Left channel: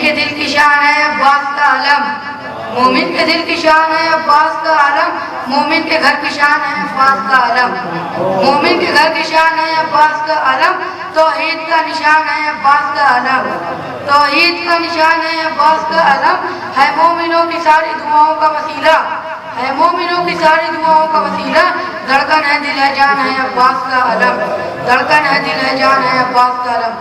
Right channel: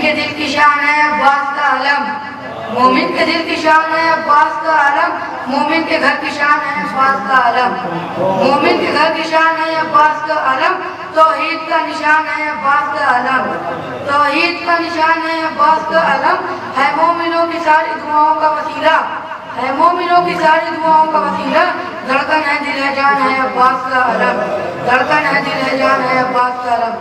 کے دل کی شان ہے عباس کا علم، مومن کے دل کی شان ہے عباس کا علم، مومن کے گھر کی شان ہے عباس کا علم، مومن کے گھر کی شان ہے عباس کا علم، توحید کا نشان ہے عباس کا علم، توحید کا نشان ہے عباس کا علم، ہے مومنوں کی ساری دعاؤں کا وسیلہ، ہے مومنوں کی ساری دعاؤں کا وسیلہ، دھڑکن ہے دل ہے جان ہے عباس کا علم، دھڑکن ہے دل ہے جان ہے عباس کا علم۔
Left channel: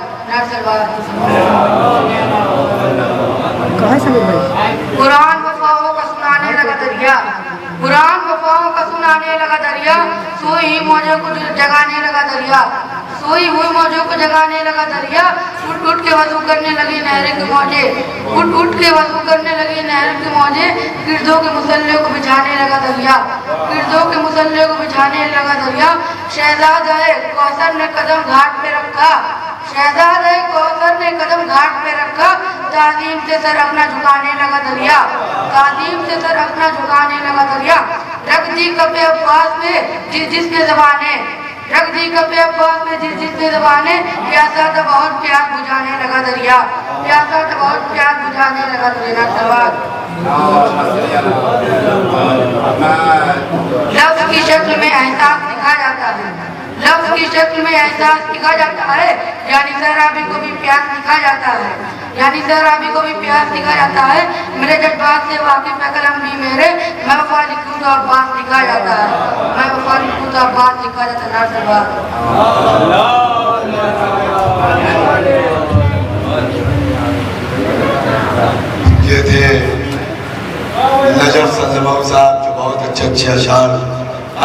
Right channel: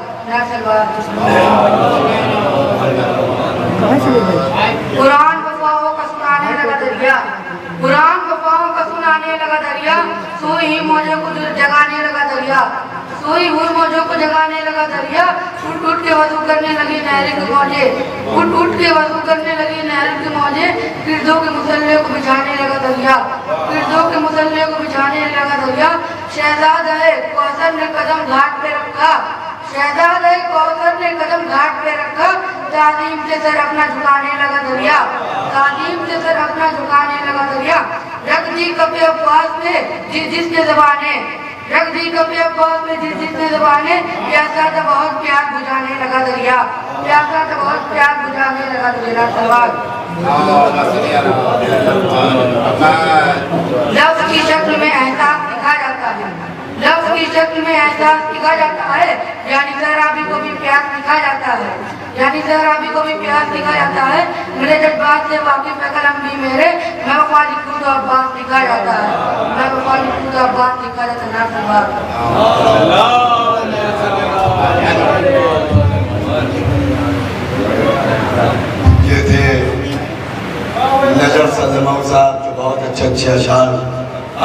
قرآن وفاؤں کا سنانے لگا دریا، قرآن وفاؤں کا سنانے لگا دریا، سوئی ہی موجوں کو جگانے لگا دریا، سوئی ہوئی موجوں کو جگانے لگا دریا، اٹھ اٹھ کے وضو کرنے لگی نہریں کی موجیں، اٹھ اٹھ کے وضو کرنے لگی نہریں کی موجیں، گردوں کے مسلح کو بچھانے لگا دریا، گردوں کے مسلح کو بچھانے لگا دریا، شہزادہ کوثر نے قدم گھاٹ پہ رکھا، شہزادہ کوثر نے قدم گھاٹ پہ رکھا، تعظیم سے سر اپنا جھکانے لگا دریا، تعظیم سے سر اپنا جھکانے لگا دریا، رکھ دی کف عباس میں جس نے زبانیں، رکھ دی کف عباس میں جس نے زبانیں، پیاسا تھا بہت پیاس بجھانے لگا دریا، پیاسا تھا بہت پیاس بجھانے لگا دریا۔ لفظ کی شکل میں احساس دکھا جاتا ہے، لفظ کی شکل میں احساس دکھا جاتا ہے، یعنی سہرابی کو بھی پیاس دکھا جاتا ہے، یعنی سہرابی کو بھی پیاس دکھا جاتا ہے، میرے جذبات سے واقف ہے قلم بھی میرے، میں وفا لکھوں تو عباس دکھا جاتا ہے، میں وفا لکھوں تو عباس دکھا جاتا ہے۔ یہ تھے نجف صدمہ صاحب جو بہت اچھے اشعار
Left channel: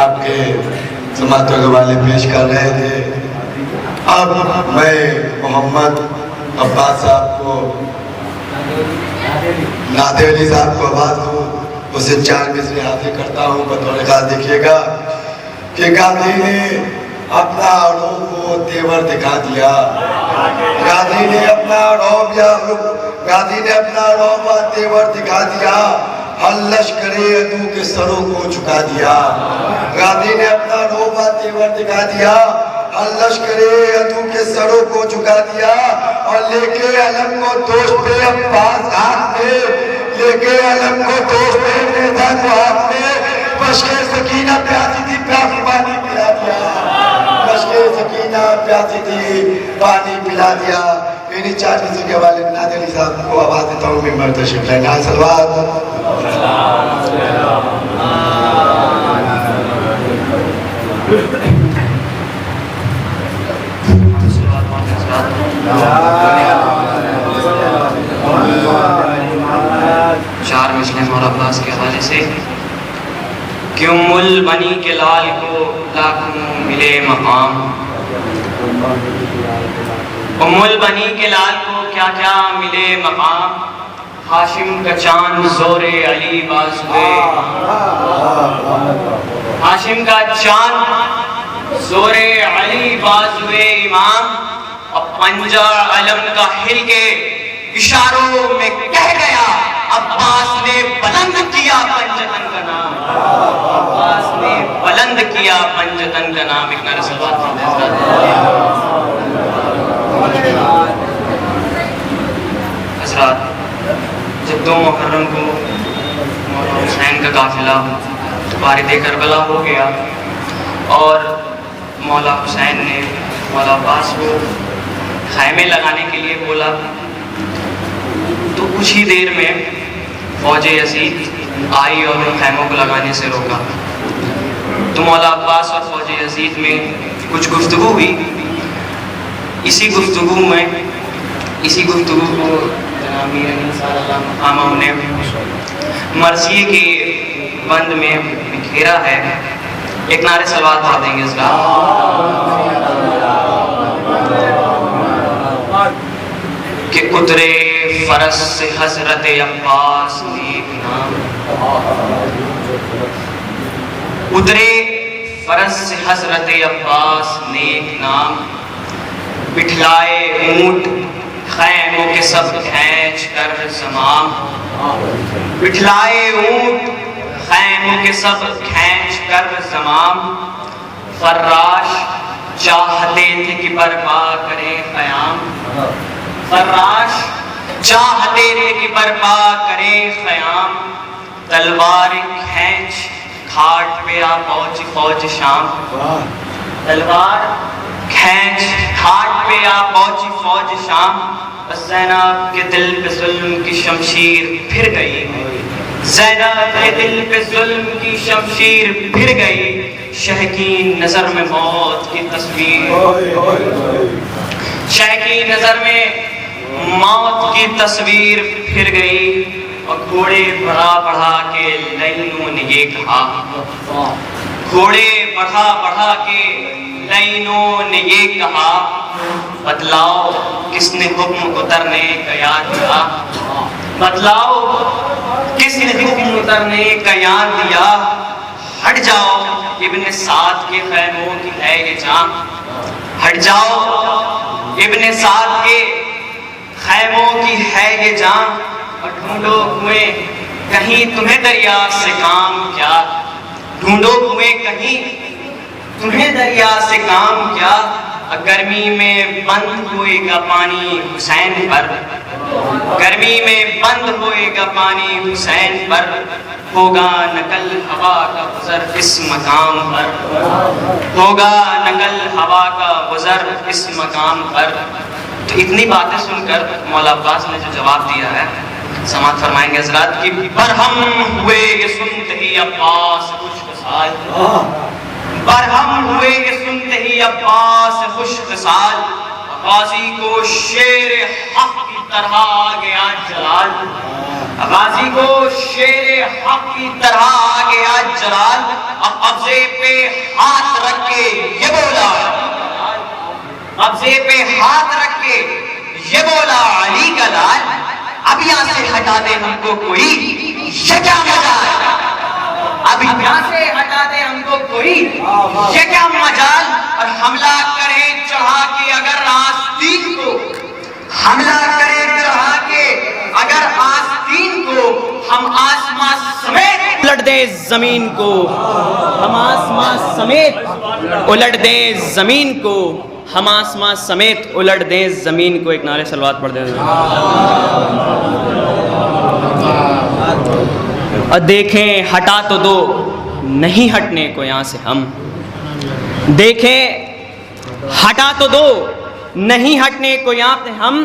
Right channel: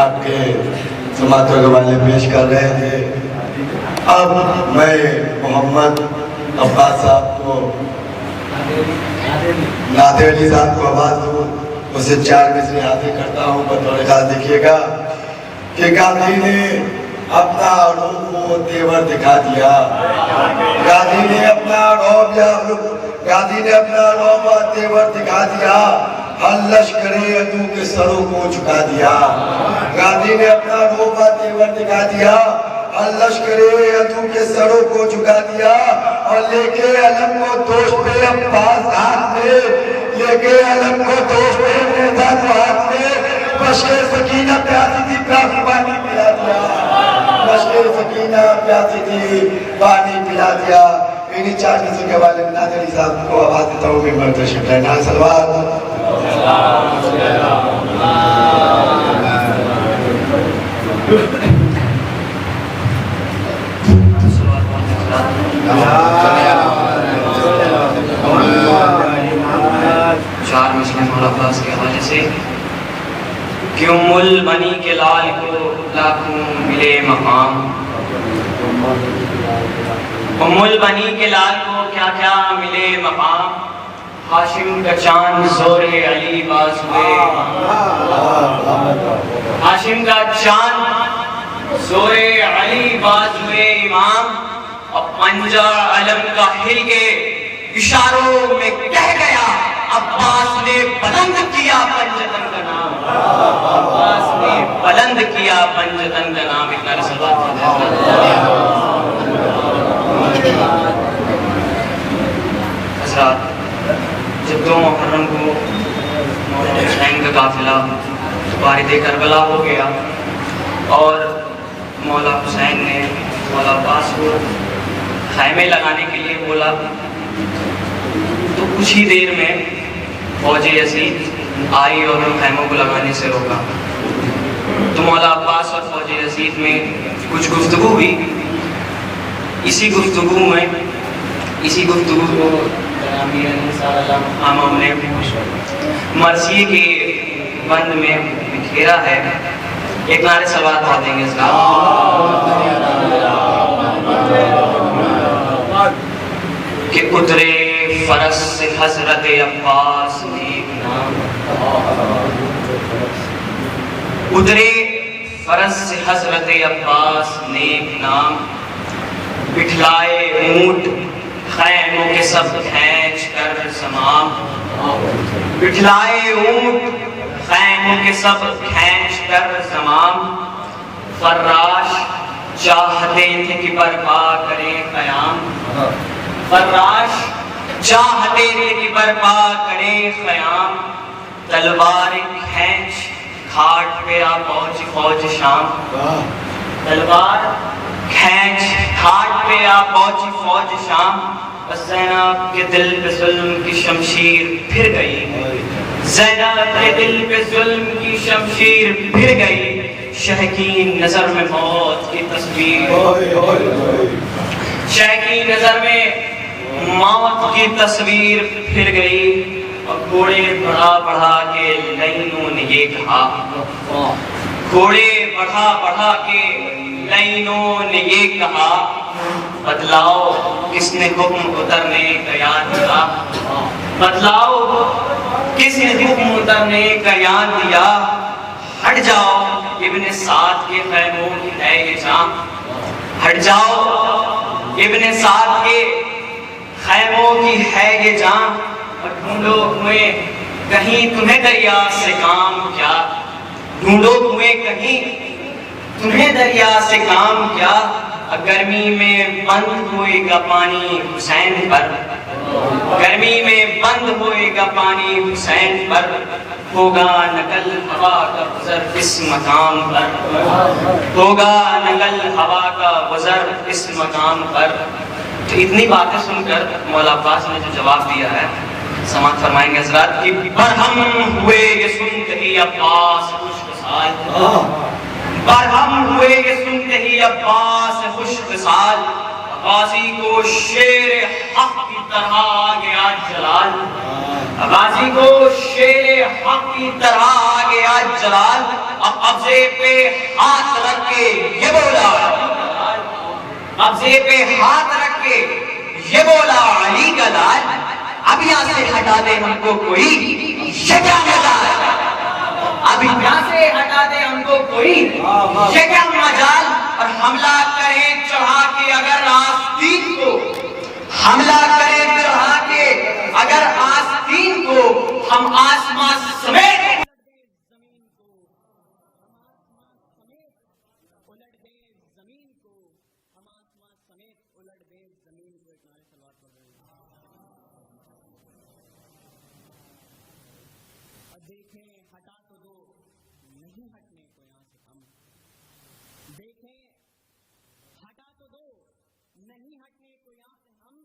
آپ کے سماعتوں کے والے پیش کر رہے تھے۔ اب میں محمد عباس صاحب کو نعت علی صاحب کو آواز دوں، اسے 4 مصرے حاضر کرتا ہوں۔ بطور خاص دیکھیے گا کہ غازی نے اپنا عروب و تیور دکھا دیا، غازی نے اپنا عروب و تیور دکھا دیا، ہر لشکر عدو کے سروں کو جھکا دیا، غازی نے اپنا عروب و تیور دکھا دیا، ہر لشکر عدو کے سروں کو جھکا دیا، اور لے کے علم کو دوست عباس ہاتھ میں، لے کے علم کو دوست ہاتھ میں، بشکے سکینہ پیاسی تھی کافی پانی پلا دیا، بشکے سکینہ پیاسی تھی پانی پلا دیا۔ انہی 4 مصرے کے والے نعت علی صاحب کو آواز دیتا ہوں کہ مرد شکر ہے نائے سلوات۔ چار مصرے مولا عباس کے حوالے سے کہ ام البنی کے لال کو لاکھوں ملے مقام، ام البنی کے لال کو کیا کیا ملے مقام، ہاشم کا چاند زور علی بازوے امام، ہاشم کا چاند زور علی بازوے امام، اور پنجہ علم کا ہل کے اشاروں میں کہہ گیا، عباس نے بلند کیا پنجتن کا نام، عباس نے بلند کیا پنجتن کا نام۔ ایک نعرہ صلوات حضرات، جب 2 محرم کو مولا حسین کا قافلہ بارد کربلا ہو گیا اور مولا حسین نے مولا عباس کو خیمے لگانے کے لیے بولا، تو کچھ ہی دیر میں فوج یزید آئی اور خیموں کو لگانے سے روکا۔ تو مولا عباس اور فوج یزید میں کچھ گفتگو ہوئی، اسی گفتگو کو امیر انصار اللہ محامہ نے مرثیے کی بند میں گھیرا ہے۔ ایک نعرہ صلوات پڑھ دیں گے اسلام کہ اترے فرس سے حضرت عباس نیک نام، اترے فرس سے حضرت عباس نیک نام، بٹھلائے اونٹ خیموں کے سب کھینچ کر زمام، بٹھلائے اونٹ خیموں کے سب کھینچ کر زمام، فراش چاہتے تھے کہ برپا کریں قیام، فراش چاہتے تھے کہ برپا کرے خیام، تلوار کھینچ گھاٹ پہ آ پہنچی فوج شام، تلوار کھینچ گھاٹ پہ آ پہنچی فوج شام، زینب کے دل پہ ظلم کی شمشیر پھر گئی، زینب کے دل پہ ظلم کی شمشیر پھر گئی، شہ کی نظر میں موت کی تصویر، شہ کی نظر میں موت کی تصویر پھر گئی، اور گھوڑے بڑھا بڑھا کے لائنوں نے یہ کہا، گھوڑے بڑھا بڑھا کے لائنوں نے یہ کہا، بتلاؤ کس نے حکم اترنے کا یاد دیا، بتلاؤ کس نے حکم اترنے کا یاد دیا، ہٹ جاؤ ابن سعد کے خیموں کی ہے یہ جان، ہٹ جاؤ ابن سعد کے خیموں کی ہے یہ جان، اور ڈھونڈو ہوئے کہیں تمہیں دریا سے کام کیا، ڈھونڈو ہوئے کہیں تمہیں دریا سے کام کیا، گرمی میں بند ہوئے گا پانی حسین پر، گرمی میں بند ہوئے گا پانی حسین پر، ہوگا نقل ہوا کا گزر اس مقام پر، ہوگا نقل ہوا کا گزر اس مقام پر۔ تو اتنی باتیں سن کر مولا عباس نے جو جواب دیا ہے سماعت فرمائیں گے حضرات کی، برہم ہوئے یہ سنتے ہی عباس خوش خصال، برہم ہوئے یہ سنتے ہی عباس خوش خصال، غازی کو شیر حق کی طرح آ گیا جلال، غازی کو شیر حق کی طرح آ گیا جلال، اب قبضے پہ ہاتھ رکھ کے یہ بولا، قبضے پہ ہاتھ رکھ کے یہ بولا علی کا لال، اب یہاں سے ہٹا دے ہم کو کوئی یہ کیا مجال، اب یہاں سے ہٹا دے ہم کو کوئی یہ کیا مجال، اور حملہ کرے چڑھا کے اگر آستین کو، حملہ کرے چڑھا کے اگر آستین کو، ہم آسمان سمیت الٹ دے زمین کو، ہم آسمان سمیت الٹ دے زمین کو، ہم آسمان سمیت الٹ دیں زمین کو۔ ایک نعرے صلوات پڑھ دیں۔ اور دیکھیں ہٹا تو دو نہیں ہٹنے کو یہاں سے ہم، دیکھیں ہٹا تو دو نہیں ہٹنے کو یہاں سے ہم،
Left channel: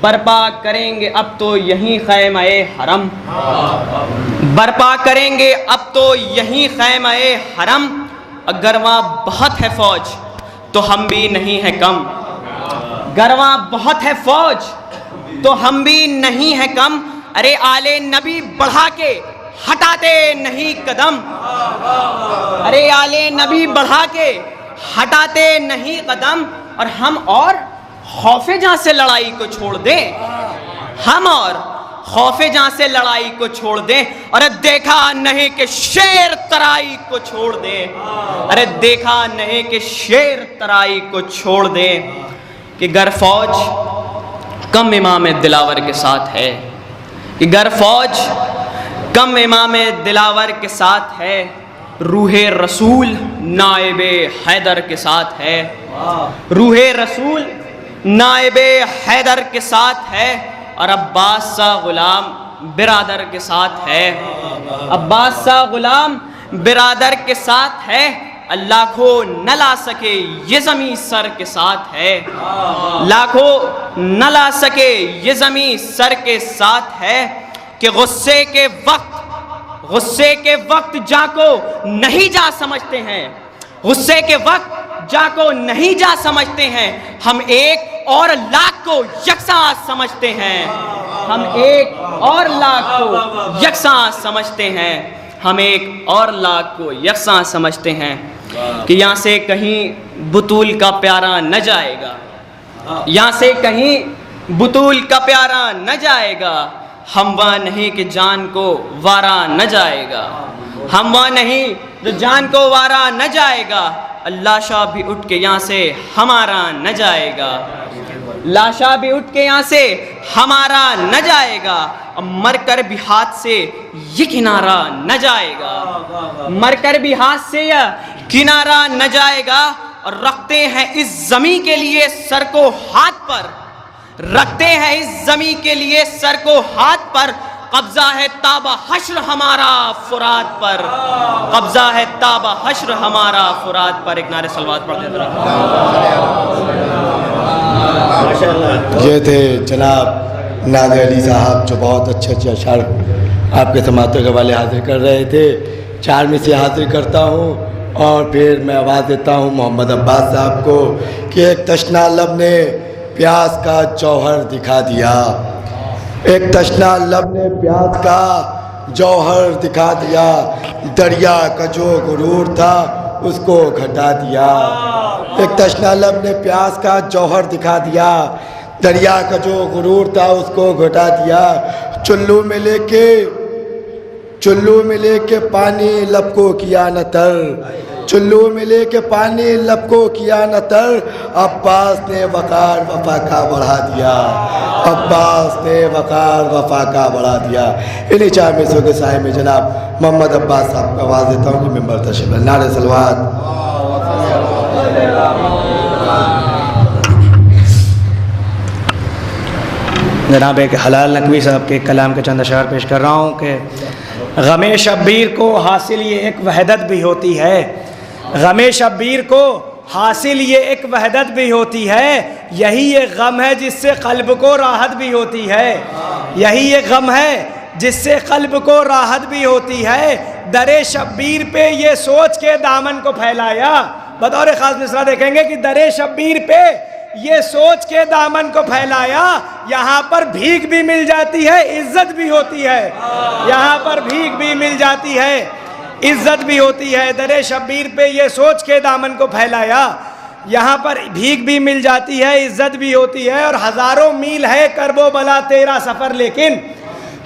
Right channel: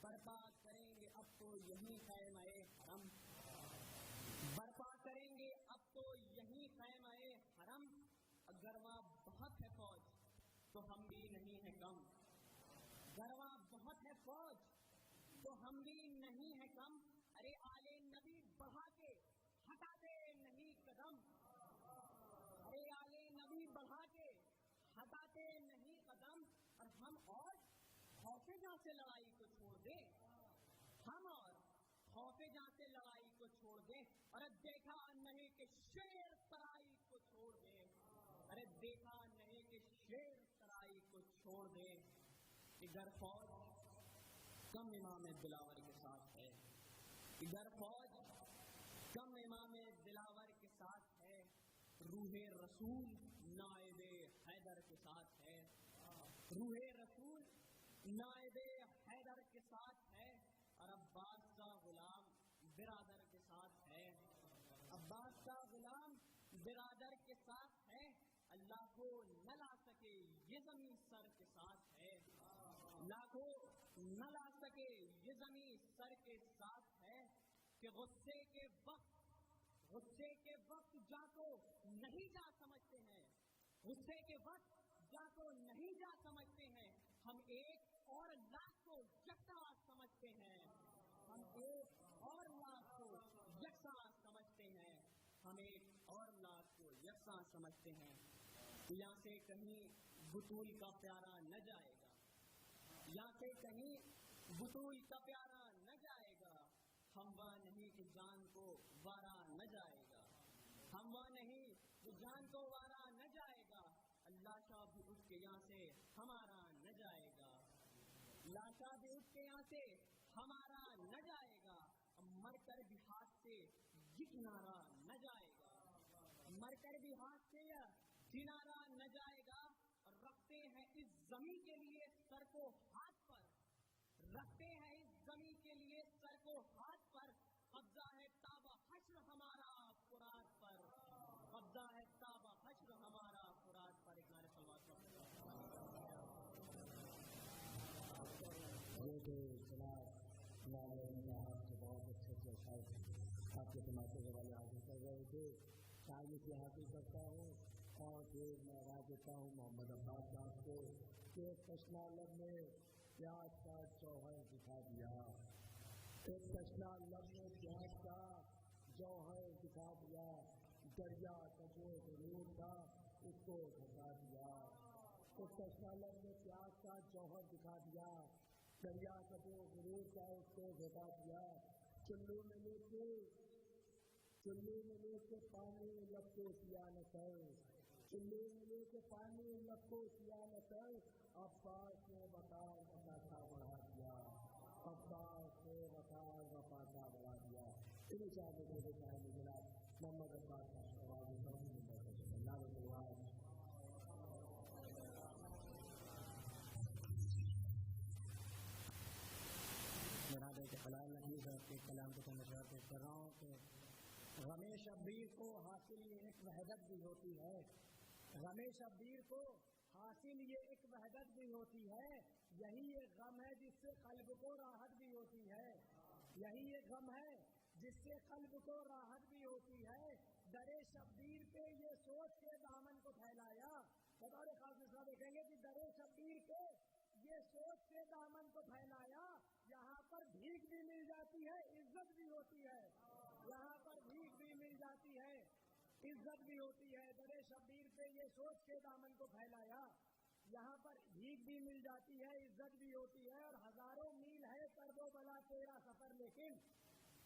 برپا کریں گے اب تو یہیں خیمہ حرم، برپا کریں گے اب تو یہیں خیمہ حرم، اگر وہاں بہت ہے فوج تو ہم بھی نہیں ہیں کم، گرواں بہت ہے فوج تو ہم بھی نہیں ہیں کم، ارے آل نبی بڑھا کے ہٹاتے نہیں قدم، ارے آل نبی بڑھا کے ہٹاتے نہیں قدم، اور ہم اور خوف جہاں سے لڑائی کو چھوڑ دیں، ہم اور خوف جہاں سے لڑائی کو چھوڑ دیں، ارے دیکھا نہیں کہ شیر ترائی کو چھوڑ دیں، ارے دیکھا نہیں کہ شیر ترائی کو چھوڑ دیں، کہ گر فوج کم امام دلاور کے ساتھ ہے، کہ گر فوج کم امام دلاور کے ساتھ ہے، روح رسول نائب حیدر کے ساتھ ہے، روح رسول نائب حیدر کے ساتھ ہے، اور عباس سا غلام برادر کے ساتھ ہے، عباس سا غلام برادر کے ساتھ ہے، اللہ کو نہ لا سکے یہ زمین سر کے ساتھ ہے، لاکھوں نہ لا سکے یہ زمین سر کے ساتھ ہے، کہ غصے کے وقت جا کو نہیں جا سمجھتے ہیں، غصے کے وقت جا کو نہیں جا سمجھتے ہیں، ہم ایک اور لاکھ کو یکساں سمجھتے ہیں، ہم ایک اور لاکھ کو یکساں سمجھتے ہیں، ہم ایک اور لاکھ کو یکساں سمجھتے ہیں، کہ یہاں سے کہیں بطول کا پیارا نہ جائے گا، یہاں سے کہیں بطول کا پیارا نہ جائے گا، ہم وہ نہیں کہ جان کو وارا نہ جائے گا، ہم وہ نہیں جو جان کو وارا نہ جائے گا، لاشا بھی اٹھ کے یہاں سے ہمارا نہ جائے گا، لاشا بھی اٹھ کے یہاں سے ہمارا نہ جائے گا، مر کر بھی ہاتھ سے یہ کنارہ نہ جائے گا، مر کر بھی ہاتھ سے یہ کنارہ نہ جائے گا، اور رکھتے ہیں اس زمین کے لیے سر کو ہاتھ پر، رکھتے ہیں اس زمین کے لیے سر کو ہاتھ پر، قبضہ ہے تابہ حشر ہمارا فرات پر، قبضہ ہے تابہ حشر ہمارا فرات پر۔ ایک نعرہ صلوات پڑھ دیتے رہا۔ یہ تھے جناب نادر علی صاحب جو بہت اچھے اشعار آپ کے سماعتوں کے حوالے حاضر کر رہے تھے۔ 4 میں سے حاضر کرتا ہوں اور پھر میں آواز دیتا ہوں محمد عباس صاحب کو کہ ایک تشنا لب نے پیاس کا جوہر دکھا دیا، ایک تشنا لب نے پیاس کا جوہر دکھا دیا، دریا کا جو غرور تھا اس کو گھٹا دیا۔ ایک تشنا لب نے پیاس کا جوہر دکھا دیا، دریا کا جو غرور تھا اس کو گھٹا دیا۔ چلو میں لے کے پانی لب کو کیا نہ تر، چلو میں لے کے پانی لب کو کیا نہ تر، عباس نے وقار وفا کا بڑھا دیا، عباس نے وقار وفا کا بڑھا دیا۔ انہی 4 مصروں کے سائے میں جناب محمد عباس صاحب کو آواز دیتا ہوں کہ ممبر تشریف لائیں۔ نعرہ صلوات۔ جناب ایک حلال نقوی صاحب کے کلام کے چند اشعار پیش کر رہا ہوں کہ غم شبیر کو حاصل یہ ایک وحدت بھی ہوتی ہے، غم شبیر کو حاصل یہ ایک وحدت بھی ہوتی ہے، یہی یہ غم ہے جس سے قلب کو راحت بھی ہوتی ہے، یہی یہ غم ہے جس سے قلب کو راحت بھی ہوتی ہے، در شبیر پہ یہ سوچ کے دامن کو پھیلایا۔ بطور خاص مصرع دیکھیں گے کہ در شبیر پہ یہ سوچ کے دامن کو پھیلایا، یہاں پر بھیک بھی مل جاتی ہے عزت بھی ہوتی ہے، یہاں پر بھیک بھی مل جاتی ہے عزت بھی ہوتی ہے۔ در شبیر پہ یہ سوچ کے دامن کو پھیلایا، یہاں پر بھیک بھی مل جاتی ہے عزت بھی ہوتی ہے، اور ہزاروں میل ہے کرب و بلا تیرا سفر، لیکن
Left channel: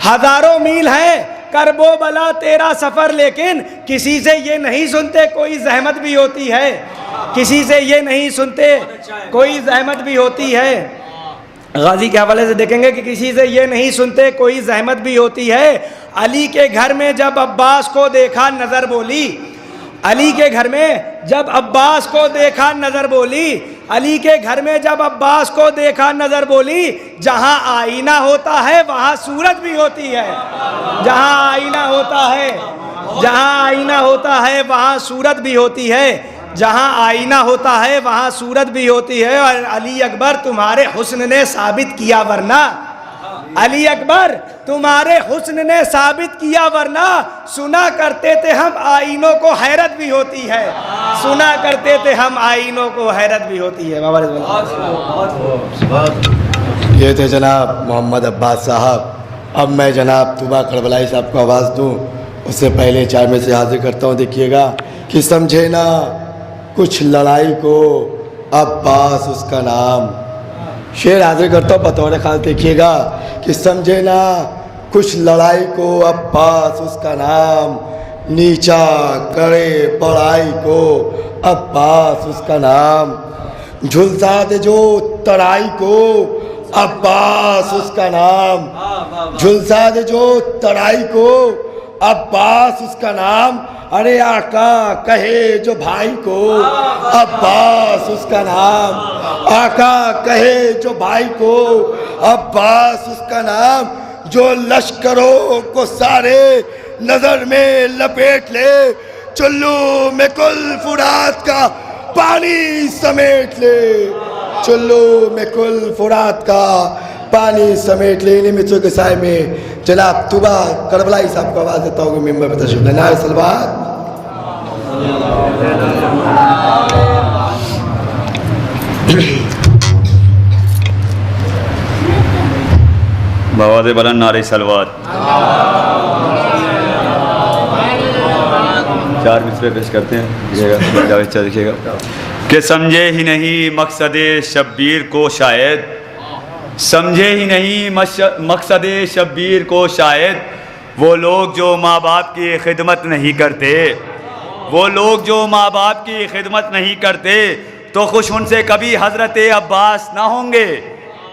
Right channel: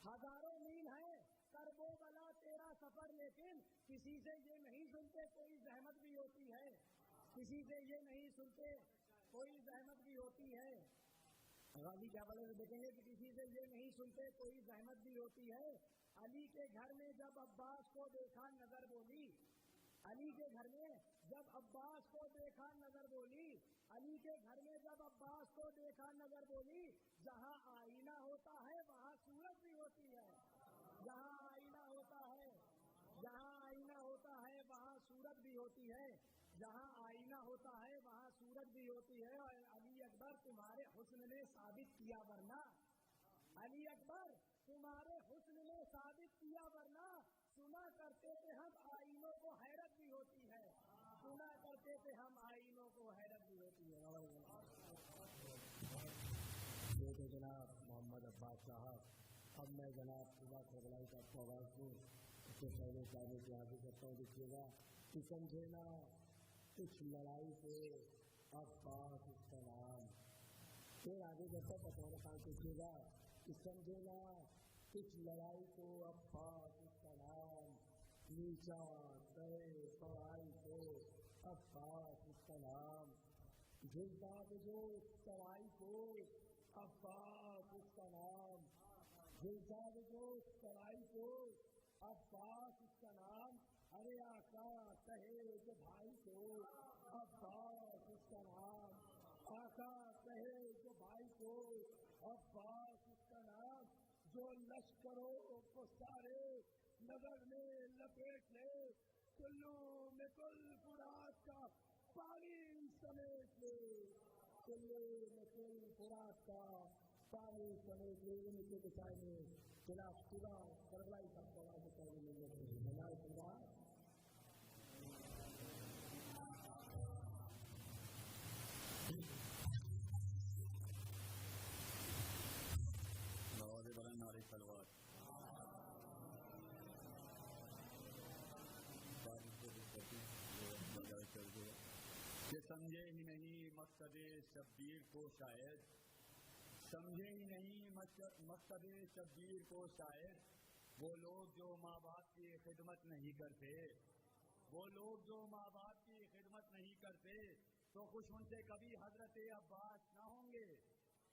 ہزاروں میل ہے کرب و بلا تیرا سفر، لیکن کسی سے یہ نہیں سنتے کوئی زحمت بھی ہوتی ہے، کسی سے یہ نہیں سنتے کوئی زحمت بھی ہوتی ہے۔ غازی کے حوالے سے دیکھیں گے کہ کسی سے یہ نہیں سنتے کوئی زحمت بھی ہوتی ہے۔ علی کے گھر میں جب عباس کو دیکھا نظر بولی، علی کے گھر میں جب عباس کو دیکھا نظر بولی، علی کے گھر میں جب عباس کو دیکھا نظر بولی، جہاں آئینہ ہوتا ہے وہاں صورت بھی ہوتی ہے، جہاں آئینہ ہوتا ہے، جہاں آئینہ ہوتا ہے وہاں صورت بھی ہوتی ہے، جہاں آئینہ ہوتا ہے وہاں صورت بھی ہوتی ہے۔ اور علی اکبر تمہارے حسن نے ثابت کیا، ورنہ علی اکبر تمہارے حسن نے ثابت کیا، ورنہ سنا کرتے تھے ہم آئینوں کو حیرت بھی ہوتی ہے، سنا کرتے تھے ہم آئینوں کو حیرت بھی ہوتی ہے۔ یہ تھے جناب محمد عباس صاحب۔ اب میں جناب طوبہ کربلائی صاحب کو آواز دوں، اس سے پہلے 4 میں سے حاضر کرتا ہوں۔ دیکھیے گا کہ سمجھے نا کچھ لڑائی کو عباس اس کا نام، شعر حاضر کرتا ہوں بطور خاص۔ دیکھیے گا کہ سمجھے نا کچھ لڑائی کو عباس اس کا نام، نیچا کرے بڑائی کو عباس اس کا نام، جھلسا دے جو ترائی کو عباس اس کا نام، جھلسا دے جو ترائی کو عباس اس کا نام، ارے آقا کہے جو بھائی کو عباس اس کا نام، آقا کہے جو بھائی کو عباس اس کا نام، جو لشکروں کو سارے نظر میں لپیٹ لے، چلو میں کل فرات کا پانی سمیٹ لے، چلو میں کل فرات کا پانی سمیٹ لے۔ انہی مصروں کے سائے میں جناب طوبہ کربلائی صاحب کو آواز دیتا ہوں کہ ممبر پر تشریف لائیں۔ نعرہ صلوات۔ بآواز بلند نعرہ صلوات۔ 4 مصرے پیش کرتے ہیں، دیکھیے گا کہ سمجھے ہی نہیں مقصد شبیر کو شاید، سمجھے ہی نہیں مقصد شبیر کو شاید، وہ لوگ جو ماں باپ کی خدمت نہیں کرتے، وہ لوگ جو ماں باپ کی خدمت نہیں کرتے، تو خوش ان سے کبھی حضرت عباس نہ ہوں گے۔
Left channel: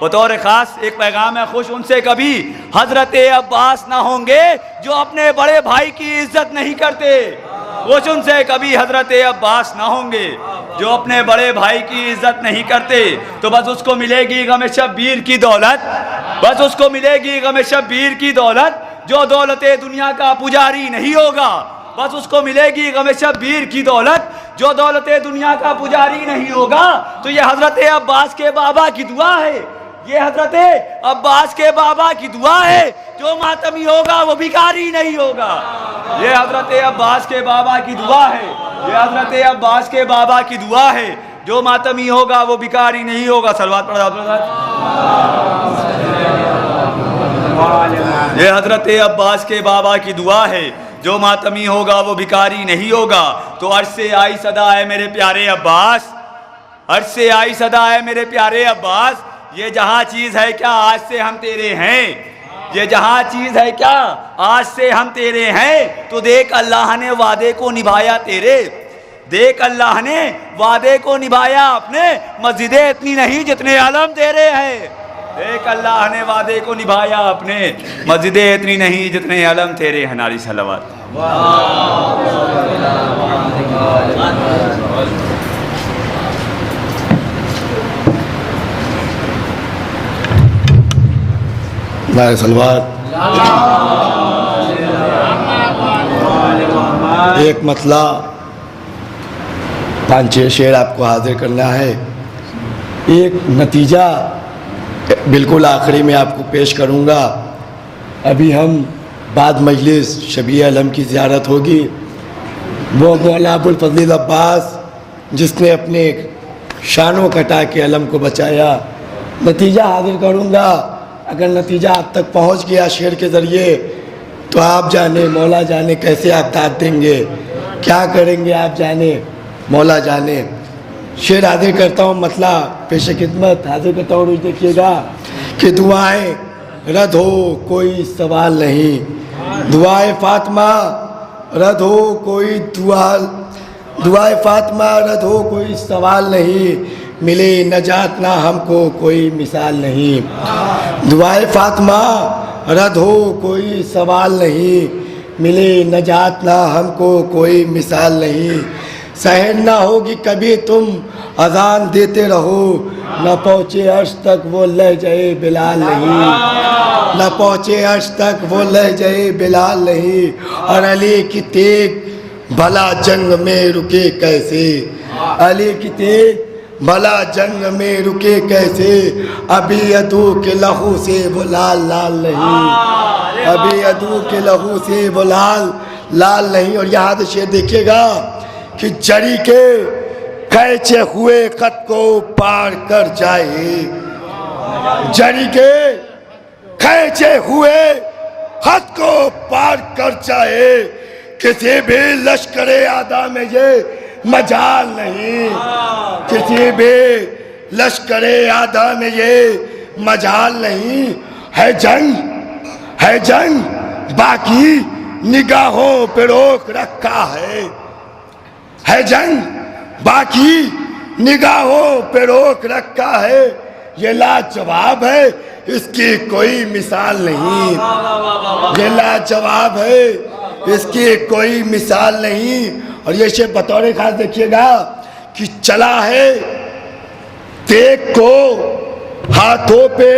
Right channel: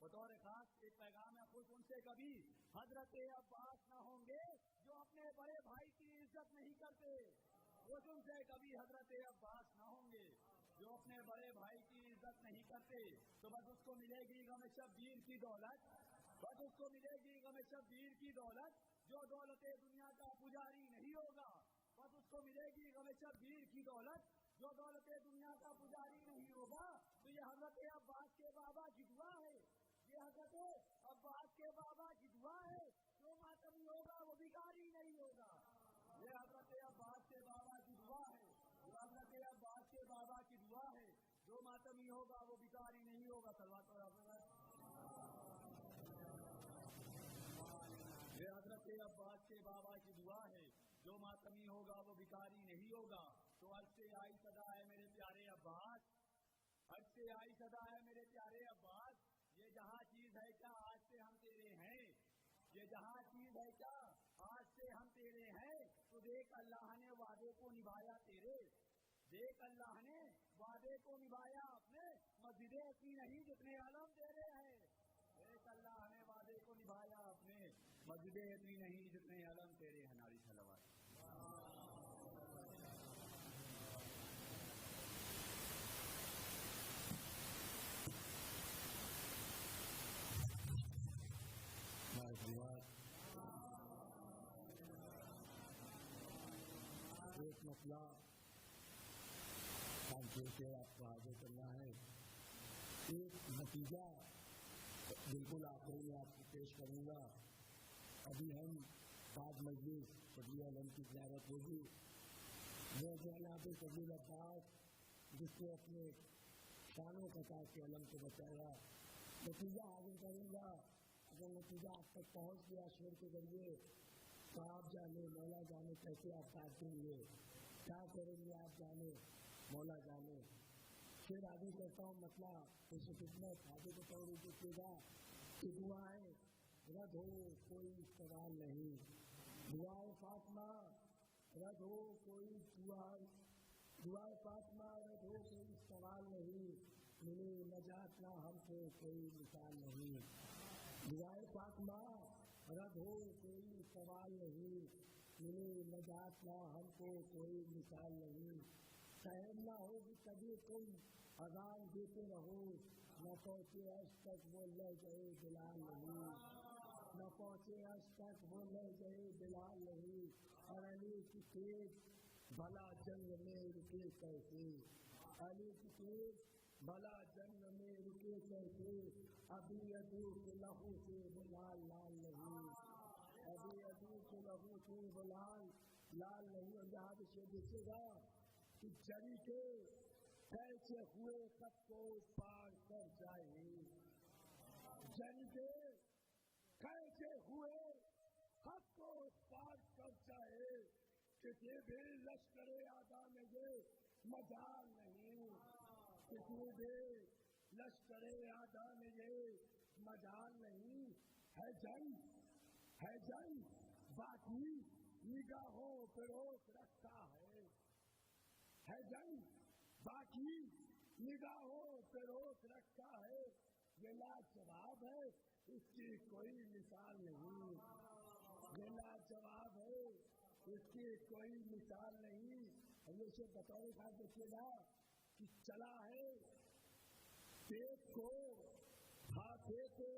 بطور خاص ایک پیغام ہے، خوش ان سے کبھی حضرت عباس نہ ہوں گے جو اپنے بڑے بھائی کی عزت نہیں کرتے، خوش ان سے کبھی حضرت عباس نہ ہوں گے۔ جو اپنے بڑے بھائی کی عزت نہیں کرتے تو بس اس کو ملے گی غم شبیر کی دولت، بس اس کو ملے گی غم شبیر کی دولت، جو دولت دنیا کا پجاری نہیں ہوگا، بس اس کو ملے گی غم شبیر کی دولت، جو دولت دنیا کا پجاری نہیں ہوگا۔ تو یہ حضرت عباس کے بابا کی دعا ہے، یہ حضرت عباس کے بابا کی دعا ہے، جو ماتمی ہوگا وہ بھکاری نہیں ہوگا۔ یہ حضرت عباس کے بابا کی دعا ہے، یہ حضرت عباس کے بابا کی دعا ہے، جو ماتمی ہوگا وہ بھکاری نہیں ہوگا۔ صلوات پڑھا حضرت۔ یہ حضرت عباس کے بابا کی دعا ہے، جو ماتمی ہوگا وہ بھکاری نہیں ہوگا۔ تو عرش سے آئی صدا ہے میرے پیارے عباس، عرش سے آئی صدا ہے میرے پیارے عباس، یہ جہاں چیز ہے کیا آج سے ہم تیرے ہیں، یہ جہاں چیز ہے کیا آج سے ہم تیرے ہیں۔ تو دیکھ اللہ نے وعدے کو نبھایا تیرے، دیکھ اللہ نے وعدے کو نبھایا اپنے، مسجدیں اتنی نہیں جتنے علم تیرے ہیں۔ دیکھ اللہ نے وعدے کو نبھایا اپنے، مسجدیں اتنی نہیں جتنے علم تیرے ہیں۔ ناری صلوات۔ نعرہ صلوات۔ ایک مطلع 5-6 شعر آپ کو حاضر کرنا ہے، ایک نتیجہ بالکل آخری میں آپ کو پیش کروں گا۔ ابھی ہم بعد مجلس شبیہ علم کی زیارت ہوگی، وہ مولا ابوالفضل عباس جس نے اپنے شانوں کٹا کے علم کو بچایا، نتیجہ حاضر کروں گا۔ اگر نتیجہ آپ تک پہنچ گیا شعر کے ذریعے تو آپ جانے مولا جانے کیسے آپ داد دیں گے، کیا کریں گے آپ جانے مولا جانے۔ شعر حاضر کرتا ہوں، مطلع پیش خدمت حاضر کرتا ہوں۔ روز دیکھیے گا کہ دعائیں رد ہو کوئی سوال نہیں، دعائے فاطمہ رد ہو کوئی دعائے فاطمہ رد ہو کوئی سوال نہیں، ملے نجات نہ ہم کو کوئی مثال نہیں۔ دعائے فاطمہ رد ہو کوئی سوال نہیں، ملے نجات نہ ہم کو کوئی مثال نہیں۔ سحر نہ ہوگی کبھی تم اذان دیتے رہو، نہ پہنچے عرش تک وہ لہجۂ بلال نہیں، نہ پہنچے عرش تک وہ لہجۂ بلال نہیں۔ اور علی کی تیغ بھلا جنگ میں رکے کیسے، علی کی تیغ بھلا جنگ میں رکے کیسے، ابھی عدو کے لہو سے وہ لال لال نہیں، ابھی عدو کے لہو سے وہ لال لال نہیں۔ اور یہاں سے شعر دیکھیے گا کہ جری کے کھینچے ہوئے خط کو پار کر جائے، جری کے کھینچے ہوئے خط کو پار کر جائے، کسی بھی لشکر اعداء میں یہ مجال نہیں، کسی بھی لشکر اعداء میں یہ مجال نہیں۔ ہے جنگ باقی نگاہوں پہ روک رکھا ہے جنگ باقی نگاہوں پہ روک رکھا ہے، یہ لاجواب ہے اس کی کوئی مثال نہیں، یہ لاجواب ہے اس کی کوئی مثال نہیں۔ اور یہ شعر بطور خاص دیکھیے گا کہ چلا ہے تیغ کو ہاتھوں پہ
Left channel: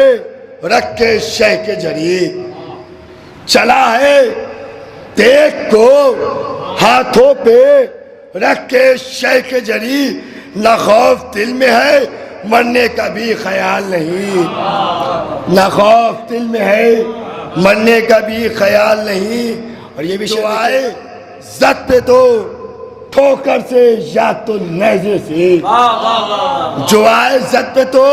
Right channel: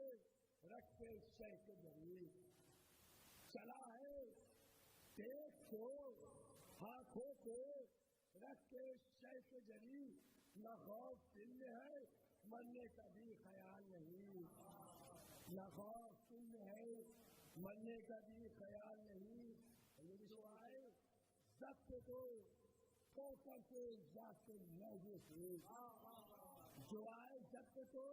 رکھ کے شہ کے ذریعے، چلا ہے تیغ کو ہاتھوں پہ رکھ کے شہ کے ذریعے، نہ خوف دل میں ہے مرنے کا بھی خیال نہیں، نہ خوف دل میں ہے مرنے کا بھی خیال نہیں۔ اور یہ بھی شعر آئے زد پہ تو ٹھوکر سے یا تو نیزے سے، جو آئے زد پہ تو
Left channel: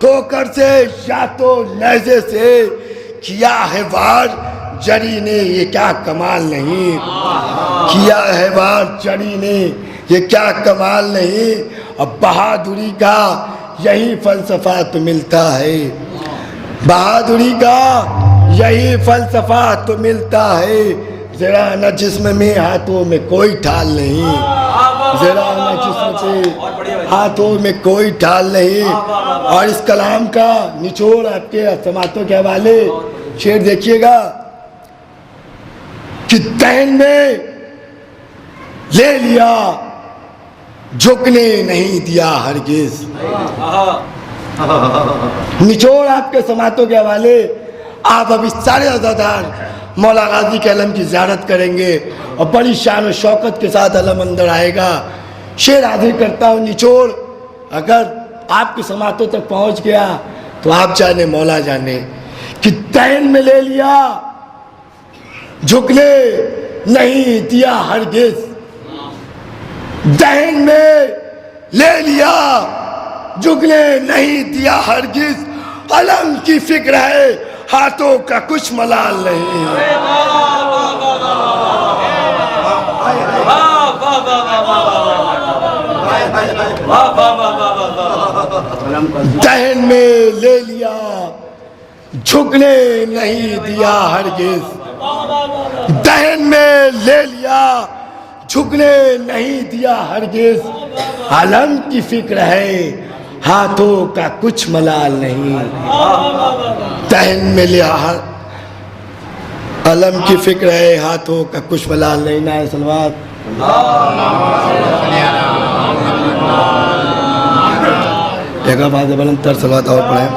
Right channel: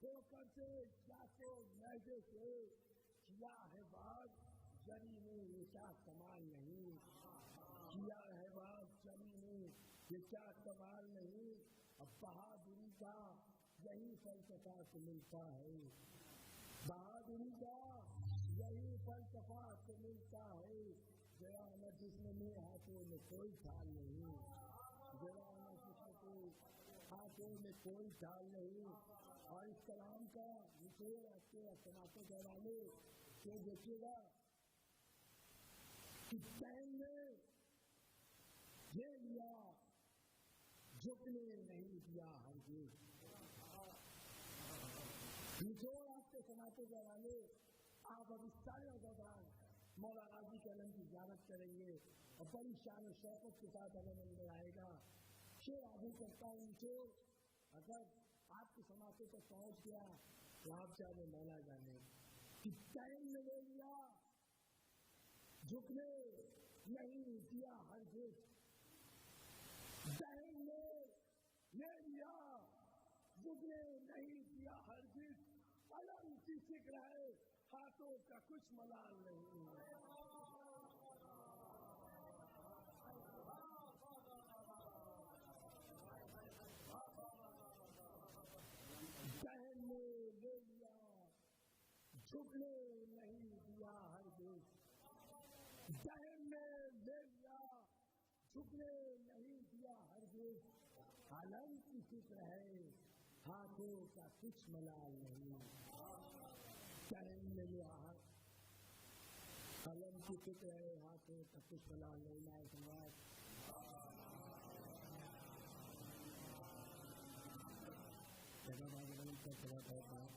ٹھوکر سے یا تو نیزے سے، کیا ہے وار جری نے یہ کیا کمال نہیں، کیا ہے وار جری نے یہ کیا کمال نہیں۔ اب بہادری کا یہی فلسفہ تو ملتا ہے، بہادری کا یہی فلسفہ تو ملتا ہے، ذرا نہ جسم میں ہاتھوں میں کوئی ٹھال نہیں، ذرا نہ جسم سے ہاتھوں میں کوئی ٹھال نہیں۔ اور اس کلام کا نچوڑ آپ کے سماعتوں کے حوالے شعر دیکھیے گا کہ دہن میں لے لیا جھکنے نہیں دیا ہرگز. نچوڑ آپ کے سماعتوں کے حوالے. آپ ابھی سارے عزادار مولا غازی کے علم کی زیارت کریں گے اور بڑی شان و شوکت کے ساتھ علم اندر آئے گا. شعر حاضر کرتا ہوں. نچوڑ اگر آپ کی سماعتوں تک پہنچ گیا تو آپ جانے مولا جانے کہ دین میں لے لیا جھکنے نہیں دیا ہرگز. دین میں لے لیا جھکنے نہیں دیا ہرگز. علم کی فکر ہے ہاتھوں کا کچھ ملال نہیں. دہن میں لے لیا جھکنے نہیں دیا ہرگز. دہن میں لے لیا جھکنے نہیں دیا ہرگز. علم کی فکر ہے ہاتھوں کا کچھ ملال نہیں. دہن میں لیا علم کی فکر ہے ہاتھوں کا کچھ ملال نہیں. نعرہ صلوات. ایک آواز بلند تر صلوات اور پڑھیں.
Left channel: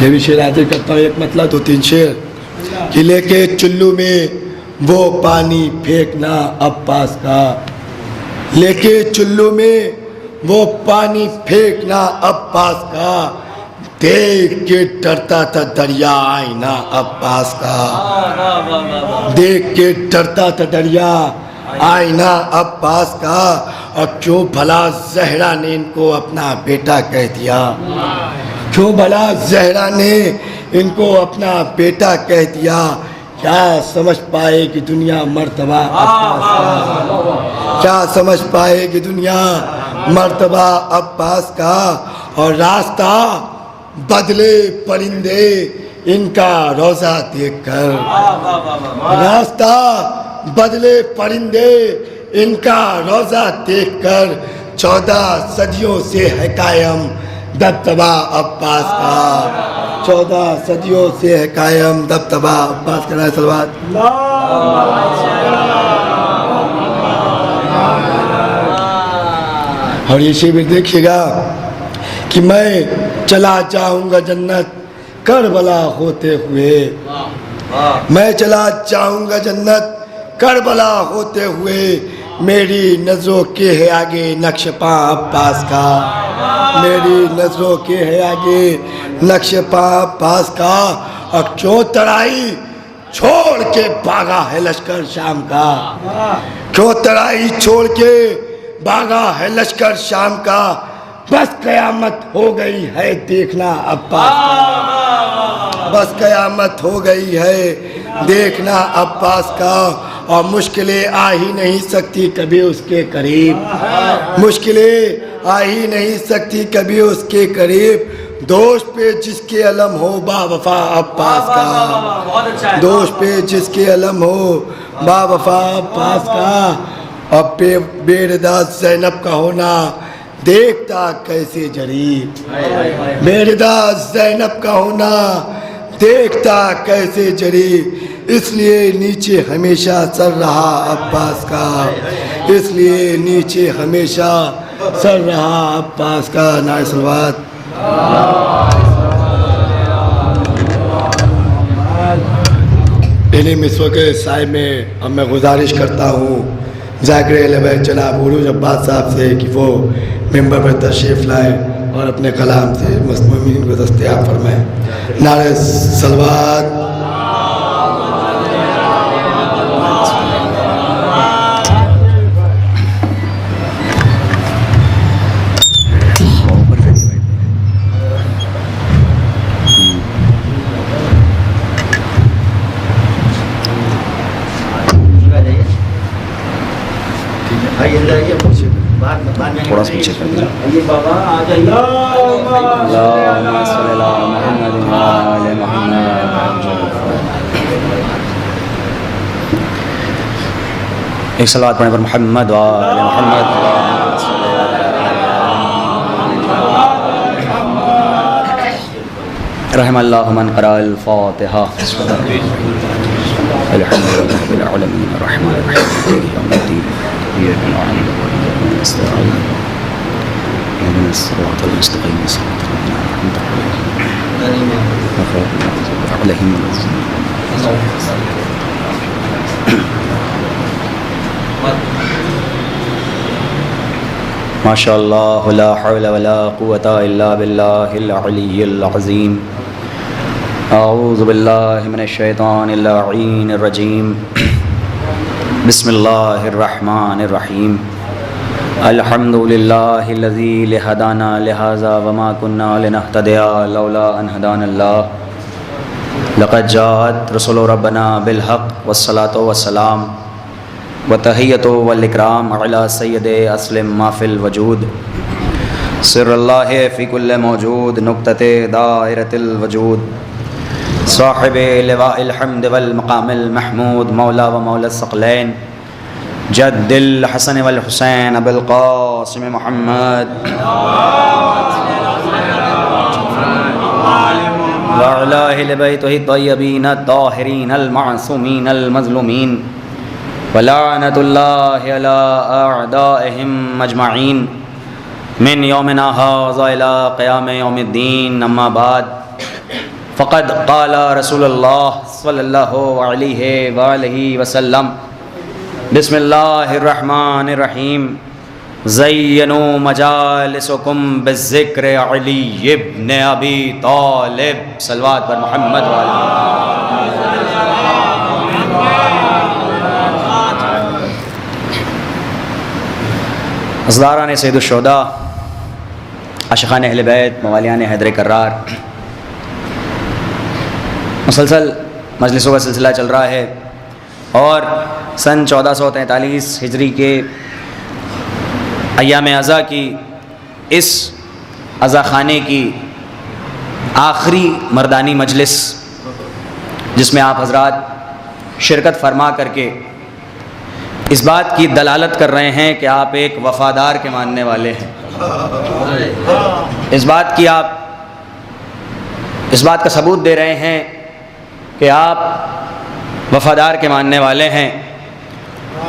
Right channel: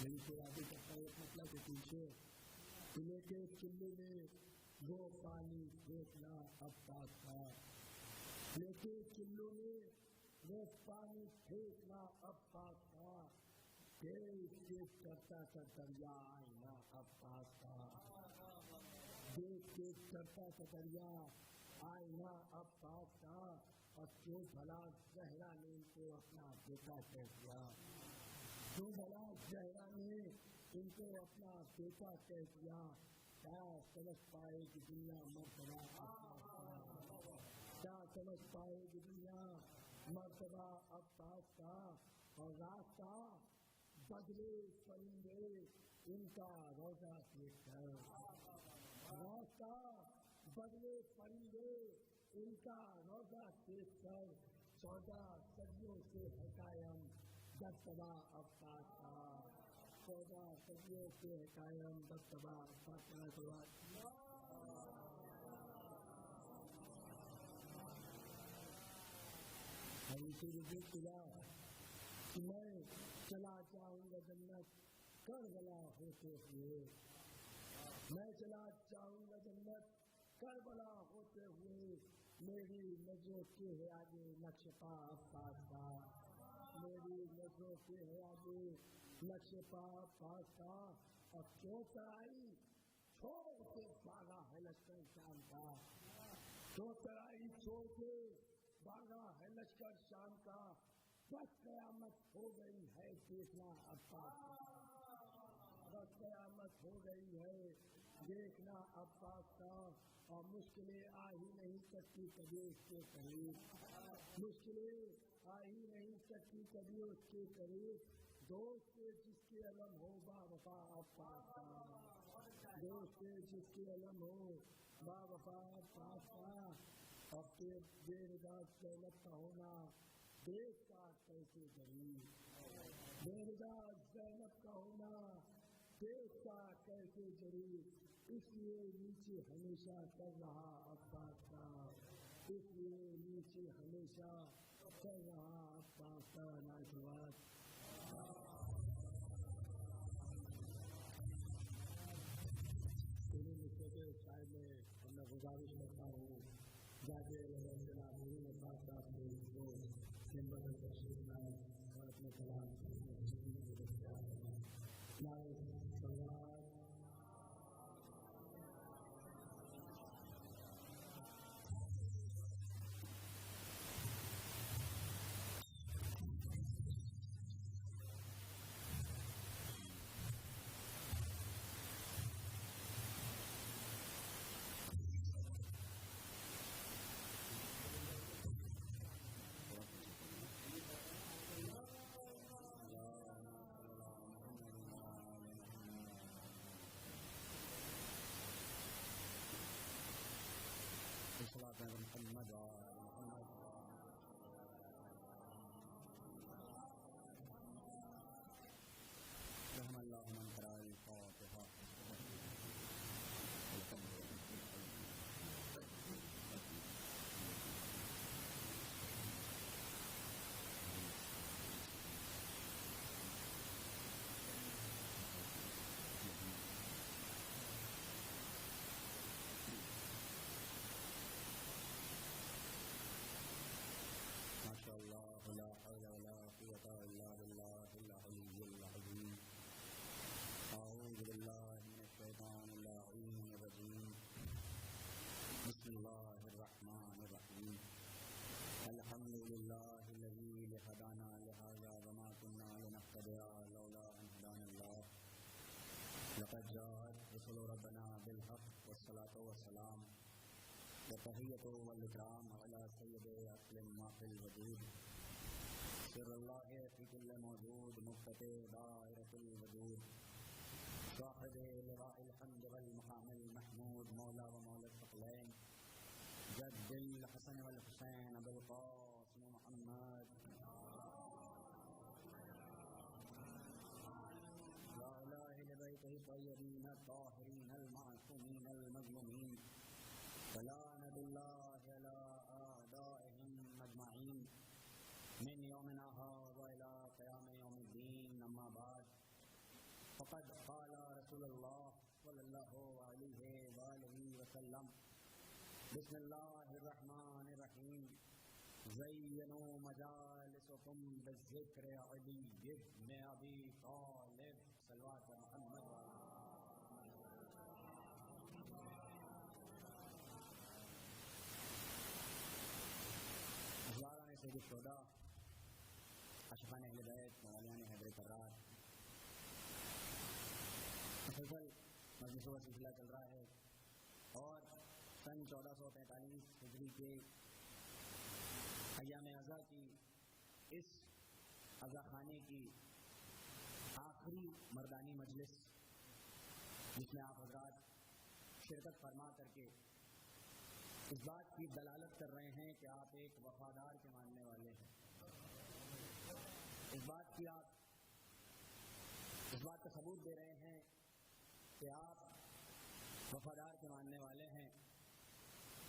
یہ بھی شعر حاضر کرتا ہوں. ایک مطلب دو تین شعر. کہ لے کے چلو میں وہ پانی پھینکنا عباس کا. لے کے چلو میں وہ پانی پھینکنا عباس کا. دیکھ کے ڈرتا تھا دریا آئینہ عباس کا. دیکھ کے ڈرتا تھا دریا آئینہ عباس کا. اور کیوں بھلا زہرا نے ان کو اپنا بیٹا کہہ دیا. کیوں بھلا زہرا نے ان کو اپنا بیٹا کہہ دیا. کیا سمجھ پائے کہ دنیا مرتبہ عباس کا. کیا سمجھ پائے کہ دنیا مرتبہ عباس کا. اور راستہ بدلے پرندے ان کا روزہ دیکھ کر. راستہ بدلے پرندے ان کا روزہ دیکھ کر. 14 صدیوں سے ہے قائم دبدبہ عباس کا. 14 صدیوں سے ہے قائم دبدبہ عباس کا. نعرہ صلوات. اور یہ شعر دیکھیے گا کہ میں چلا جاؤں گا جنت کربلا ہوتے ہوئے. میں چلا جاؤں گا جنت کربلا ہوتے ہوئے. میری نظروں کے ہے آگے نقش پاں عباس کا. میری نظروں کے ہے آگے نقش پاں عباس کا. اور کیوں ترائی چھوڑ کے بھاگا ہے لشکر شام کا. کیوں ترائی چھوڑ کے بھاگا ہے لشکر شام کا. بس قیامت ہو گئی ہے دیکھنا عباس کا. بس قیامت ہو گئی ہے دیکھنا عباس کا. اور مشکلیں آ ہی نہیں سکتی کبھی اس کے قریب. مشکلیں آ ہی نہیں سکتی کبھی اس کے قریب. دوست پہ جس کے علم ہو با وفا عباس کا. دوست پہ جس کے علم ہو با وفا عباس کا. اب بے ردا زینب کا ہونا دیکھتا کیسے جری. بے ردا زینب کا ہونا دیکھتا کیسے جری. اس لیے نیچے ہمیشہ سر رہا عباس کا. اس لیے نیچے ہمیشہ سر رہا عباس کا. نعرہ صلوات. انہیں مسو کے سائے میں اب میں گزارش کرتا ہوں ذاکر اہل بیت جناب عروج عباس صاحب سے کہ وہ ممبر پر تشریف لائیں اور اپنے کلام سے مسلمین کو دستیاب فرمائیں. نعرہ صلوات. تھوڑا سا پیچھے کر دیں. اللہم صلی علی محمد و آل محمد. ایک صلوات پڑھنے پر محمد و آل محمد. رحم اللہ من قرأ الفاتحہ. الحمد لله رب العالمين الرحمن الرحيم مالك يوم الدين إياك نعبد وإياك نستعين اهدنا الصراط المستقيم صراط الذين أنعمت عليهم غير المغضوب عليهم ولا الضالين. ما شاء الله لا حول ولا قوة إلا بالله العلي العظيم. أعوذ بالله من الشيطان اللعين الرجيم. بسم الله الرحمن الرحيم. الحمد لله الذي هدانا لهذا وما كنا لنهتدي لولا أن هدانا الله. لقد جاءت رسل ربنا بالحق والصلاة والسلام وتحية والإكرام على سيد أسلم ما في الوجود. سر الله في كل موجود نقطة دائرة الوجود. صاحب لواء الحمد والمقام المحمود مولا ومولا الثقلين جد الحسن والحسين أبي القاسم محمد وعلى أهل بيته الطيبين الطاهرين المعصومين المظلومين ولعنة الله على أعدائهم أجمعين من يومنا هذا إلى قيام يوم الدين. أما بعد فقد قال رسول الله صلى الله عليه وآله وسلم بسم الله الرحمن الرحيم. زينوا مجالسكم بالذكر علي ابن أبي طالب. صلوات پر محمد اصداران سید الشہداء، عاشقان اہل بیت، موالیان حیدر کرار، مسلسل مجلسوں کا سلسلہ چل رہا ہے اور سن 1443 ہجری کے ایام عزا کی اس عزا خانے کی آخری مردانی مجلس، جس میں آپ حضرات شرکت فرما کر کے اس بات کی دلالت کر رہے ہیں کہ آپ ایک وفادار کے ماننے والے ہیں، اس بات کا ثبوت دے رہے ہیں کہ آپ وفادار کے ماننے والے ہیں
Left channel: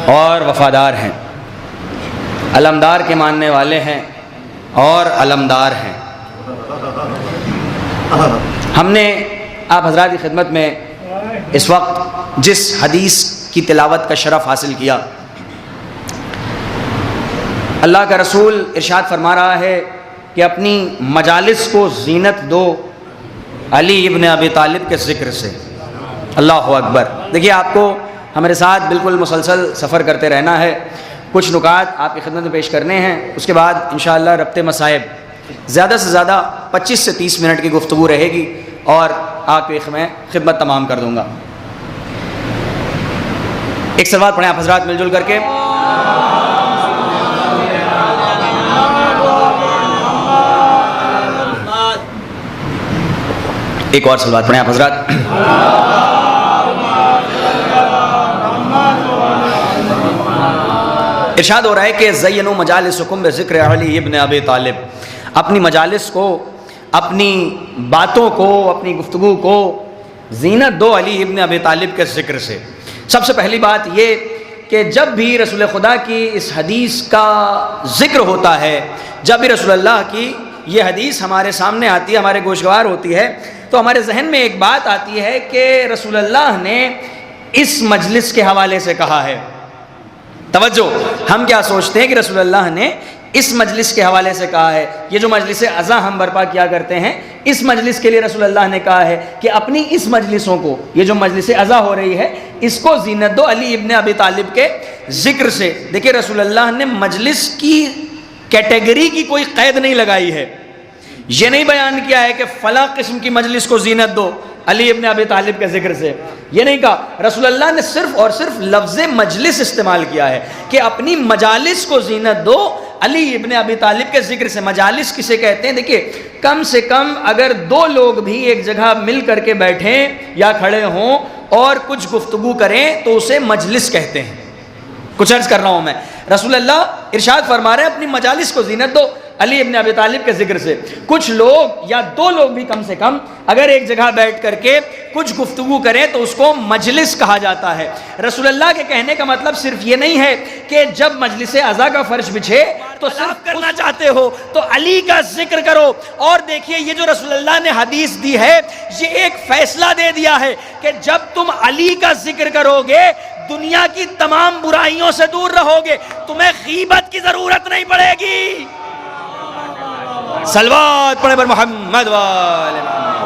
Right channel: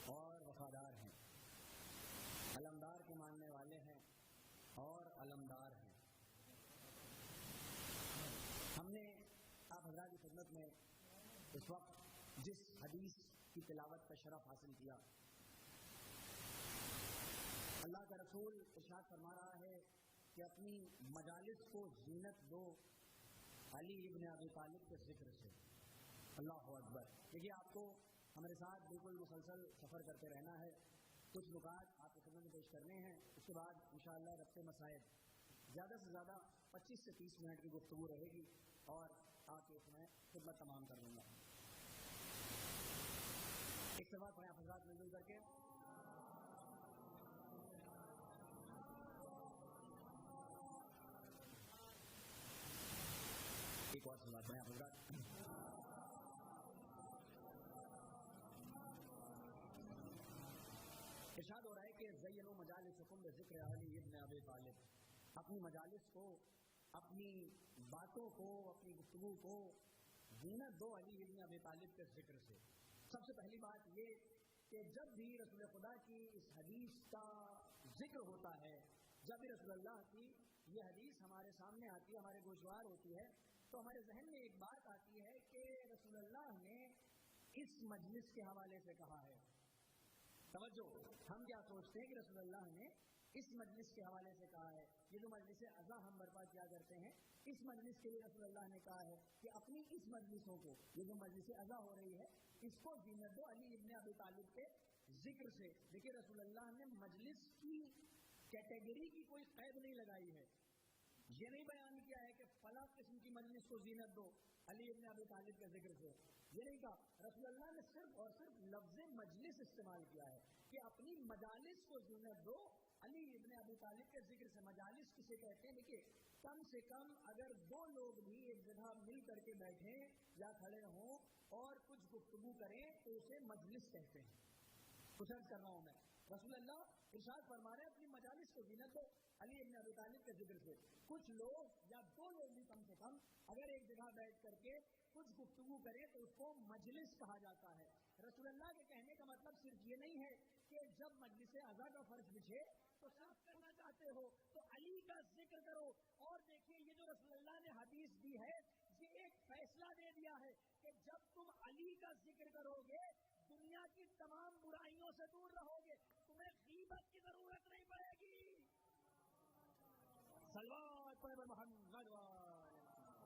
اور وفادار ہیں، علمدار کے ماننے والے ہیں اور علمدار ہیں۔ ہم نے آپ حضرات کی خدمت میں اس وقت جس حدیث کی تلاوت کا شرف حاصل کیا، اللہ کا رسول ارشاد فرما رہا ہے کہ اپنی مجالس کو زینت دو علی ابن ابی طالب کے ذکر سے۔ اللہ اکبر۔ دیکھیے، آپ کو ہمارے ساتھ بالکل مسلسل سفر کرتے رہنا ہے، کچھ نکات آپ کی خدمت میں پیش کرنے ہیں، اس کے بعد انشاءاللہ ربط مصائب زیادہ سے زیادہ 25 سے 30 منٹ کی گفتگو رہے گی اور آپ کی میں خدمت تمام کر دوں گا۔ ایک صلوات پڑھیں آپ حضرات مل جل کر کے۔ ایک اور صلوات پڑھیں آپ حضرات۔ ارشاد ہو رہا ہے کہ زینوا مجالسکم بذکر علی ابن ابی طالب، اپنی مجالس کو، اپنی باتوں کو، اپنی گفتگو کو زینت دو علی ابن ابی طالب کے ذکر سے۔ سب سے پہلی بات یہ کہ جب بھی رسول خدا کی اس حدیث کا ذکر ہوتا ہے، جب بھی رسول اللہ کی یہ حدیث ہمارے سامنے آتی ہے، ہمارے گوشگوار ہوتی ہے، تو ہمارے ذہن میں ایک بات آتی ہے کہ رسول اللہ نے اس مجلس کے حوالے سے کہا ہے۔ توجہ، ہم کیا سوچتے ہیں کہ رسول اللہ نے اس مجلس کے حوالے سے کہا ہے، یہ جو مجلس عزا ہم برپا کیا کرتے ہیں، اس مجلس کے لیے رسول اللہ نے کہا ہے کہ اپنی اس مجلسوں کو، یہ جو مجلس عزا ہو رہی ہے، اس کو زینت دو علی ابن ابی طالب کے ذکر سے۔ دیکھیں، رسول اللہ نے مجلس کی کیٹیگری کی کوئی قید نہیں لگائی ہے، یہ نہیں بیان کیا ہے کہ فلاں قسم کی مجلس کو زینت دو علی ابن ابی طالب کے ذکر سے، یہ نہیں کہا۔ رسول اللہ نے صرف اور صرف لفظ مجلس استعمال کیا ہے کہ اپنی مجالس کو زینت دو علی ابن ابی طالب کے ذکر سے۔ مجالس کسے کہتے ہیں؟ دیکھیں، کم سے کم اگر دو لوگ بھی ایک جگہ مل کر کے بیٹھیں یا کھڑے ہوں اور کچھ گفتگو کریں تو اسے مجلس کہتے ہیں۔ کچھ عرض کر رہا ہوں میں، رسول اللہ ارشاد فرما رہے ہیں اپنی مجالس کو زینت دو۔ علی ابن ابی طالب کے ذکر سے. کچھ لوگ یا دو لوگ بھی کم سے کم اگر ایک جگہ بیٹھ کر کے کچھ گفتگو کریں تو اس کو مجلس کہا جاتا ہے. رسول اللہ کے کہنے کا مطلب صرف یہ نہیں ہے کہ جب مجلس عزا کا فرش بچھے تو صرف کرنا چاہتے ہو تو علی کا ذکر کرو. اور دیکھیے یہ جو رسول اللہ نے حدیث دی ہے یہ ایک فیصلہ دے دیا ہے کہ جب تم علی کا ذکر کرو گے دنیا کی تمام برائیوں سے دور رہو گے, تمہیں غیبت کی ضرورت نہیں پڑے گی. صلوات پڑھے پر محمد والے محمد.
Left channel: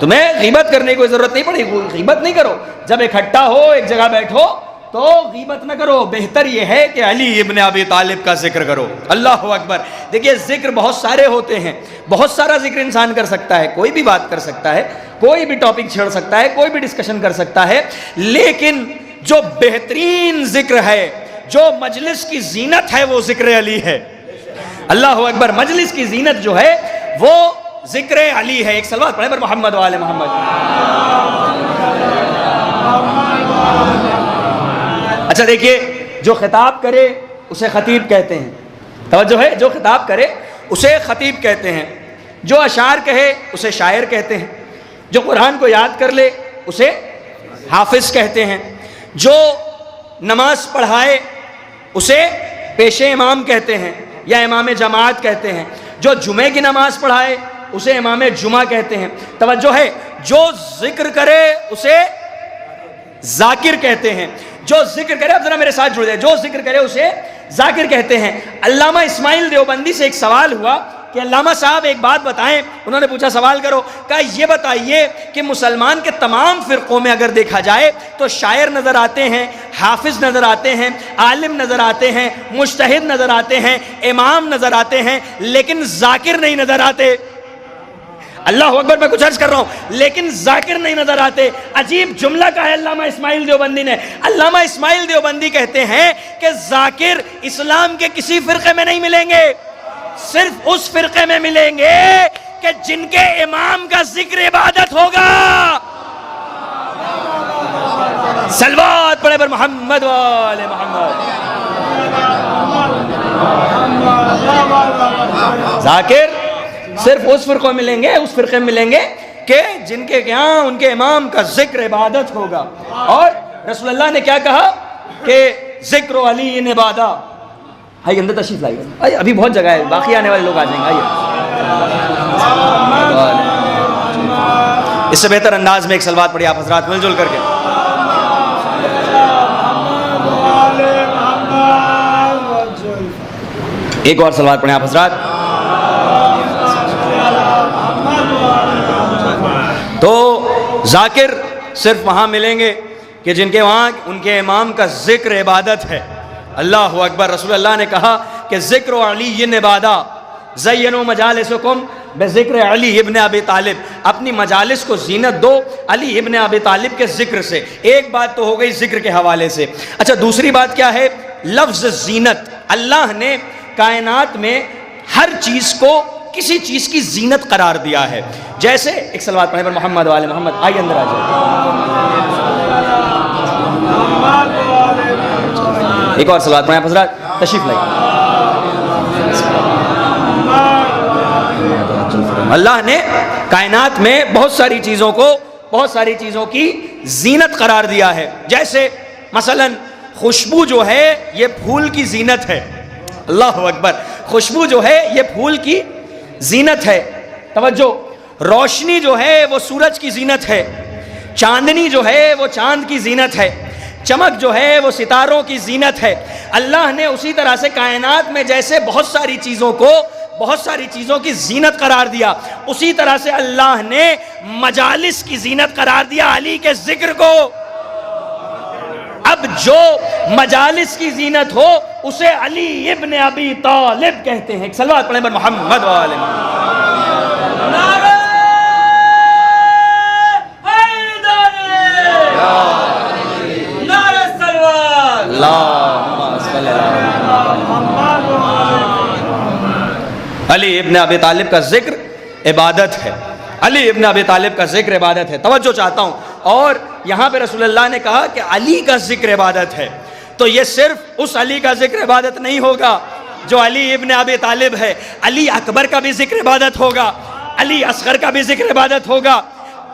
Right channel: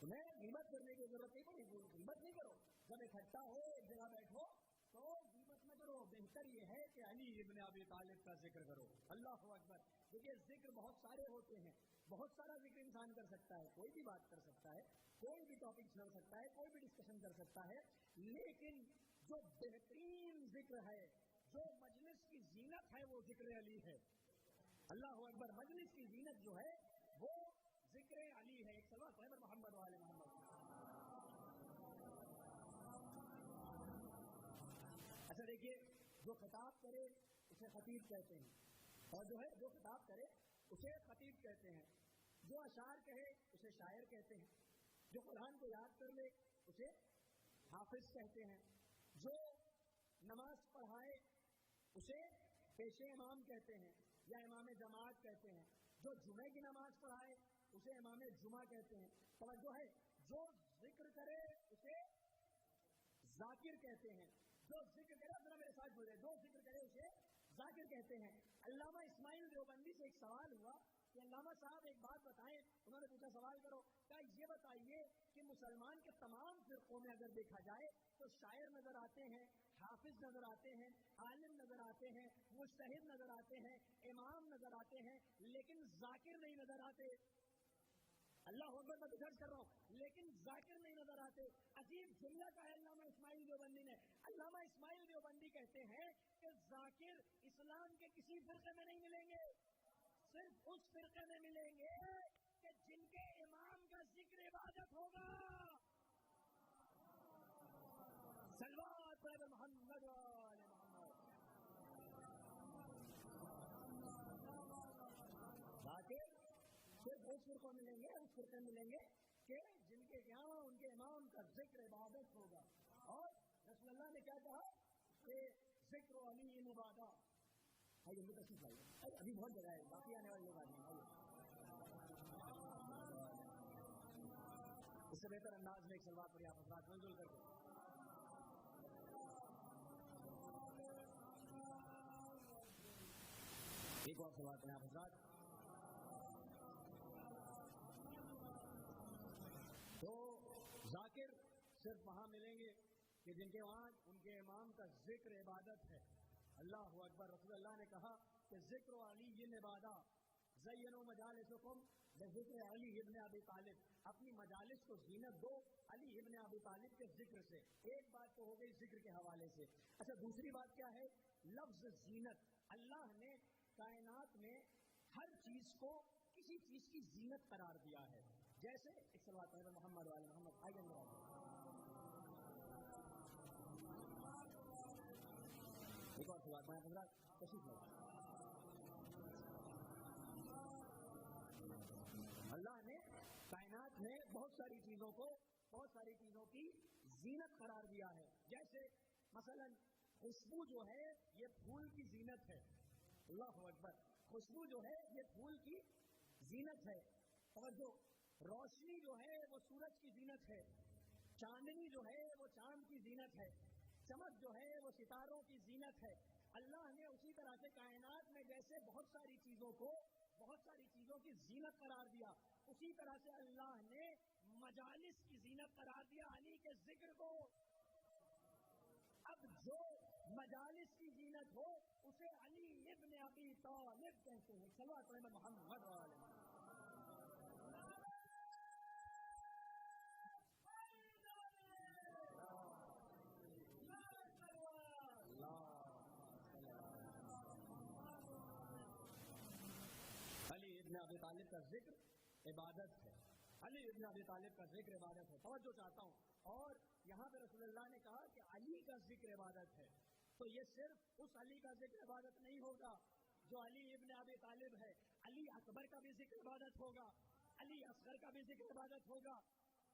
تمہیں غیبت کرنے کی کوئی ضرورت نہیں پڑے گی, غیبت نہیں کرو. جب اکٹھا ہو ایک جگہ بیٹھو تو غیبت نہ کرو, بہتر یہ ہے کہ علی ابن ابی طالب کا ذکر کرو. اللہ اکبر. دیکھیے ذکر بہت سارے ہوتے ہیں, بہت سارا ذکر انسان کر سکتا ہے, کوئی بھی بات کر سکتا ہے, کوئی بھی ٹاپک چھیڑ سکتا ہے, کوئی بھی ڈسکشن کر سکتا ہے, لیکن جو بہترین ذکر ہے, جو مجلس کی زینت ہے وہ ذکر علی ہے. اللہ اکبر. مجلس کی زینت جو ہے وہ ذکر علی ہے. ایک صلوات پڑھیں پر محمد والے محمد. اچھا دیکھیے, جو خطاب کرے اسے خطیب کہتے ہیں. توجہ ہے, جو خطاب کرے اسے خطیب کہتے ہیں. جو اشعار کہے اسے شاعر کہتے ہیں. جو قرآن کو یاد کر لے اسے حافظ کہتے ہیں. جو نماز پڑھائے اسے پیش امام کہتے ہیں یا امام جماعت کہتے ہیں. جو جمعے کی نماز پڑھائے اسے امام جمعہ کہتے ہیں. توجہ ہے, جو ذکر کرے اسے ذاکر کہتے ہیں. جو ذکر کرے, اب ذرا میرے ساتھ جڑ جائے, جو ذکر کرے اسے ذاکر کہتے ہیں. علامہ اسماعیل دیوبندی سے ایک سوال ہوا کہ علامہ صاحب ایک بات بتائیں. انہوں نے پوچھا, سوال کرو, کہا یہ بتائیے کہ مسلمان کے تمام فرقوں میں اگر دیکھا جائے تو شاعر نظر آتے ہیں, حافظ نظر آتے ہیں, عالم نظر آتے ہیں, مجتہد نظر آتے ہیں, امام نظر آتے ہیں, لیکن ذاکر نہیں نظر آتے. اللہ اکبر. میں کچھ عرض کر رہا ہوں, لیکن ذاکر نہیں نظر آتے. عجیب جملہ کہا ہے علامہ اسماعیل دیوبندی نے. علامہ اسماعیل دیوبندی کہتے ہیں کہ ذاکر اسلام کے کسی فرقے میں نہیں ملیں گے, صرف اس فرقے میں ملیں گے کہ جن کے امام کا ذکر عبادت ہوگا. صلوات پڑھے پر محمد والے محمد. ذاکر صرف اس فرقوں میں ملیں گے, اس فرقے میں ملیں گے کہ جن کے یہاں ان کے امام کا ذکر عبادت ہوگا. اور رسول اللہ نے کیا کہا کہ ذکر علی عبادہ. آئیے اندر تشریف لائیے, آئیے, ابھی بہت جگہ ہے, باقی آنے والے لوگ آ جائیں گے. آئیے, اس سے بہتر انداز میں ایک صلوات پڑھیے آپ حضرات مل جل کر کے. ایک اور صلوات پڑھیں آپ حضرات. تو ذاکر صرف وہاں ملیں گے کہ جن کے وہاں ان کے امام کا ذکر عبادت ہے. اللہ اکبر. رسول اللہ نے کہا کہ ذکر علی عبادہ, زینوا مجالسکم بذکر علی ابن ابی طالب. اپنی مجالس کو زینت دو علی ابن ابی طالب کے ذکر سے. ایک بات تو ہو گئی ذکر کے حوالے سے. اچھا دوسری بات کیا ہے؟ لفظ زینت. اللہ نے کائنات میں ہر چیز کو کسی چیز کی زینت قرار دیا ہے. جیسے ایک صلوات پڑھیں پر محمد والے محمد. آئیے اندر آ جائیں. ایک اور صلوات پڑھیں حضرات, تشریف لائیے. اللہ نے کائنات میں بہت ساری چیزوں کی زینت قرار دیا ہے. جیسے مثلا خوشبو جو ہے یہ پھول کی زینت ہے. اللہ اکبر. خوشبو جو ہے یہ پھول کی زینت ہے. توجہ, روشنی جو ہے وہ سورج کی زینت ہے. چاندنی جو ہے وہ چاند کی زینت ہے. چمک جو ہے وہ ستاروں کی زینت ہے. اللہ نے اسی طرح سے کائنات میں جیسے بہت ساری چیزوں کی زینت قرار دیا, اسی طرح سے اللہ نے مجالس کی زینت قرار دیا علی کے ذکر کو. اب جو مجالس کی زینت ہو اسے علی ابن ابی طالب کہتے ہیں. ایک صلوات پڑھیں پر محمد والے علی ابن ابی طالب کا ذکر عبادت ہے. علی ابن ابی طالب کا ذکر عبادت ہے. توجہ چاہتا ہوں, اور یہاں پہ رسول اللہ نے کہا کہ علی کا ذکر عبادت ہے. تو یہ صرف اس علی کا ذکر عبادت نہیں ہوگا جو علی ابن ابی طالب ہے، علی اکبر کا بھی ذکر عبادت ہوگا، علی اصغر کا بھی ذکر عبادت ہوگا،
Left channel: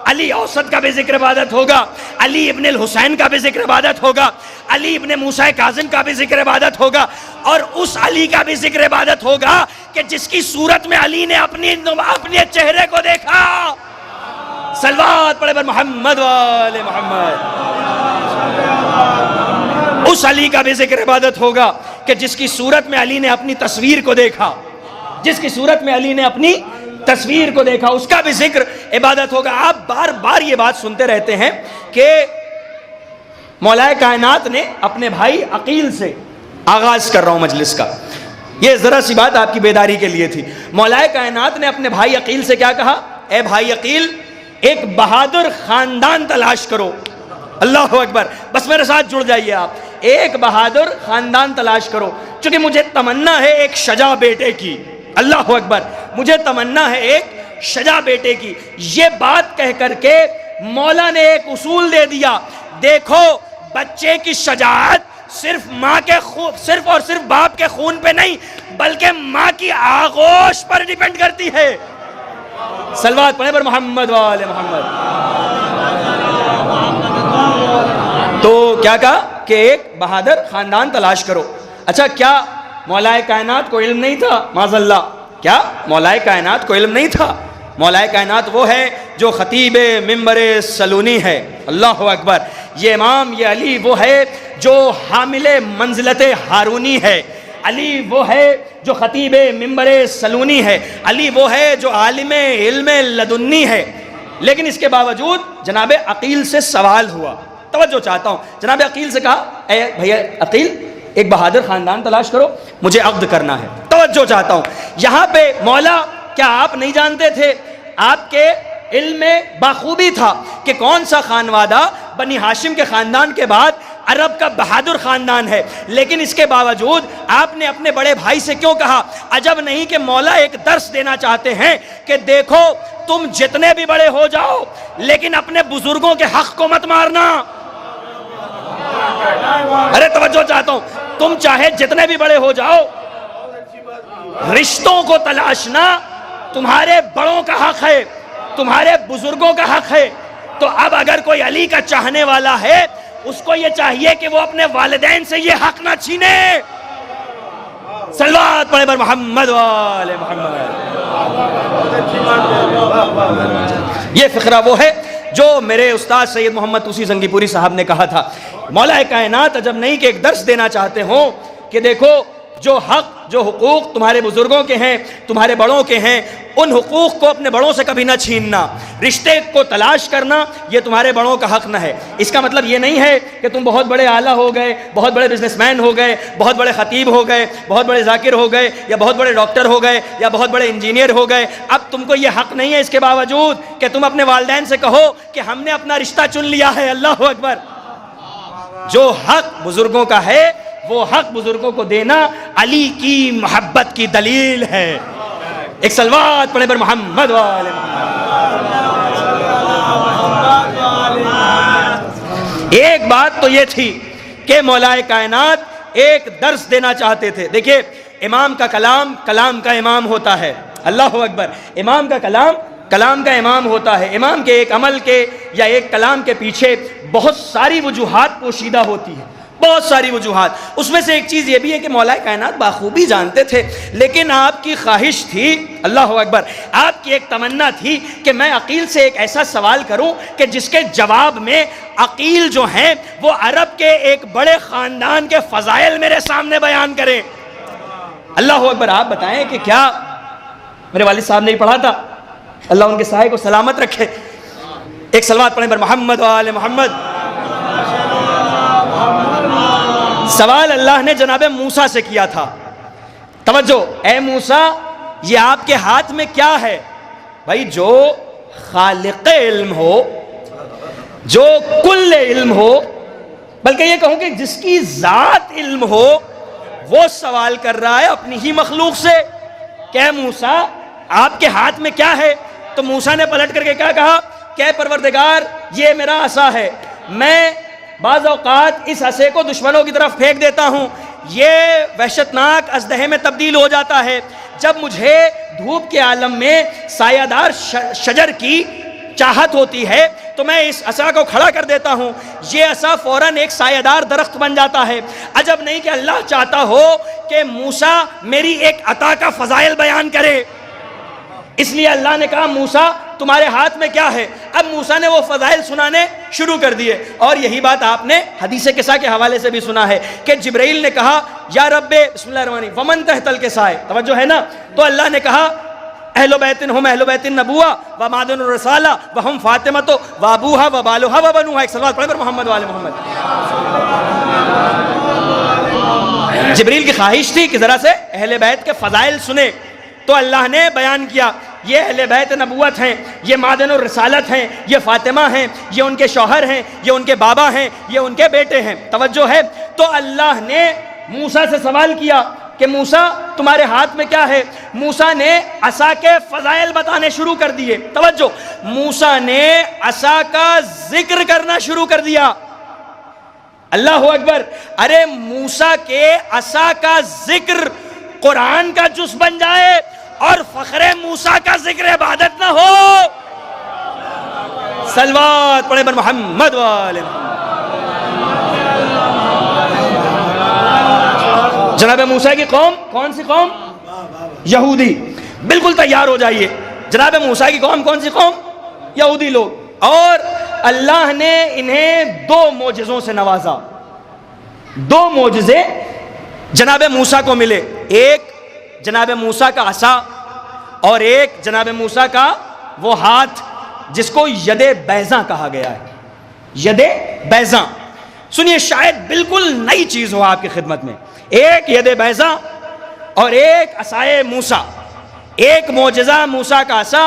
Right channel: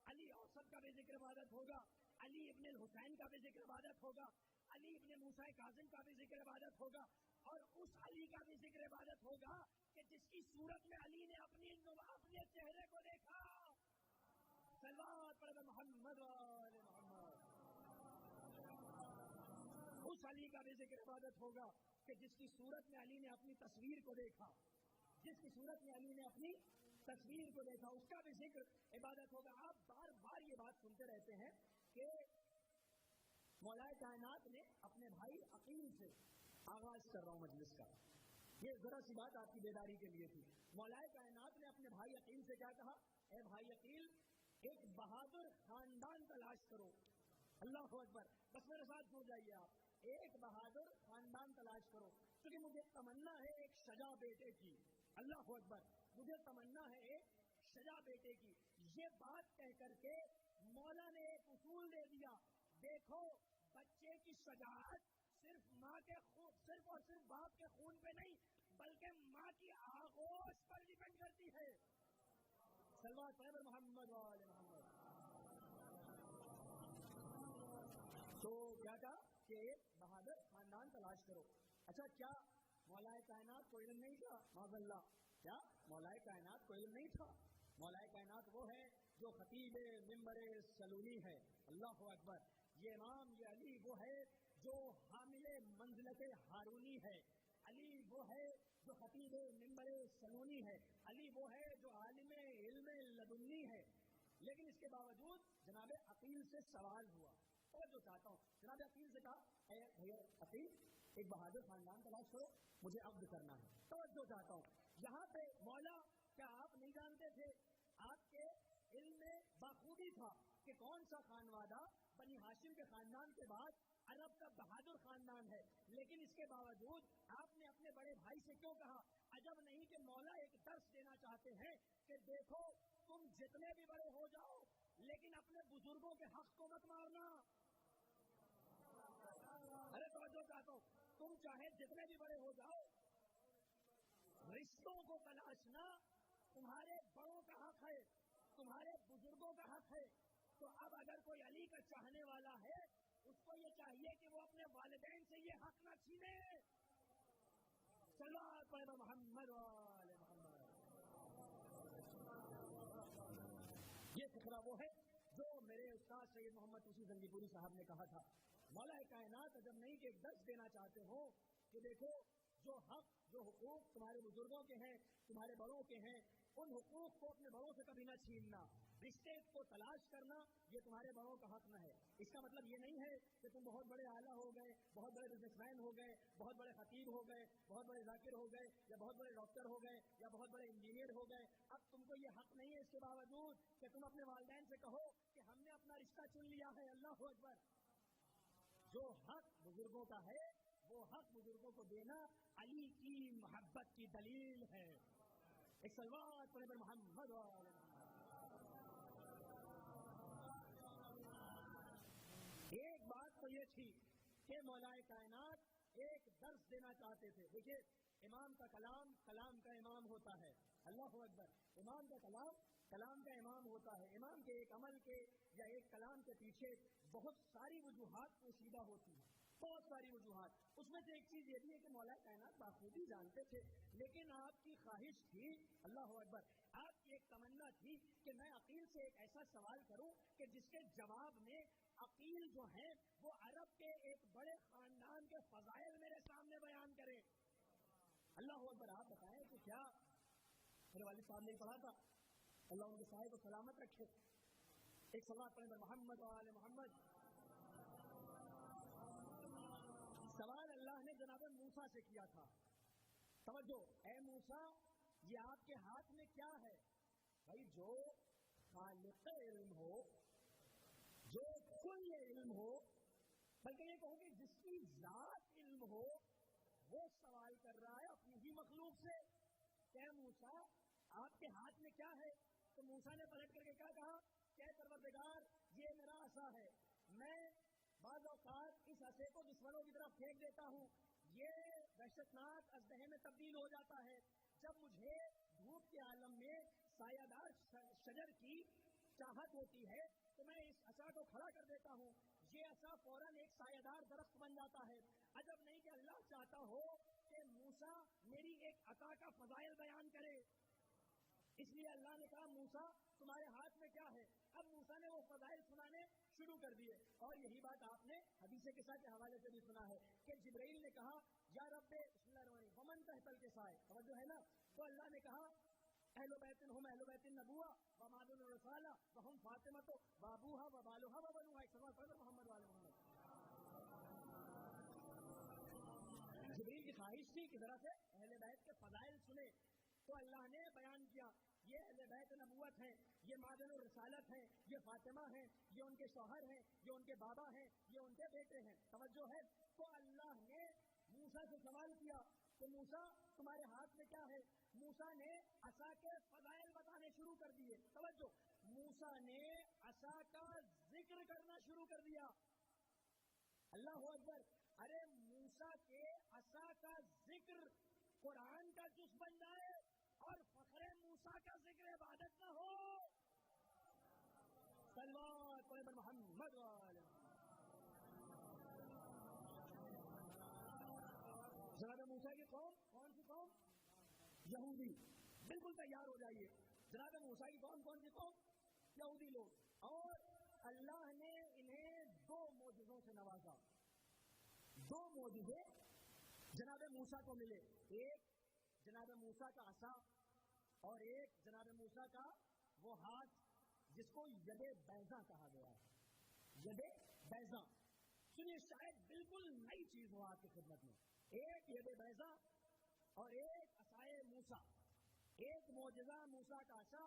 علی اوسط کا بھی ذکر عبادت ہوگا، علی ابن الحسین کا بھی ذکر عبادت ہوگا، علی ابن موسیٰ کاظم کا بھی ذکر عبادت ہوگا، اور اس علی کا بھی ذکر عبادت ہوگا کہ جس کی صورت میں علی نے اپنے چہرے کو دیکھا. صلوات پڑھے بر محمد وآل محمد. اس علی کا بھی ذکر عبادت ہوگا کہ جس کی صورت میں علی نے اپنی تصویر کو دیکھا، جس کی صورت میں علی نے اپنی تصویر کو دیکھا، اس کا بھی ذکر عبادت ہوگا. آپ بار بار یہ بات سنتے رہتے ہیں کہ مولا کائنات نے اپنے بھائی عقیل سے، آغاز کر رہا ہوں مجلس کا، یہ ذرا سی بات آپ کی بیداری کے لیے تھی. مولا کائنات نے اپنے بھائی عقیل سے کیا کہا؟ اے بھائی عقیل، ایک بہادر خاندان تلاش کرو. اللہ اکبر، بس میرے ساتھ جڑ جائیے آپ. ایک بہادر خاندان تلاش کرو، چونکہ مجھے تمنا ہے ایک شجاع بیٹے کی. اللہ اکبر، مجھے تمنا ہے ایک شجاع بیٹے کی. یہ بات کہہ کر کے مولا نے ایک اصول دے دیا، دیکھو بچے کی شجاعت صرف ماں کے صرف اور صرف باپ کے خون پہ نہیں بلکہ ماں کی آغوش پر ڈیپینڈ کرتی ہے. صلوات پڑھیں پر محمد وآل محمد. تو کیا کہا کہ ایک بہادر خاندان تلاش کرو. اچھا، کیا مولا کائنات کو علم نہیں تھا؟ معاذ اللہ، کیا مولا کائنات کو علم نہیں تھا؟ مولا کائنات وہ ہے جو خطیب منبر سلونی ہے. اللہ اکبر. یہ امام، یہ علی وہ ہے جو حامل منزلت ہارونی ہے. علی وہ ہے جو خطیب منبر سلونی ہے. علی وہ ہے جو عالم علم لدنی ہے. لیکن اس کے باوجود جناب عقیل سے سوال ہوا. توجہ چاہتا ہوں. جناب عقیل سے کہا، اے بھیا عقیل، ایک بہادر خاندان تلاش کرو، مجھے عقد کرنا ہے. توجہ چاہتا ہوں. یہاں پہ مولا، کیا آپ نہیں جانتے تھے؟ آپ کے علم میں باخوبی تھا کہ کون سا خانوادہ بنی ہاشم کے خاندان کے بعد عرب کا بہادر خاندان ہے. لیکن اس کے باوجود آپ نے اپنے بڑے بھائی سے کیوں کہا؟ عجب نہیں کہ مولا ایک درس دینا چاہتے ہیں کہ دیکھو تم جتنے بھی بڑے ہو جاؤ لیکن اپنے بزرگوں کے حق کو مت مارنا. ارے توجہ چاہتا ہوں. تم چاہے جتنے بھی بڑے ہو جاؤ، رشتوں کو تلاشنا تمہارے بڑوں کا حق ہے، تمہارے بزرگوں کا حق ہے. تو اب اگر کوئی علی کا چاہنے والا ہے، اس کو یہ چاہیے کہ وہ اپنے والدین سے یہ حق نہ چھینے. صلوات پڑھے بر محمد وآل محمد. یہ فقرہ وہ ہے جو میرے استاد سید محمد توسی زنگی پوری صاحب نے کہا تھا. مولا کائنات عجب نہیں کہ ایک درس دینا چاہتے ہوں کہ دیکھو جو حق، جو حقوق تمہارے بزرگوں کے ہیں، تمہارے بڑوں کے ہیں، ان حقوق کو اپنے بڑوں سے کبھی نہ چھیننا. رشتے کو تلاش کرنا یہ تمہارے بڑوں کا حق نہ ہے. اس کا مطلب یہ نہیں ہے کہ تم بہت بڑے اعلیٰ ہو گئے، بہت بڑے بزنس مین ہو گئے، بہت بڑے خطیب ہو گئے، بہت بڑے ذاکر ہو گئے، یا بہت بڑے ڈاکٹر ہو گئے، یا بہت بڑے انجینئر ہو گئے. اب تم کو یہ حق نہیں ہے اس کے باوجود کہ تم اپنے والدین سے کہو کہ ہم نے اپنا رشتہ چن لیا ہے. اللہ اکبر. جو حق بزرگوں کا ہے وہ حق بزرگوں کو دینا علی کی محبت کی دلیل ہے. ایک صلوات پڑھے بر محمد وآل محمد. ایک بات تو یہ تھی کہ مولا کائنات ایک درس دینا چاہتے تھے. دیکھیے، امام کا کلام کلام کا امام ہوتا ہے. اللہ اکبر. امام کا کلام کلام کا امام ہوتا ہے. امام کے ایک عمل کے یا ایک کلام کے پیچھے بہت ساری وجوہات پوشیدہ ہوتی ہیں، بہت ساری وجوہات. اس میں سے ایک چیز یہ بھی ہے کہ مولا کائنات باخوبی جانتے تھے، لیکن آپ کی خواہش تھی، اللہ اکبر، آپ کی ایک تمنا تھی کہ میں عقیل سے ایک ایسا سوال کروں کہ جس کے جواب میں عقیل جو ہیں وہ عرب کے ایک بڑے خاندان کے فضائل میرے سامنے بیان کریں. اللہ اکبر. آپ بتائیں کہ کیا میرے والد صاحب نے ہی پڑھا تھا، اللہ ان کے سائے کو سلامت رکھے. ایک صلوات پڑھیں بر محمد وآل محمد. سوال اللہ نے جناب موسیٰ سے کیا تھا. توجہ، اے موسیٰ، یہ آپ کے ہاتھ میں کیا ہے؟ بھائی، جو خالق علم ہو، جو کل علم ہو، بلکہ یہ کہوں کہ جس کی ذات علم ہو، وہ سوال کر رہا ہے اپنی ہی مخلوق سے کہ اے موسیٰ، آپ کے ہاتھ میں کیا ہے؟ تو موسیٰ نے پلٹ کر کے کیا کہا کہ اے پروردگار، یہ میرا عصا ہے، میں بعض اوقات اس عصے کو دشمنوں کی طرف پھینک دیتا ہوں، یہ وحشتناک اژدہے میں تبدیل ہو جاتا ہے۔ جب مجھے دھوپ کے عالم میں سایہ دار شجر کی چاہت ہوتی ہے تو میں اس عصا کو کھڑا کر دیتا ہوں، یہ عصا فوراً ایک سایہ دار درخت بن جاتا ہے۔ عجب نہیں کہ اللہ چاہتا ہو کہ موسیٰ میری ایک عطا کا فضائل بیان کرے، اس لیے اللہ نے کہا موسیٰ تمہارے ہاتھ میں کیا ہے؟ اب موسیٰ نے وہ فضائل سنانے شروع کر دیے، اور یہی بات آپ نے حدیث قصہ کے حوالے سے بھی سنا ہے کہ جبرائیل نے کہا یا رب بسم اللہ الرحمن الرحیم ومن تحت الکسائے، توجہ ہے نا؟ تو اللہ نے کہا اہل بیت ہم اہل بیت النبوہ و معدن الرسالہ و ہم فاطمۃ و ابوہا و بالوہا و بنوہا، ایک صلوات پڑھیں پر محمد و آل محمد۔ جبریل کی خواہش تھی کہ ذرا سے اہل بیت کے فضائل سنے، تو اللہ نے بیان کیا یہ اہل بیت نبوت ہیں، یہ معدن الرسالت ہیں، یہ فاطمہ ہیں، یہ ان کے شوہر ہیں، یہ ان کے بابا ہیں، یہ ان کے بیٹے ہیں، توجہ ہے؟ تو اللہ نے موسیٰ سے سوال کیا کہ موسیٰ تمہارے ہاتھ میں کیا ہے؟ موسیٰ نے عصا کے فضائل بتانے شروع کر دیے، توجہ، موسیٰ نے عصا کا ذکر کرنا شروع کر دیا۔ اللہ اکبر! ارے موسیٰ کے عصا کا ذکر قرآن کا جز بن جائے اور فخر موسیٰ کا ذکر عبادت نہ ہو، صلوات پڑھیں پر محمد و آل محمد۔ جناب موسیٰ کی قوم کون سی قوم؟ یہودی۔ بالکل تیار ہو جائیے، جناب موسیٰ کی قوم کون سی قوم؟ یہودی لوگ، اور اللہ نے انہیں دو معجزوں سے نوازا، دو معجزے جناب موسیٰ کو ملے، ایک جناب موسیٰ کا عصا اور ایک جناب موسیٰ کا وہ ہاتھ جس کو ید بیضاں کہا گیا ہے، ید بیضاں۔ سنیے، شاید بالکل نئی چیز ہو آپ کی خدمت میں، ایک ید بیضاں اور ایک عصائے موسیٰ، ایک معجزہ موسیٰ کا عصا،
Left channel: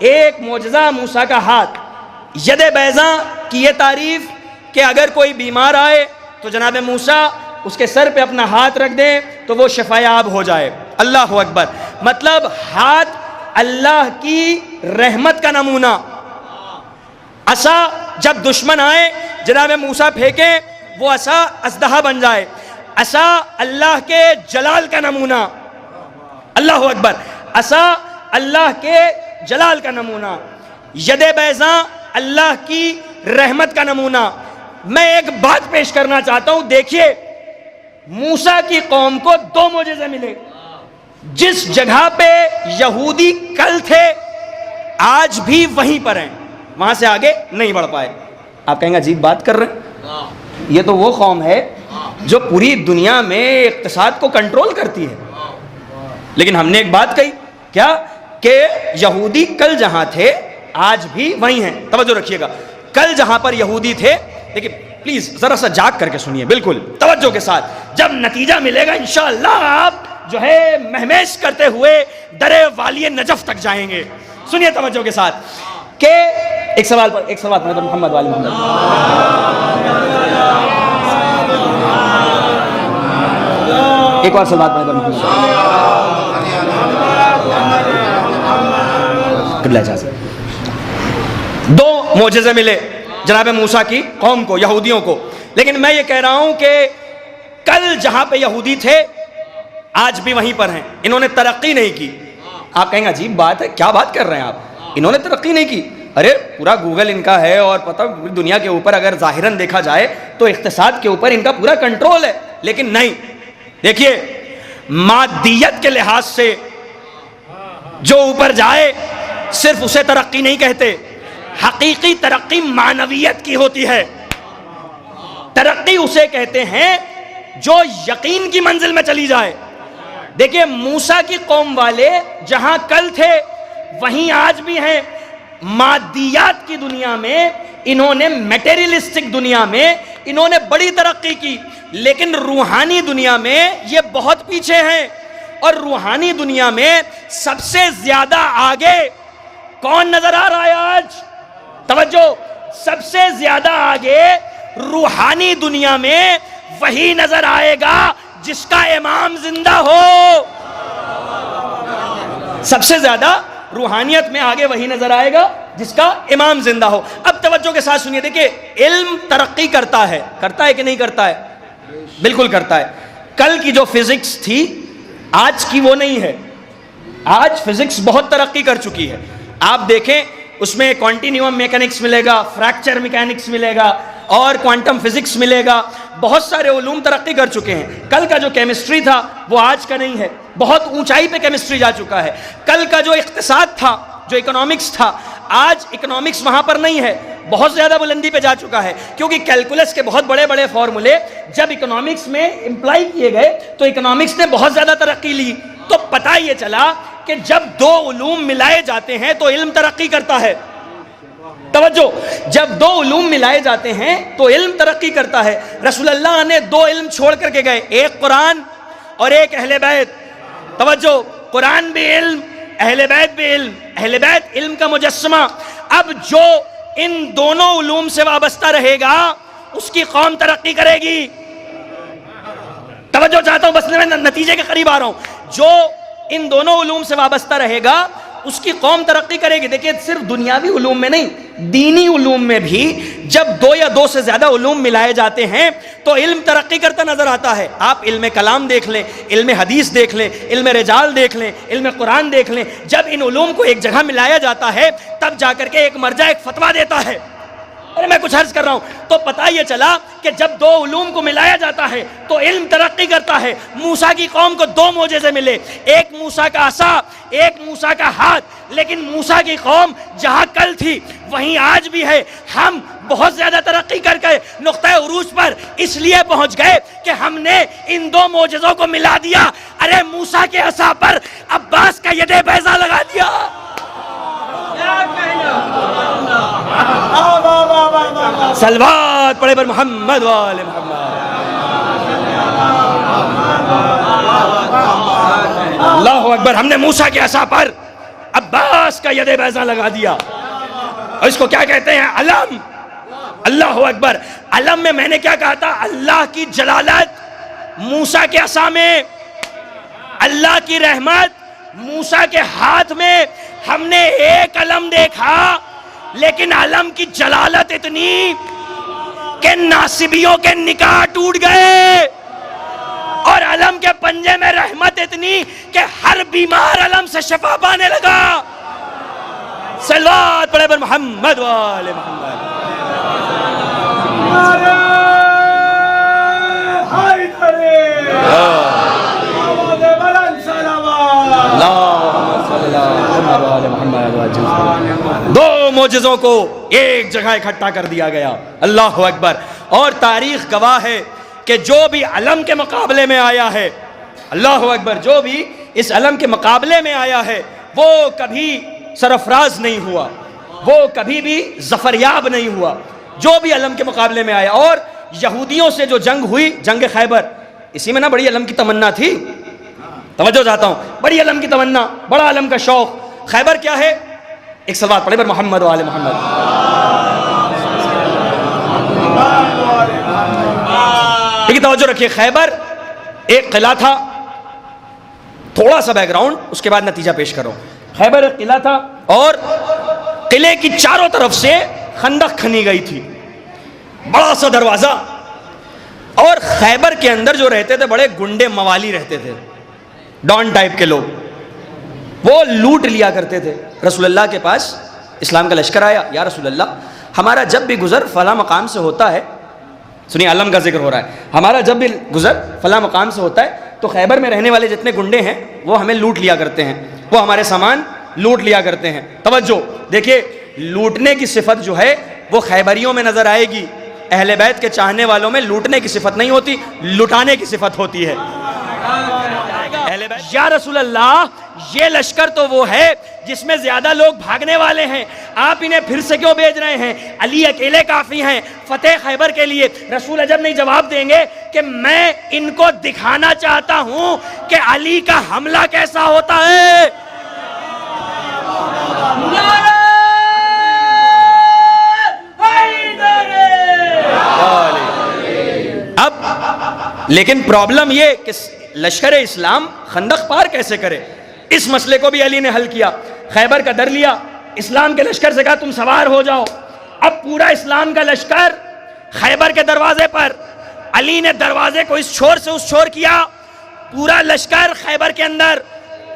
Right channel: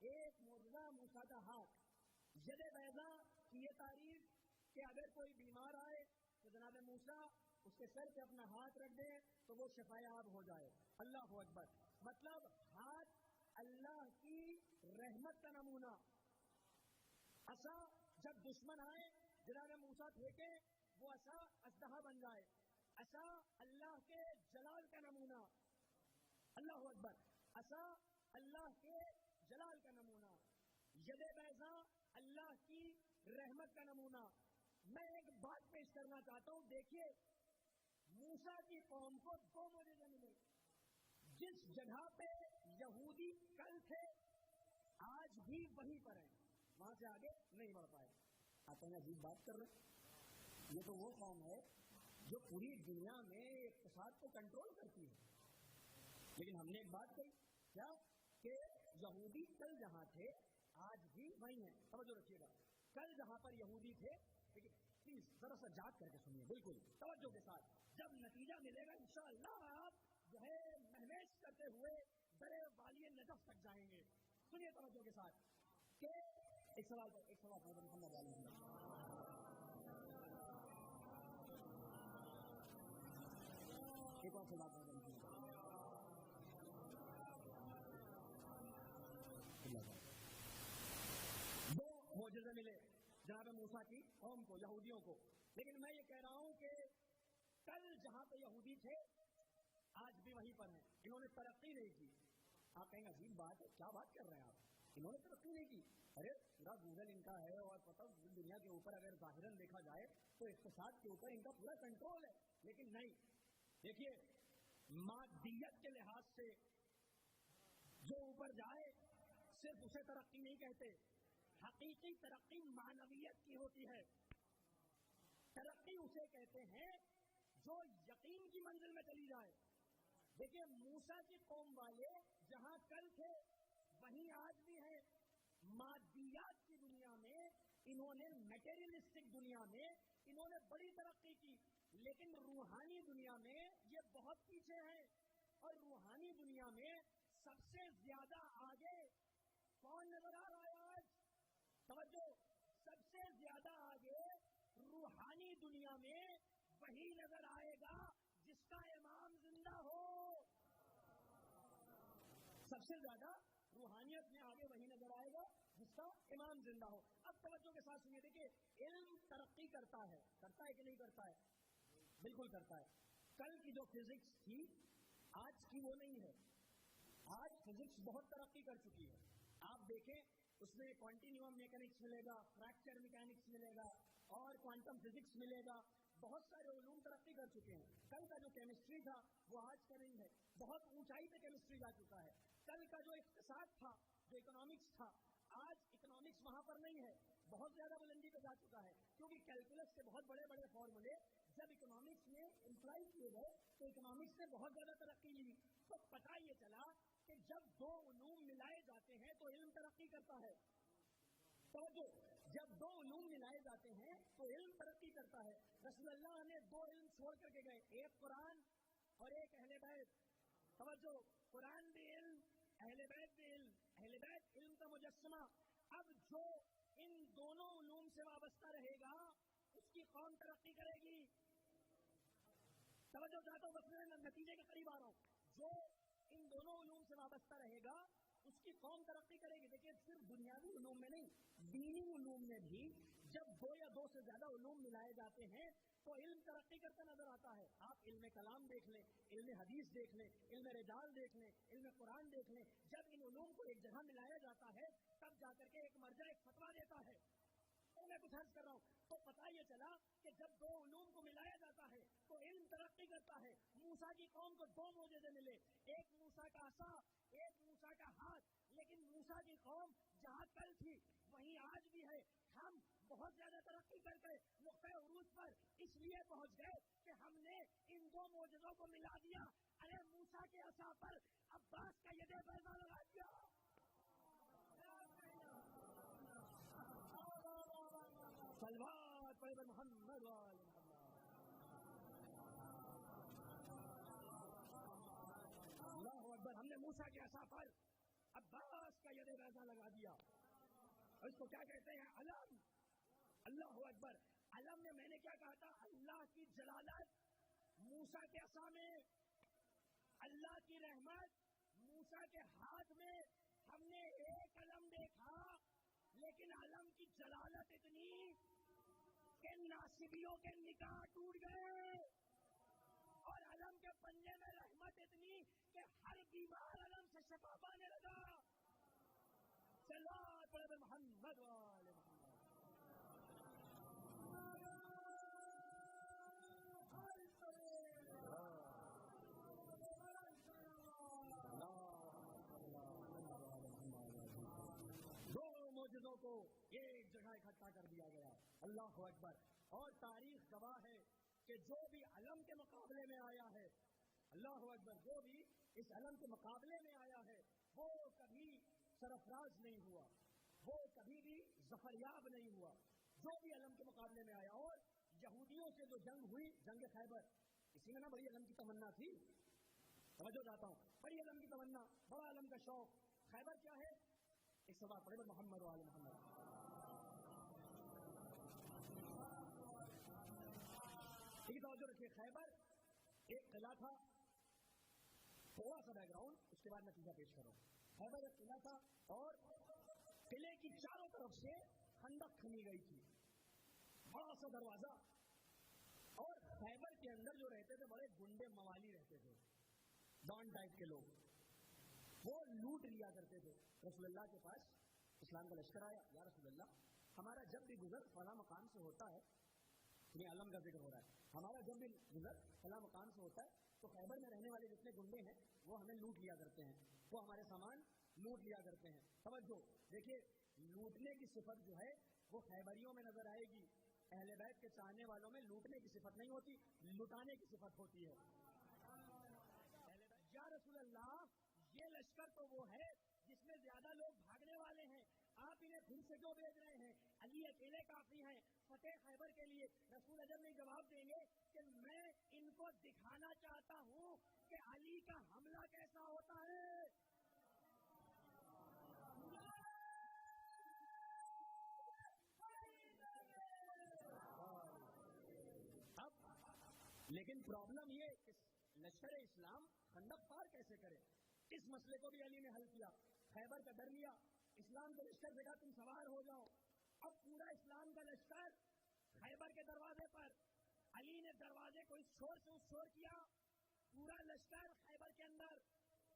ایک معجزہ موسیٰ کا ہاتھ۔ ید بیضاں کی یہ تعریف کہ اگر کوئی بیمار آئے تو جناب موسیٰ اس کے سر پہ اپنا ہاتھ رکھ دیں تو وہ شفایاب ہو جائے۔ اللہ اکبر! مطلب ہاتھ اللہ کی رحمت کا نمونہ۔ عصا جب دشمن آئے جناب موسیٰ پھینکیں وہ عصا اژدہا بن جائے، عصا اللہ کے جلال کا نمونہ۔ اللہ اکبر! عصا اللہ کے جلال کا نمونہ، ید بیضاں اللہ کی رحمت کا نمونہ۔ میں ایک بات پیش کرنا چاہتا ہوں، دیکھیے موسیٰ کی قوم کو دو معجزے ملے، جس جگہ پہ یہودی کل تھے آج بھی وہیں پر ہیں، وہاں سے آگے نہیں بڑھ پائے۔ آپ کہیں گے عجیب بات کر رہے ہیں، یہ تو وہ قوم ہے جو پوری دنیا میں اقتصاد کو کنٹرول کرتی ہے، لیکن ہم نے ایک بات کہی کیا کہ یہودی کل جہاں تھے آج بھی وہیں ہیں۔ توجہ رکھیے گا، کل جہاں پر یہودی تھے، لیکن پلیز ذرا سا جاگ کر کے سنیے بالکل توجہ کے ساتھ، جب نتیجہ ملے گا انشاءاللہ آپ جو ہے مہمیش کرتے ہوئے در والی نجف تک جائیں گے۔ سنیے توجہ کے ساتھ کہ ایک سوال پر محمد والی محمد، ایک اور سوال پر محمد قبلہ اجازت۔ دو معجزے ملے جناب موسیٰ کی قوم کو، یہودیوں کو، لیکن میں یہ کہہ رہا ہوں کہ کل جہاں پہ یہودی تھے آج بھی وہیں پر ہیں، انہوں نے ترقی نہیں کی۔ آپ کہیں گے عجیب بات ہے، کیا بات کر رہے ہیں آپ؟ انہوں نے ترقی نہیں کی؟ ارے پورا گوگل ان کا ہے اور پتہ دنیا کے اوپر اگر ظاہراً دیکھا جائے تو اقتصاد کے اوپر ان کا پورا کنٹرول ہے، لیکن نہیں۔ دیکھیے مادیت کے لحاظ سے جو اوپر جائے صرف اسے ترقی نہیں کہتے، حقیقی ترقی معنویت کی ہوتی ہے۔ ترقی اسے کہتے ہیں جو یقین کی منزل میں چلی جائے۔ دیکھیں موسیٰ کی قوم والے جہاں کل تھے وہیں آج بھی ہیں۔ مادیات کی دنیا میں انہوں نے، میٹیریلسٹک دنیا میں انہوں نے بڑی ترقی کی، لیکن روحانی دنیا میں یہ بہت پیچھے ہیں۔ اور روحانی دنیا میں سب سے زیادہ آگے کون نظر آ رہا ہے آج؟ توجہ، سب سے زیادہ آگے روحانی دنیا میں وہی نظر آئے گا جس کا امام زندہ ہو۔ سب سے زیادہ روحانیت میں آگے وہی نظر آئے گا جس کا امام زندہ ہو. اب توجہ کے ساتھ سنیے. دیکھیں علم ترقی کرتا ہے کہ نہیں کرتا ہے؟ بالکل کرتا ہے. کل کی جو فزکس تھی آج کی وہ نہیں ہے. آج فزکس بہت ترقی کر چکی ہے. آپ دیکھیں اس میں کوانٹینیوم میکینکس ملے گا, فریکچر میکینکس ملے گا اور کوانٹم فزکس ملے گا. بہت سارے علوم ترقی کر چکے ہیں. کل کا جو کیمسٹری تھا وہ آج کا نہیں ہے. بہت اونچائی پہ کیمسٹری جا چکا ہے. کل کا جو اقتصاد تھا, جو اکنامکس تھا, آج اکنامکس وہاں پر نہیں ہے, بہت زیادہ بلندی پہ جا چکا ہے. کیونکہ کیلکولس کے بہت بڑے بڑے فارمولے جب اکنامکس میں امپلائی کیے گئے تو اکنامکس نے بہت زیادہ ترقی لی. تو پتہ یہ چلا کہ جب دو علوم ملائے جاتے ہیں تو علم ترقی کرتا ہے. توجہ, جب دو علوم ملائے جاتے ہیں تو علم ترقی کرتا ہے. رسول اللہ نے دو علم چھوڑ کر کے گئے, ایک قرآن اور ایک اہل بیت. توجہ, قرآن بھی علم, اہل بیت بھی علم. اہل بیت علم کا مجسمہ. اب جو ان دونوں علوم سے وابستہ رہے گا اس کی قوم ترقی کرے گی. توجہ چاہتا ہوں, بس میں نتیجے کے قریب آ رہا ہوں. جو ان دونوں علوم سے وابستہ رہے گا اس کی قوم ترقی کرے گی. دیکھیں صرف دنیاوی علوم میں نہیں, دینی علوم میں بھی جب دو یا دو سے زیادہ علوم ملائے جاتے ہیں تو علم ترقی کرتا نظر آتا ہے. آپ علم کلام دیکھ لیں, علم حدیث دیکھ لیں, علم رجال دیکھ لیں, علم قرآن دیکھ لیں. جب ان علوم کو ایک جگہ ملایا جاتا ہے تب جا کر کے ایک مرجع ایک فتویٰ دیتا ہے. ارے میں کچھ عرض کر رہا ہوں. تو پتہ یہ چلا کہ جب دو علوم کو ملایا جاتا ہے تو علم ترقی کرتا ہے. موسیٰ کی قوم کو دو معجزے ملے, ایک موسیٰ کا عصا, ایک موسیٰ کا ہاتھ. لیکن موسیٰ کی قوم جہاں کل تھی وہیں آج بھی ہے. ہم بہت زیادہ ترقی کر کے نقطۂ عروج پر اس لیے پہنچ گئے کہ ہم نے ان دو معجزوں کو ملا دیا. ارے موسیٰ کے عصا پر عباس کا ید بیضا لگا دیا. صلوات پڑھے پر محمد وآل محمد. اللہ اکبر. ہم نے موسیٰ کے عصا پر عباس کا ید بیضا لگا دیا. اور اس کو کیا کہتے ہیں؟ علم. اللہ اکبر. علم میں نے کیا کہا تھا؟ اللہ کی جلالت موسیٰ کے عصا میں, اللہ کی رحمت موسیٰ کے ہاتھ میں. ہم نے ایک علم دیکھا لیکن علم کی جلالت اتنی کہ ناصبیوں کے نکاح ٹوٹ گئے, اور علم کے پنجے میں رحمت اتنی کہ ہر بیمار علم سے شفا پانے لگا. صلوات پڑھے پر محمد وآل محمد. دو معجزوں کو ایک جگہ اکٹھا کر دیا گیا. اللہ اکبر. اور تاریخ گواہ ہے کہ جو بھی علم کے مقابلے میں آیا ہے, اللہ اکبر, جو بھی اس علم کے مقابلے میں آیا ہے وہ کبھی سرفراز نہیں ہوا, وہ کبھی بھی ظفریاب نہیں ہوا. جو بھی علم کے مقابلے میں آیا. اور یہودیوں سے جو جنگ ہوئی, جنگ خیبر, اسی میں نا بڑی علم کی تمنا تھی. توجہ چاہتا ہوں, بڑی علم کی تمنا, بڑا علم کا شوق. خیبر کیا ہے؟ ایک صلوات پڑھے پر محمد وآل محمد. لیکن توجہ رکھیے, خیبر ایک قلعہ تھا. تھوڑا سا بیک گراؤنڈ, اس کے بعد نتیجہ پیش کرو. خیبر ایک قلعہ تھا اور قلعے کی چاروں طرف سے خندق کھنی گئی تھی, بڑا سا دروازہ. اور خیبر کے اندر جو رہتے تھے بڑے گنڈے موالی رہتے تھے, ڈان ٹائپ کے لوگ. وہ لوٹ لیا کرتے تھے. رسول اللہ کے پاس اسلام کا لشکر آیا, یا رسول اللہ ہمارا جب بھی گزر فلاں مقام سے ہوتا ہے, سنیے علم کا ذکر ہو رہا ہے, ہمارا جب بھی گزر فلاں مقام سے ہوتا ہے تو خیبر میں رہنے والے جتنے گنڈے ہیں وہ ہمیں لوٹ لیا کرتے ہیں, وہ ہمارے سامان لوٹ لیا کرتے ہیں. توجہ دیکھیے, لوٹنے کی صفت جو ہے وہ خیبریوں میں نظر آئے گی. اہل بیت کے چاہنے والوں میں لوٹنے کی صفت نہیں ہوتی, لٹانے کی صفت ہوتی ہے. یا رسول اللہ یہ لشکر تو وہ ہے جس میں زیادہ لوگ بھاگنے والے ہیں, آپ انہیں پھر سے کیوں بھیج رہے ہیں؟ علی اکیلے کافی ہیں فتح خیبر کے لیے. رسول عجب نہیں جواب دیں گے کہ میں ان کو دکھانا چاہتا ہوں کہ علی کا حملہ کیسا ہوتا ہے. اب لیکن پرابلم یہ کہ لشکر اسلام خندق پار کیسے کرے, اس مسئلے کو بھی علی نے حل کیا. خیبر کا در لیا، اسلام کے لشکر سے کہا تم سوار ہو جاؤ۔ اب پورا اسلام کا لشکر خیبر کے دروازے پر، علی نے دروازے کو اس چھور سے اس چھور کیا، پورا لشکر خیبر کے اندر،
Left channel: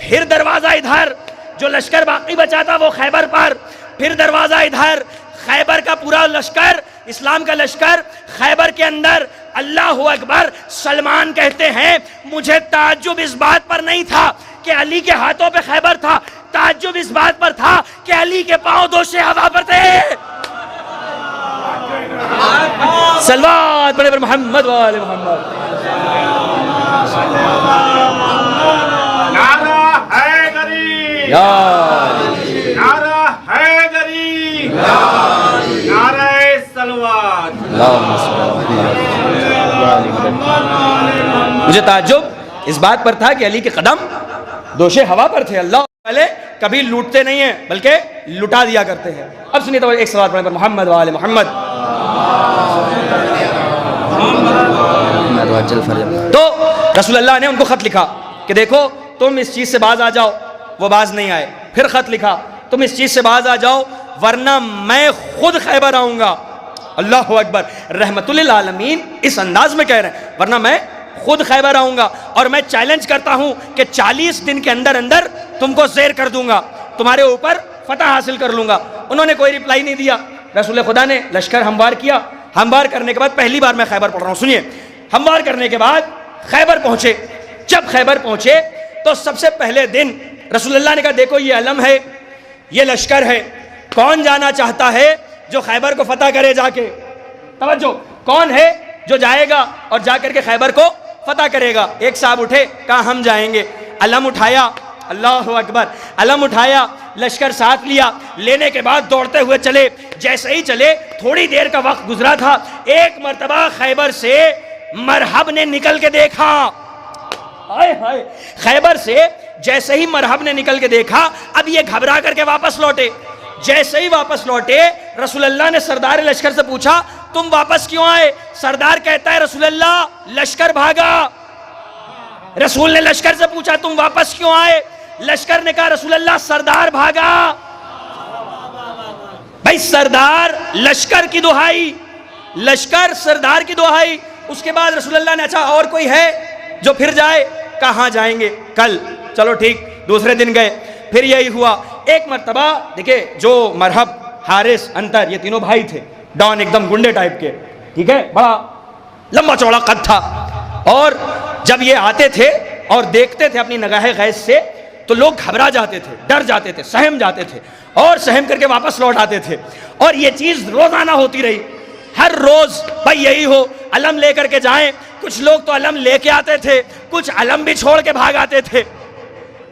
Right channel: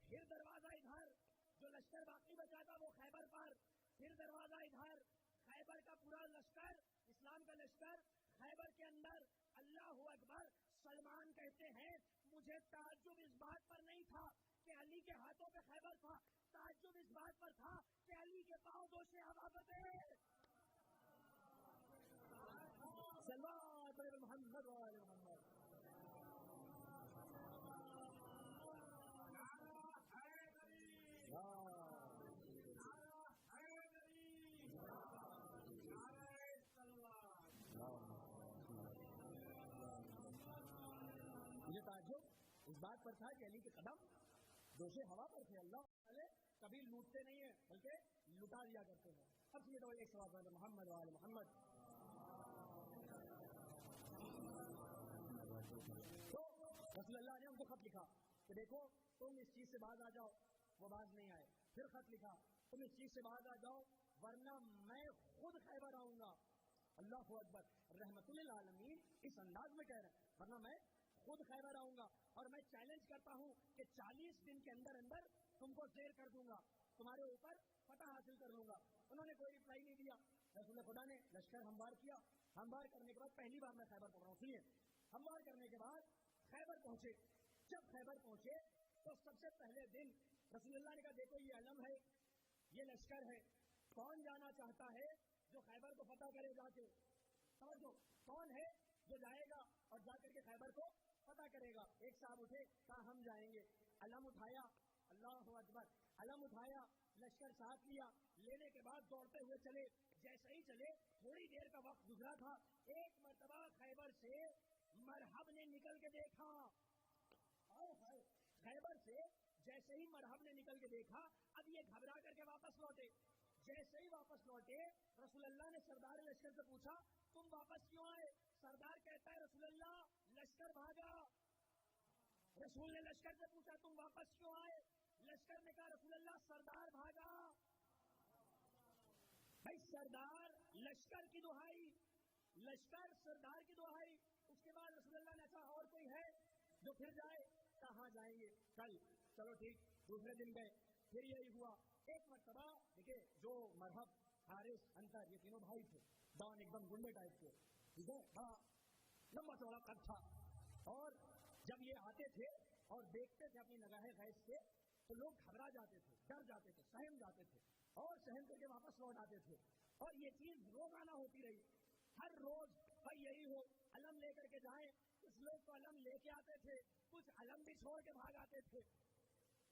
پھر دروازہ ادھر، جو لشکر باقی بچا تھا وہ خیبر پر، پھر دروازہ ادھر، خیبر کا پورا لشکر، اسلام کا لشکر خیبر کے اندر۔ اللہ اکبر۔ سلمان کہتے ہیں مجھے تعجب اس بات پر نہیں تھا کہ علی کے ہاتھوں پہ خیبر تھا، تعجب اس بات پر تھا کہ علی کے پاؤں دوشے ہوا پر تھے۔ صلوات پڑھے پر محمد وآل محمد۔ نعرہ حیدری، نعرہ حیدری، نعرہ صلوات۔ مجھے تعجب اس بات پر تھا کہ علی کے قدم دوشے ہوا پر تھے۔ اللہ والے کبھی لوٹتے نہیں ہیں بلکہ لٹا دیا کرتے ہیں۔ اب سنیے تو ایک صلوات پڑھنے پر محمد وآل محمد۔ تو رسول اللہ نے ان کو خط لکھا کہ دیکھو تم اس چیز سے باز آ جاؤ، وہ باز نہیں آئے۔ پھر خط لکھا تم اس چیز سے باز آ جاؤ ورنہ میں خود خیبر آؤں گا۔ اللہ اکبر۔ رحمت للعالمین اس انداز میں کہہ رہے ہیں ورنہ میں خود خیبر آؤں گا اور میں چیلنج کرتا ہوں کہ 40 دن کے اندر اندر تم کو زیر کر دوں گا، تمہارے اوپر فتح حاصل کر لوں گا۔ انہوں نے کوئی ریپلائی نہیں دیا۔ رسول خدا نے لشکر ہموار کیا۔ ہموار کرنے کے بعد، پہلی بار میں خیبر پڑھ رہا ہوں، سنیے، ہموار کرنے کے بعد خیبر پہنچے۔ جب خیبر پہنچے تو سب سے پہلے دن رسول اللہ نے کہا دیکھو یہ علم ہے، یہ لشکر ہے، کون جانا چاہتا ہے جو خیبر کو فتح کرے جا کے؟ توجہ، کون ہے جو جائے گا اور جا کر کے خیبر کو فتح کرے گا؟ ایک صاحب اٹھے، کہا ہم جائیں گے۔ علم اٹھایا، اللہ اکبر، علم اٹھایا، لشکر ساتھ لیا، لینے کے بعد دوڑتے ہوئے چلے۔ جیسے ہی چلے تھوڑی دیر کا وقت گزرا تھا، ایک مرتبہ خیبر سے مرحب نے نکل کے دیکھا۔ ہائے ہائے، خیبر سے جیسے ہی مرحب نے نکل کے دیکھا، اب یہ گھبرا کر کے واپس لوٹے۔ جیسے ہی واپس لوٹے رسول اللہ نے سردار لشکر سے پوچھا تم واپس کیوں آئے؟ سردار کہتا ہے رسول اللہ لشکر بھاگا۔ رسول نے لشکر سے پوچھا تم واپس کیوں آئے؟ لشکر نے کہا رسول اللہ سردار بھاگا۔ بھائی سردار لشکر کی دہائی، لشکر سردار کی دہائی۔ اس کے بعد رسول اللہ نے اچھا اور کوئی ہے جو پھر جائے؟ کہاں جائیں گے کل؟ چلو ٹھیک، دوسرے دن گئے، پھر یہی ہوا۔ ایک مرتبہ دیکھیں جو مرحب، حارث، انتر، یہ تینوں بھائی تھے، ڈان ایک دم گنڈے ٹائپ کے، ٹھیک ہے، بڑا لمبا چوڑا قد تھا، اور جب یہ آتے تھے اور دیکھتے تھے اپنی نگاہ غیظ سے تو لوگ گھبرا جاتے تھے، ڈر جاتے تھے، سہم جاتے تھے اور سہم کر کے واپس لوٹ آتے تھے۔ اور یہ چیز روزانہ ہوتی رہی، ہر روز بھائی یہی ہو، علم لے کر کے جائیں۔ کچھ لوگ تو علم لے کے آتے تھے، کچھ علم بھی چھوڑ کے بھاگ آتے تھے۔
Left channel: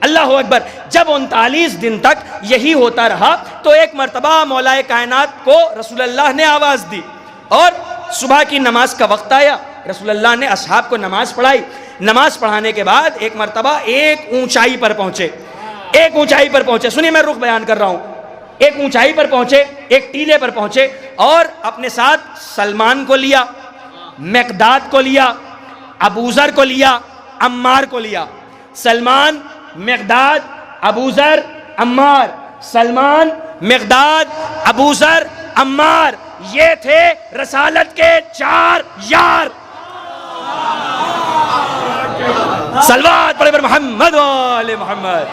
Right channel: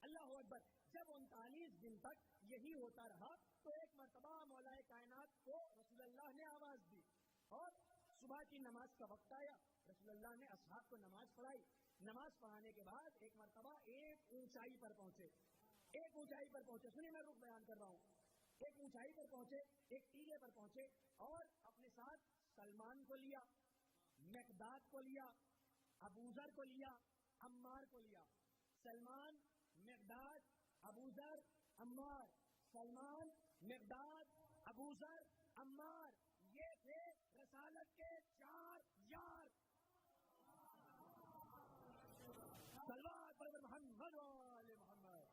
اللہ اکبر۔ جب 39 دن تک یہی ہوتا رہا تو ایک مرتبہ مولا کائنات کو رسول اللہ نے آواز دی اور صبح کی نماز کا وقت آیا۔ رسول اللہ نے اصحاب کو نماز پڑھائی۔ نماز پڑھانے کے بعد ایک مرتبہ ایک اونچائی پر پہنچے، ایک اونچائی پر پہنچے، سنیے میں رخ بیان کر رہا ہوں۔ ایک اونچائی پر پہنچے، ایک ٹیلے پر پہنچے اور اپنے ساتھ سلمان کو لیا، مقداد کو لیا، ابوذر کو لیا، عمار کو لیا۔ سلمان، مقداد، ابوذر، عمار، سلمان، مقداد، ابوذر، عمار، یہ تھے رسالت کے 4 یار۔ صلوات پڑھے پر محمد وآل محمد۔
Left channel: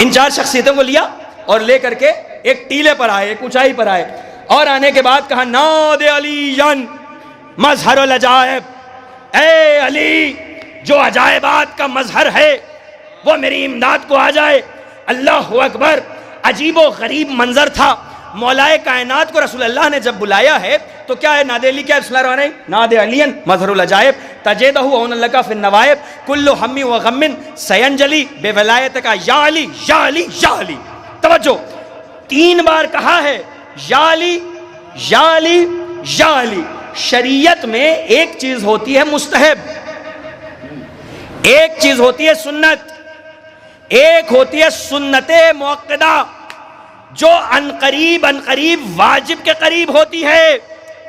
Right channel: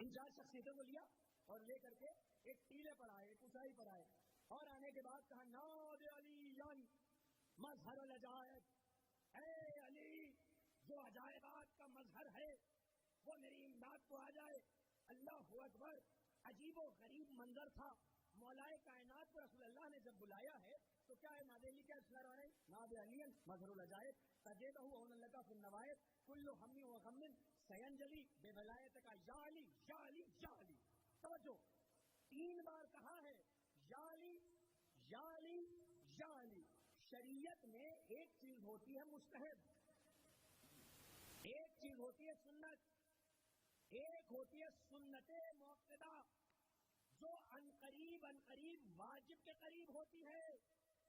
ان 4 شخصیتوں کو لیا اور لے کر کے ایک ٹیلے پر آئے، ایک اونچائی پر آئے، اور آنے کے بعد کہا ناد علی مظہر العجائب، اے علی جو عجائبات کا مظہر ہے وہ میری امداد کو آ جائے۔ اللہ اکبر۔ عجیب و غریب منظر تھا۔ مولا کائنات کو رسول اللہ نے جب بلایا ہے تو کیا ہے ناد علی، کیا ہے؟ بسم اللہ الرحمن الرحیم، ناد علی مظہر العجائب تجدہ عون لک فی النوائب کل ہم و غم سینجلی بے ولایت کا یا علی یا علی یا علی۔ توجہ، 3 بار کہا ہے یا علی یا علی یا علی۔ شریعت میں ایک چیز ہوتی ہے مستحب، ایک چیز ہوتی ہے سنت، ایک ہوتی ہے سنت موقدہ جو ان قریب واجب کے قریب ہوتی ہے۔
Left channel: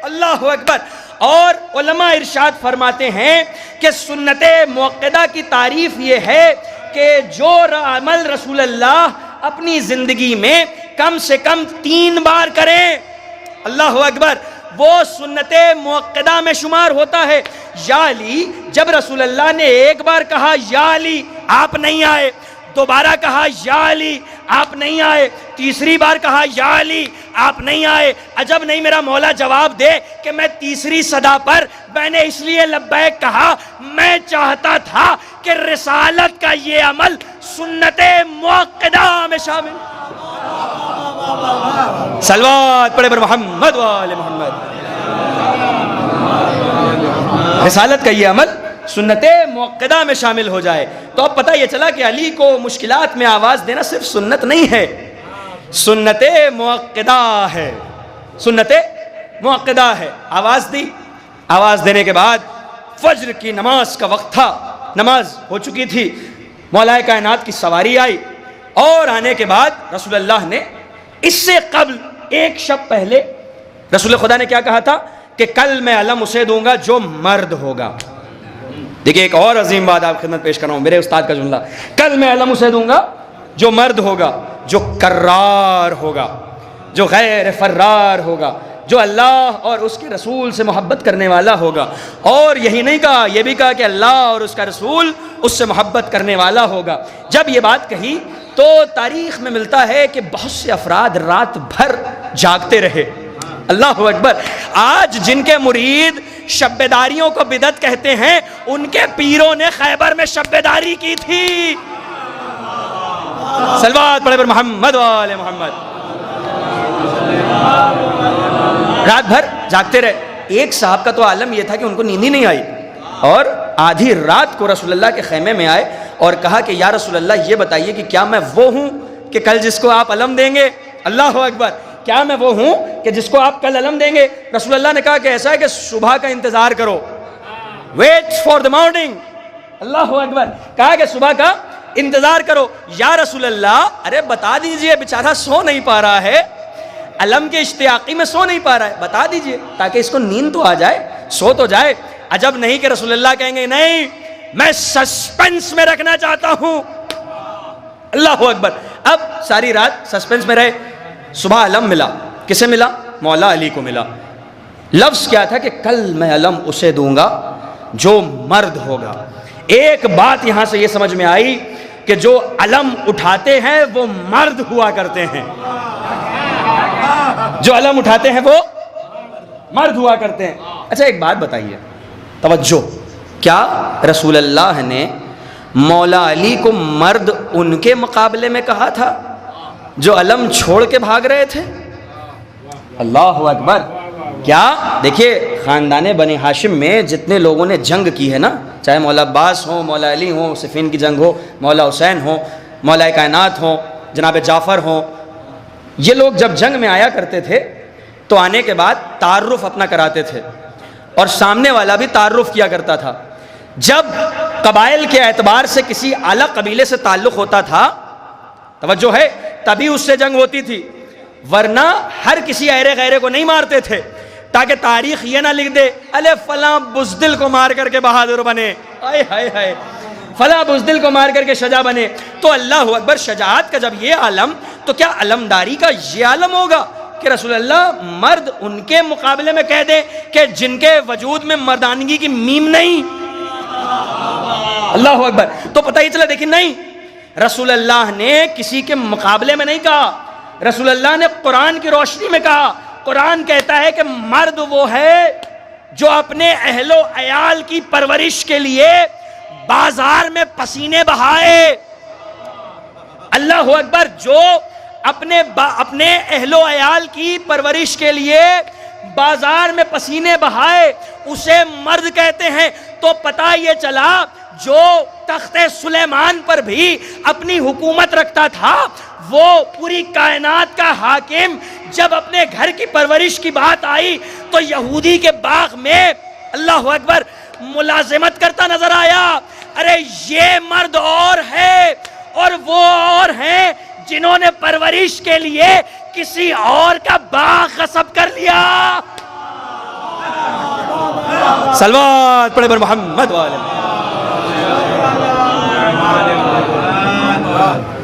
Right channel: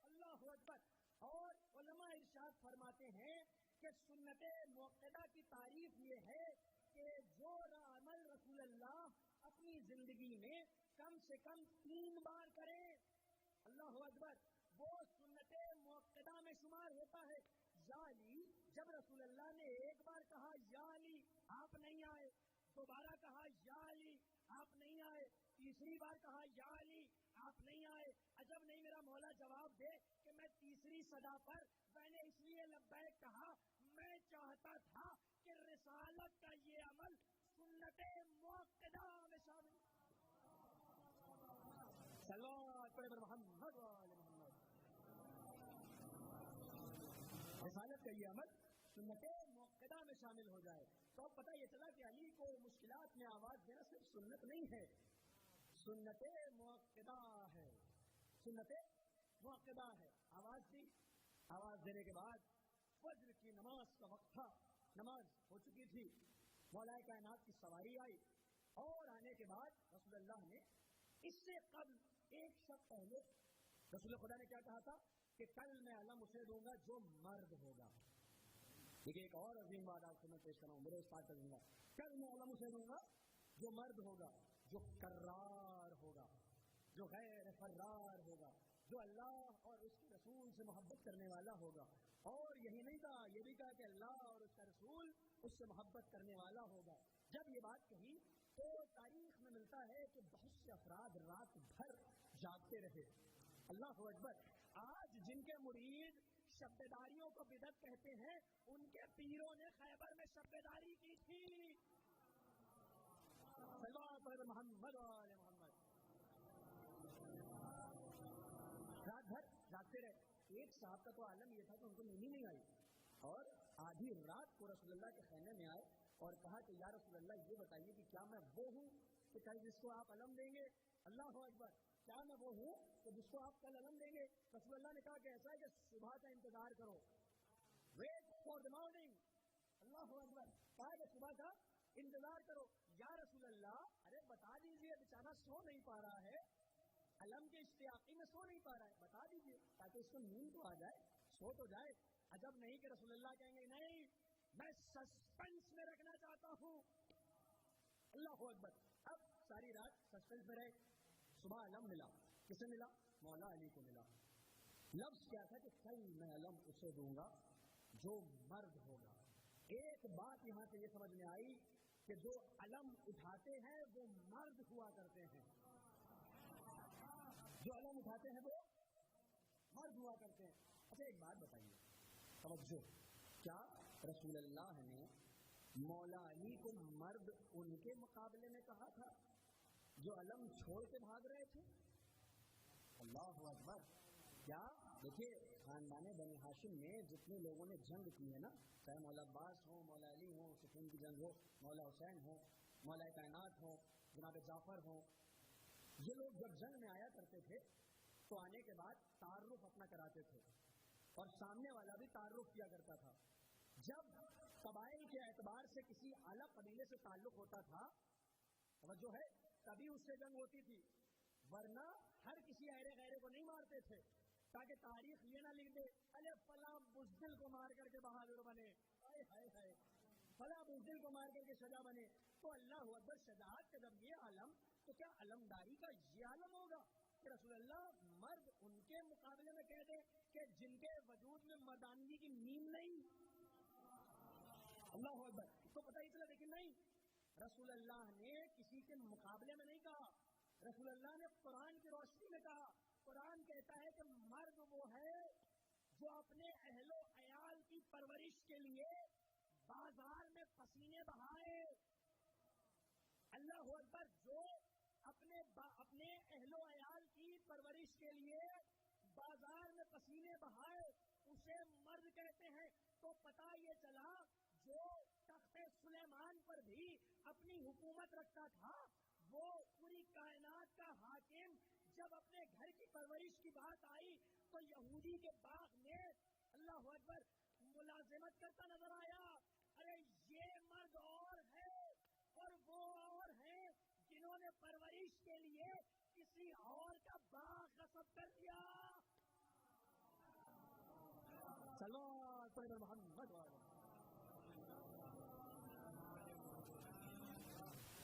اللہ اکبر۔ اور علماء ارشاد فرماتے ہیں کہ سنت موقدہ کی تعریف یہ ہے کہ کہ جو عمل رسول اللہ اپنی زندگی میں کم سے کم 3 بار کریں، اللہ اکبر، وہ سنت موقدہ میں شمار ہوتا ہے۔ یا علی، جب رسول اللہ نے ایک بار کہا یا علی، آپ نہیں آئے، دوبارہ کہا یا علی، آپ نہیں آئے، تیسری بار کہا یا علی، آپ نہیں آئے، عجب نہیں میرا مولا جواب دے کہ میں تیسری صدا پر میں نے اس لیے لبیک کہا، میں چاہتا تھا کہ رسالت کا یہ عمل سنت موقدہ میں شامل۔ صلوات پڑھے پر محمد و آل محمد۔ رسالت کا یہ عمل سنت موقدہ میں شامل ہو جائے۔ تو اب پتہ یہ چلا کہ علی کو مشکلات میں آواز دینا صرف سنت نہیں ہے، سنت موقدہ ہے، سنت موقدہ ہے۔ آواز دی، آواز دینے کے بعد فجر کی نماز کا وقت تھا، نماز ہو چکی تھی، مولا کائنات کی سواری آئی، اور آنے کے بعد رسول اللہ نے اس سے قبل ایک شب پہلے رسول خدا نے کیا کہا تھا کہ کل میں علم اسے دوں گا جو مرد ہوگا۔ دیکھیں ایک اور عظیم بات آپ خدمت پیش کر رہا ہوں، میرے استاد کا جملہ، کل میں علم اسے دوں گا جو مرد ہوگا، جو کرار ہوگا، جو غیر فرار ہوگا، جو اللہ اور اس کے رسول سے محبت کرنے والا ہوگا۔ اور یہی نہیں کہا، یہ بھی کہا کہ اللہ اور اس کا رسول اس سے محبت کرنے والا ہوگا۔ جب یہ بات کہی تو تاریخ میں ملتا ہے کہ بہت سے افراد رات بھر جاگتے رہے۔ اللہ اکبر، آج جن کے مرید شب بیداریوں کو بدعت کہتے ہیں، ان کے پیروں نے خیبر میں شب بیداری کی تھی۔ صلوات پڑھے پر محمد و آل محمد۔ رات بھر جاگتے رہے۔ ایک صاحب کا تو عالم یہ تھا کہ ان کو نیند ہی نہیں آئی، اور آدھی رات کو رسول اللہ کے خیمے میں آئے اور کہا کہ یا رسول اللہ یہ بتائیے کہ کیا میں وہ ہوں کہ کل جس کو آپ علم دیں گے؟ اللہ اکبر، کیا میں وہ ہوں کہ جس کو آپ کل علم دیں گے؟ رسول اللہ نے کہا کہ ایسا ہے کہ صبح کا انتظار کرو، ویٹ فار دا مارننگ۔ اللہ اکبر، کہا کہ صبح کا انتظار کرو۔ یا رسول اللہ، ارے بتا دیجئے، بیچارہ سو نہیں پا رہا ہے، علم کے اشتیاقی میں سو نہیں پا رہا ہے، بتا دیجئے تاکہ اس کو نیند تو آ جائے، سو تو جائے۔ عجب نہیں کہ رسول اللہ کہیں گے نہیں، میں سسپنس میں رکھنا چاہتا ہوں۔ اللہ اکبر، اب ساری رات سسپنس میں رہے۔ صبح علم ملا، کسے ملا؟ مولا علی کو ملا۔ لفظ کیا تھا کہ کل میں علم اسے دوں گا جو مرد ہوگا۔ ایک بات یہاں سے یہ سمجھ میں آئی کہ جو علم اٹھاتے ہیں وہ مرد ہوا کرتے ہیں، جو علم اٹھاتے ہیں وہ مرد ہوا کرتے ہیں۔ اچھا ایک بات بتائیے، توجہ، کیا رسول اللہ نے مولا علی کو مرد ان کے مقابلے میں کہا تھا جو علم چھوڑ کے بھاگ رہے تھے؟ اللہ اکبر، کیا دیکھیے خاندان بنی ہاشم میں جتنے لوگوں نے جنگ کی ہے نا، چاہے مولا عباس ہو، مولا علی ہو، صفین کی جنگ ہو، مولا حسین ہو، مولا کائنات ہو، جناب جعفر ہو، یہ لوگ جب جنگ میں آیا کرتے تھے تو آنے کے بعد تعارف اپنا کراتے تھے، اور سامنے والا بھی تعارف کیا کرتا تھا۔ جب قبائل کے اعتبار سے کسی اعلیٰ قبیلے سے تعلق ہوتا تھا، توجہ ہے، تبھی اس سے جنگ ہوتی تھی، ورنہ ہر کسی ایرے غیرے کو نہیں مارتے تھے، تاکہ تاریخ یہ نہ لکھ دے الے فلاں بزدل کو مار کر کے بہادر بنے، آئے ہائے ہائے، فلاں بزدل کو مار کر کے شجاع بنے۔ تو اللہ اکبر، شجاعت کا جب یہ عالم، تو کیا علمداری کا یہ عالم ہوگا کہ رسول اللہ مرد ان کے مقابلے میں کہہ دیں کہ جن کے وجود میں مردانگی کی میم نہیں؟ اللہ اکبر، تو پتہ ہی چلا دیکھیں نہیں، رسول اللہ نے کسی کے مقابلے میں نہیں کہا، رسول اللہ نے قرآن کی روشنی میں کہا۔ قرآن کہتا ہے کہ مرد وہ ہے جو اپنے اہل و عیال کی پرورش کے لیے بازار میں پسینے بہائے۔ اللہ اکبر، جو اپنے اہل و عیال کی پرورش کے لیے بازار میں پسینے بہائے، اسے مرد کہتے ہیں۔ تو پتہ یہ چلا جو تخت سلیمان پر بھی اپنی حکومت رکھتا تھا، وہ پوری کائنات کا حاکم، جب اپنے گھر کی پرورش کی بات آئی تو یہودی کے باغ میں اللہ اکبر ملازمت کرتا نظر آیا۔ ارے یہ مرد اور ہے اور وہ اور ہیں جنہوں نے پرورش کے لیے کسی اور کا باغ غصب کر لیا۔ صلوات پڑھے بر محمد والے۔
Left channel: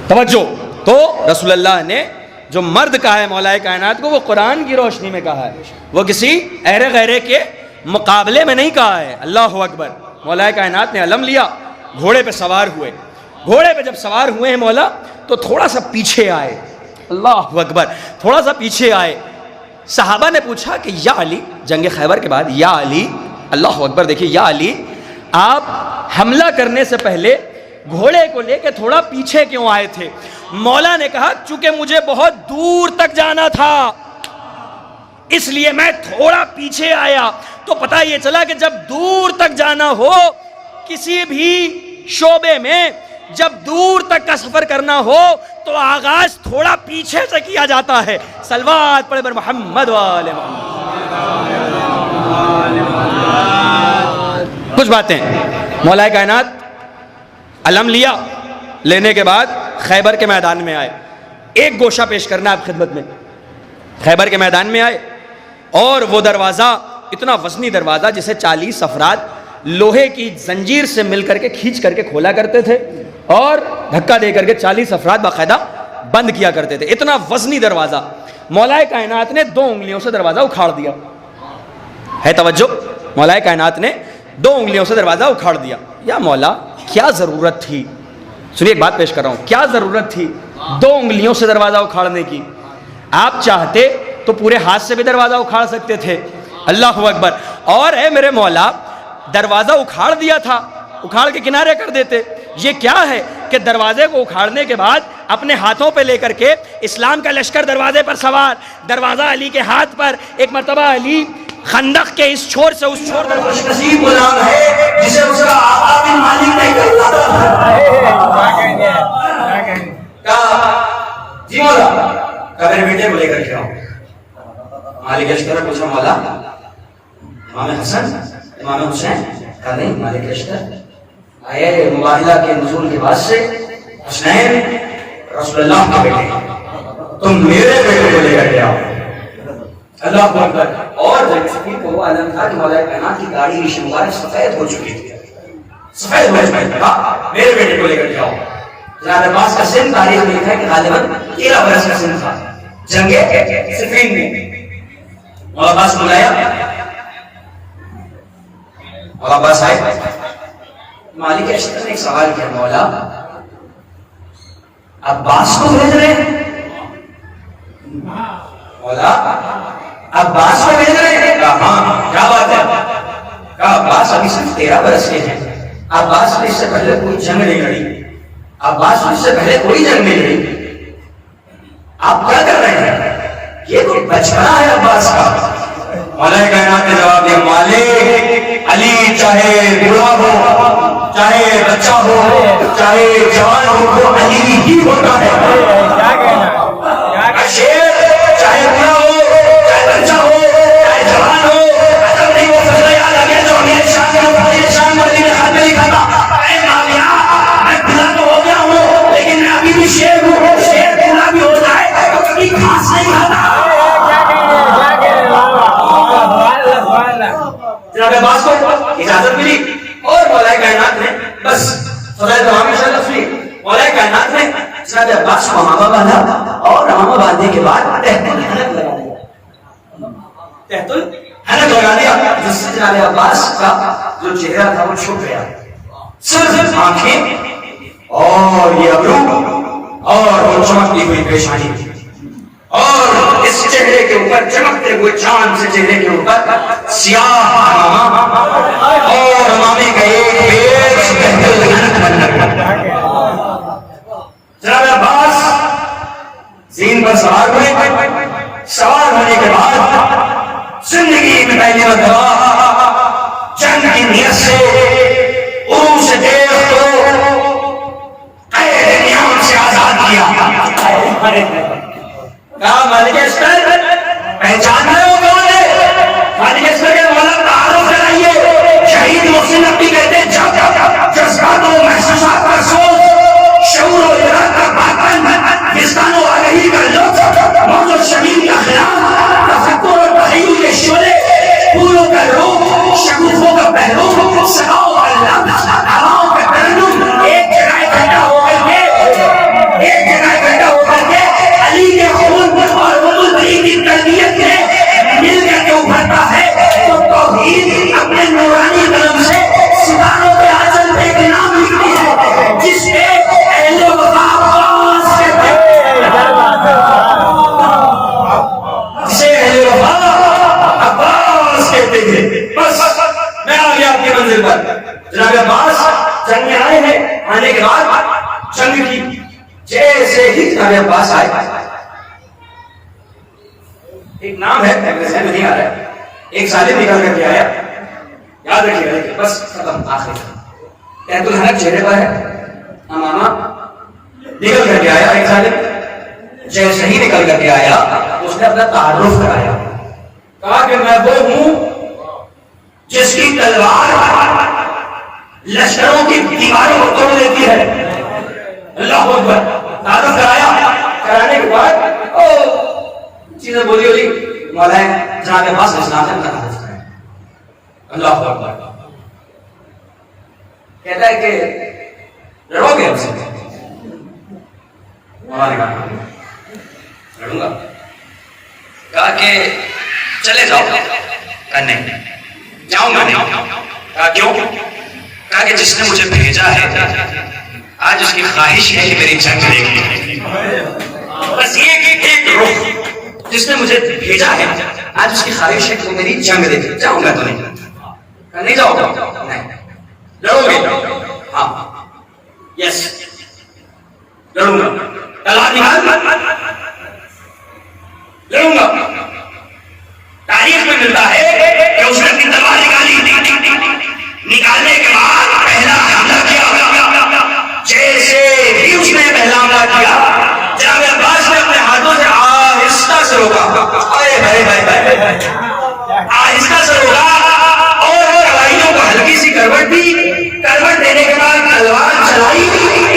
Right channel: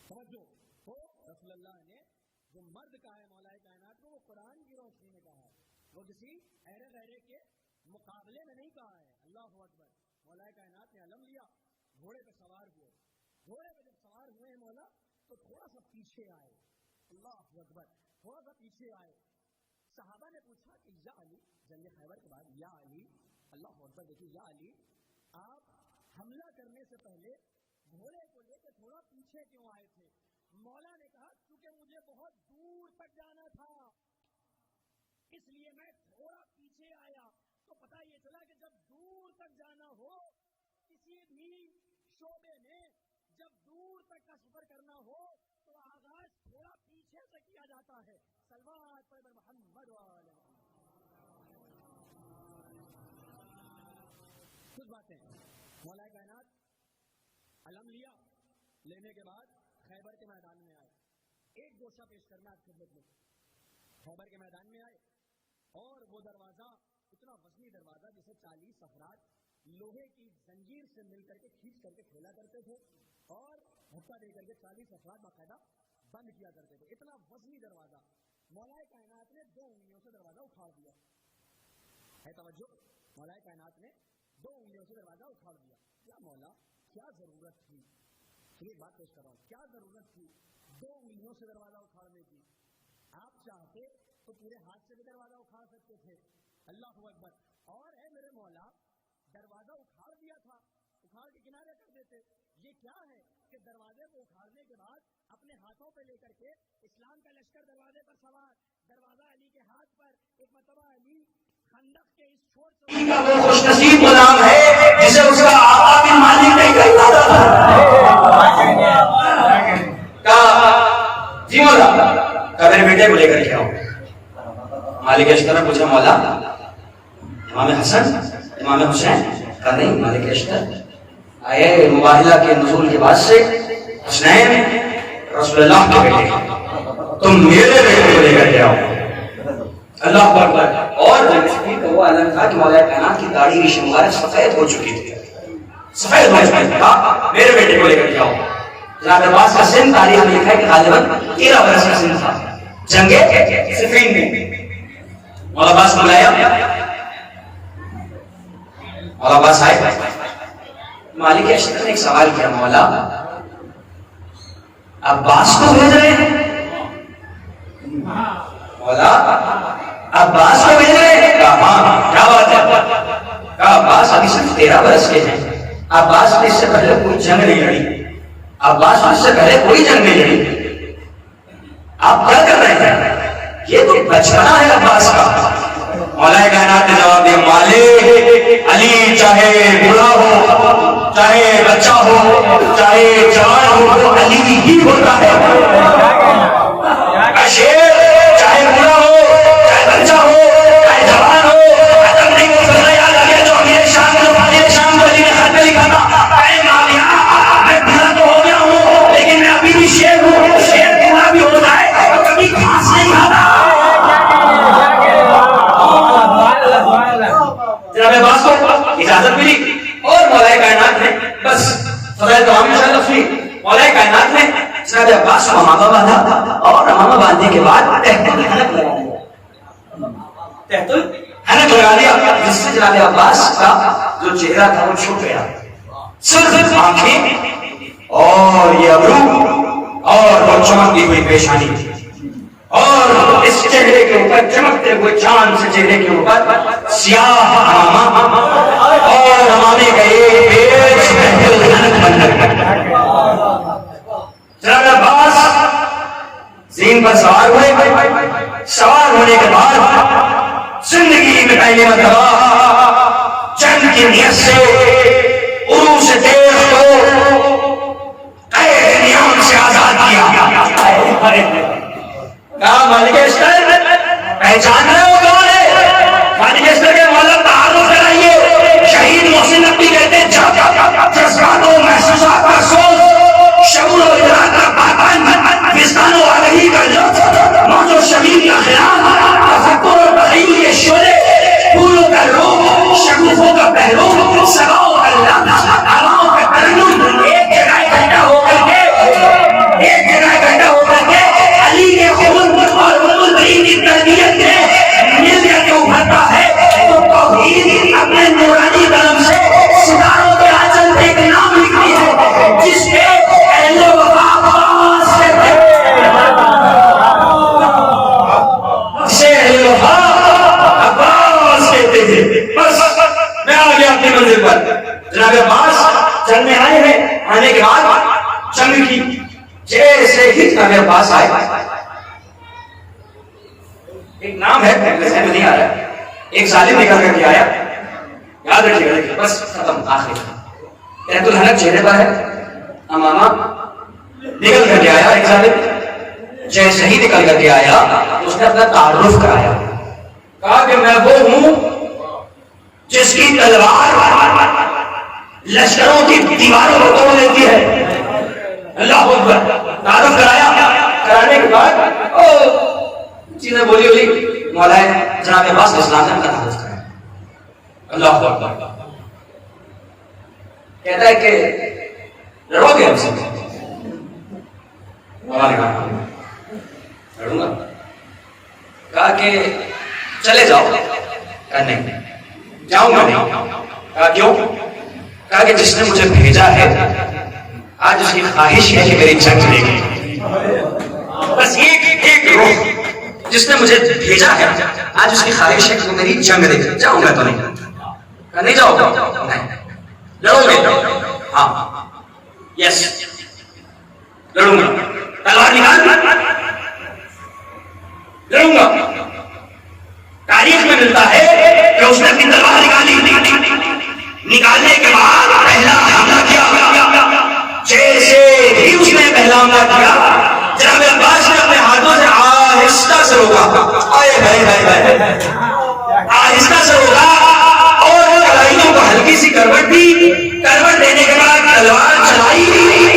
توجہ. تو رسول اللہ نے جو مرد کہا ہے مولا کائنات کو وہ قرآن کی روشنی میں کہا ہے, وہ کسی ایرے غیرے کے مقابلے میں نہیں کہا ہے. اللہ اکبر. مولا کائنات نے علم لیا, گھوڑے پہ سوار ہوئے. گھوڑے پہ جب سوار ہوئے ہیں مولا تو تھوڑا سا پیچھے آئے. اللہ اکبر. تھوڑا سا پیچھے آئے. صحابہ نے پوچھا کہ یا علی, جنگ خیبر کے بعد, یا علی, اللہ اکبر, دیکھیے, یا علی آپ حملہ کرنے سے پہلے گھوڑے کو لے کے تھوڑا پیچھے کیوں آئے تھے؟ مولا نے کہا چونکہ مجھے بہت دور تک جانا تھا اس لیے میں تھوڑا پیچھے آیا. تو پتہ یہ چلا کہ جب دور تک جانا ہو کسی بھی شعبے میں, جب دور تک کا سفر کرنا ہو تو آغاز تھوڑا پیچھے سے کیا جاتا ہے. صلوات پڑھے بر محمد و آل محمد. کچھ باتیں. مولا کائنات علم لیا, لینے کے بعد خیبر کے میدان میں آئے. ایک گوشہ پیش کرنا آپ خدمت میں. خیبر کے میدان میں آئے اور وہ دروازہ, اتنا وزنی دروازہ جسے 40 افراد لوہے کی زنجیر سے مل کر کے کھینچ کر کے کھولا کرتے تھے اور دھکا دے کر کے 40 افراد باقاعدہ بند کیا کرتے تھے. اتنا وزنی دروازہ. مولا کائنات نے 2 انگلیوں سے دروازہ اکھاڑ دیا. ہے توجہ, مولا کائنات نے 2 انگلیوں سے دروازہ اکھاڑ دیا. یا مولا کیا ضرورت تھی, سنیے ایک بات پیش کر رہا ہوں, کیا ضرورت تھی 2 انگلیوں سے دروازہ اکھاڑنے کی؟ آپ چاہتے تو پورے ہاتھ سے بھی دروازہ اکھاڑ سکتے تھے. اللہ اکبر. اور اے میرے مولا, دروازہ اکھاڑ دیا تھا, اکھاڑ کے کنارے کر دیتے. یہ کیا ہے کہ دروازے کو اکھاڑنے کے بعد اپنے ہاتھوں پہ لے کر کے اسلام کا لشکر دروازے پر سوار, دروازہ علی کے ہاتھ پر. ایک مرتبہ علی خندق کے اس چھوڑ سے اس چھوڑ پر خوش نصیب غلام ہے جسے اس کا آقا بن مالک نہیں کرتا تھا. جی مولا, میرے بیٹے کو لے کر کے آؤ. مالک اشکر نے پوچھا مولا امام حسن امام حسین؟ کہا نہیں مالک اشکر آئے مباہلہ کے نزول کے بعد سے حسین رسول اللہ کے بیٹے, تم میرے بیٹے کو لے کر کے آؤ. اللہ اکبر. اور جب شکیر کا وہ عالم تھا کہ مولا کائنات کی داڑھی ریش مبارک سفید ہو چکی تھی, سفید ہو چکی تھی. میرے بیٹے کو لے کر کے آؤ. جناب عباس کا سن تاریخ میں لکھا ہے کہ غالباً 13 برس کا سن تھا. جنگ صفین میں مولا عباس بلایا, مولا عباس آئے. مالک اشتر نے ایک سوال کیا, مولا عباس کو بھیج رہے ہیں؟ مولا عباس کو بھیج رہے ہیں؟ کہا ہاں. کیا بات ہے؟ کہا عباس ابھی صرف 13 برس کے ہیں. عباس نے اس سے پہلے کوئی جنگ نہیں لڑی, عباس نے اس سے پہلے کوئی جنگ نہیں لڑی. آپ کیا کر رہے ہیں؟ یہ کوئی بچڑا ہے عباس کا. مولا کائنات نے جواب دیا, مالک علی چاہے بوڑھا ہو, چاہے بچہ ہو, چاہے جوان ہو, وہ علی ہی ہوتا ہے. شیر چاہے بوڑھا ہو, چاہے بچہ ہو, چاہے جوان ہو, ادب نہیں وہ فضا یاد آ گیا جو امیر شام میں علی نے خط میں لکھا تھا, اے ماویہ میں بوڑھا تو ہو گیا ہوں لیکن میں ابھی بھی شیر ہوں. شیر بوڑھا بھی ہوتا ہے تو کبھی گھاس نہیں کھاتا. جناب عباس کو اجازت ملی اور مولا کائنات نے بس فضائل دعا میں شامل ہوئی. مولا کائنات نے جناب عباس کو امامہ باندھا اور امامہ باندھنے کے بعد تحت الحنک لگا دیا. تحت الحنک لگا دیا جس سے جناب عباس کا جو چہرہ تھا وہ چھپ گیا. صرف آنکھیں اور یہ ابرو اور وہ چمکتی ہوئی پیشانی تھی اور اس چہرے کے اوپر چمکتے ہوئے چاند سے چہرے کے اوپر سیاہ اور امامے کا ایک پیش جناب عباس زین پر سوار ہوئے. سوار ہونے کے بعد زندگی میں پہلی مرتبہ جنگ کی نیت سے عروج دیو کو قید نیام سے آزاد کیا. کہا مالک اشتر پہچان رہے ہو کون ہے؟ مالک اشتر کے مولا تعارف کرائیے. شہید محسن نبی کہتے ہیں جب جذبات و محسوسات کا سوز, شعور و ادراک کا باطن, وجدان و آگہی کا لطف, موج و شبیہ کا خیال, تفکر و تخیل کے شعلے, پھولوں کا روح, شگوفوں کا پہلو, سباؤں کا لفظ, ہواؤں کا ترنم ایک جگہ اکٹھا ہو کر کے ایک کرانے کے بعد جنگ کی. جیسے ہی جناب عباس آئے, ایک نام ہے ذہن میں نہیں آ رہا ہے, ایک ظالم نکل کر کے آیا, یاد رکھیے گا, بس ختم آخر قید الحنک چہرے پر ہے, امامہ نکل کر کے آیا ایک ظالم. جیسے ہی نکل کر کے آیا اس نے اپنا تعارف کرایا, کہا کہ میں وہ ہوں جس کی تلوار لشکروں کی دیواروں کو توڑ دیتی ہے. اللہ اکبر. تعارف کرایا, کرانے کے بعد چیزیں بولی ہوئی, مولا جناب عباس اسلام نے اپنا تعارف کرایا. اللہ اکبر. کہتا ہے کہ لڑو گے ہم سے؟ مولا نے کہا لڑوں گا. کہا کہ چلے جاؤ. کہا نہیں جاؤں گا نہیں. کہا کیوں؟ کہا کہ جس نے مجھے بھیجا ہے آج اس کی خواہش ہے کہ میری جنگ دیکھیں. بس یہ جس نے مجھے بھیجا ہے آج اس کی خواہش ہے کہ وہ میری جنگ دیکھے. جاؤں گا تو نہیں. کہا نہیں جاؤ گا؟ نہیں. لڑو گے؟ ہاں. یس لڑوں گا. تلوار نکال. لڑوں گا. تاریخ میں ملتا ہے کہ اس نے اپنی تلوار نکالی, نکالنے کے بعد پہلا حملہ کیا. جیسے ہی اس نے پہلا حملہ کیا جناب عباس نے اپنے ہاتھوں سے آہستہ سے روکا, آہستہ سے روکا اور کڑائیوں کو ہلکی سی کروٹ دی. کروٹ دینے کے بعد تلوار چلائی.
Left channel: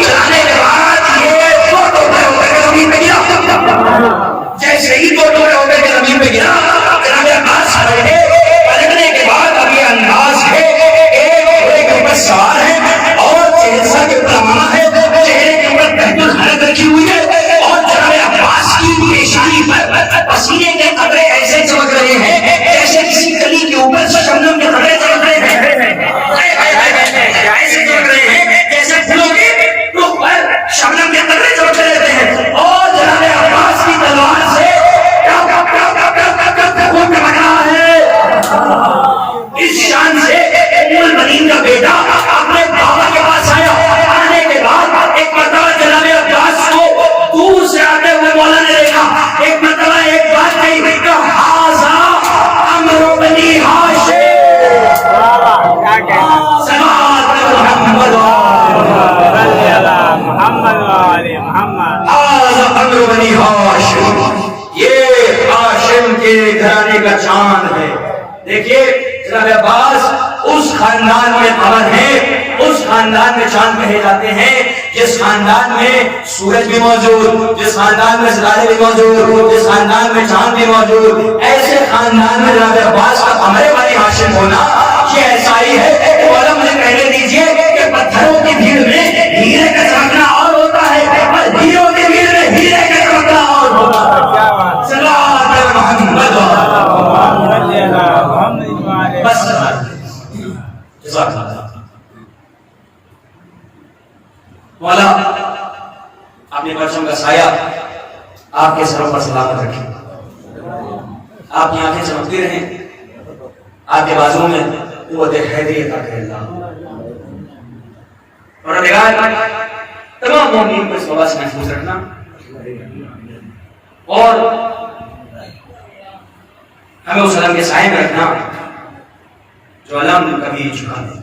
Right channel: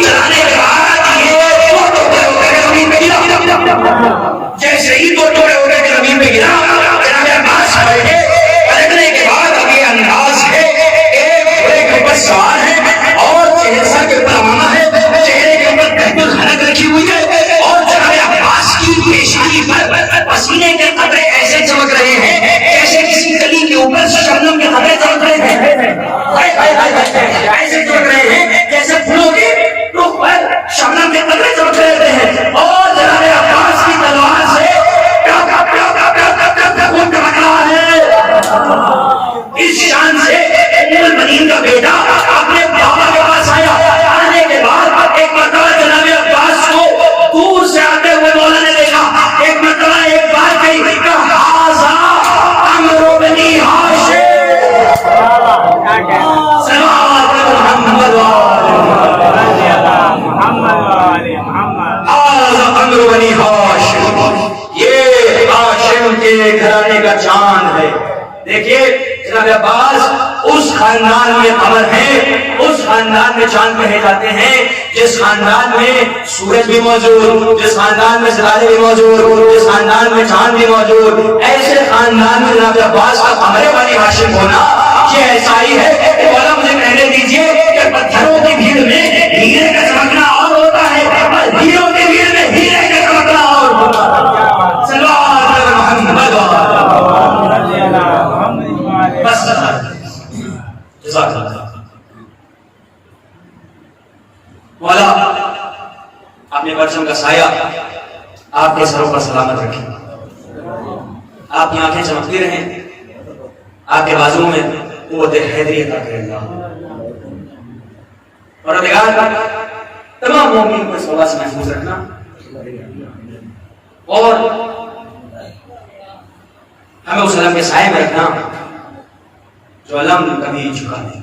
چلانے کے بعد یہ دو ٹوکرے ہو کر زمین پہ گرا. جیسے ہی دو ٹوکرے ہو کر زمین پہ گرا جناب عباس پلٹے. پلٹنے کے بعد اب یہ انداز ہے ایک گھوڑے کے اوپر سوار ہے اور چہرہ کے اوپر ہے, چہرے کے اوپر قید الحنک رکھی ہوئی ہے اور جناب عباس کی پیشانی پر پسینے کے قطرے ایسے چمک رہے ہیں جیسے کسی کلی کے اوپر شبنم کے قطرے چمک رہے ہیں. ایسے چمک رہے ہیں جیسے پھولوں کے ٹوک پر شبنم کے قطرے چمک رہے ہیں. اور جناب عباس کی تلوار سے خون ٹپک رہا ہے. اس شان سے ام المؤمنین کا بیٹا اپنے بابا کے پاس آیا. آنے کے بعد ایک مرتبہ جناب عباس کو دور سے آتے ہوئے مولا نے دیکھا. ایک مرتبہ ایک بات کہی کہ ہاذا عمرو بنی ہاشم. صلوات محمد ہاذا عمرو بنی ہاشم. یہ ہاشم کے گھرانے کا چاند ہے. دیکھیے جناب عباس اس خاندان میں قمر ہے, اس خاندان میں چاند کہے جاتے ہیں جس خاندان میں سورج بھی موجود, جس خاندان میں ستارے بھی موجود, جس خاندان میں چاند بھی موجود. ایسے خاندان میں جناب عباس کا قمر بنی ہاشم ہونا یہ ایسا ہی ہے کہ مولا مجھے کہنے دیجیے کہ پتھروں کی بھیڑ میں ہیرے کا چمکنا اور ہوتا ہے اور ہیروں کی بھیڑ میں ہیرے کا چمکنا اور ہوتا ہے. صلوات محمد. بس مولا اپنے پرچم کا سایہ آپ کے سروں پر سلامت رکھیں. آپ کی آنکھیں چمکتی رہیں, آپ کے بازو میں قوت حیدری عطا کرے اللہ. اور تمام مومنین کو اس وبا سے محفوظ رکھنا اور ہمیں اس علم کے سائے میں رکھنا جو علم کبھی جھکا نہیں,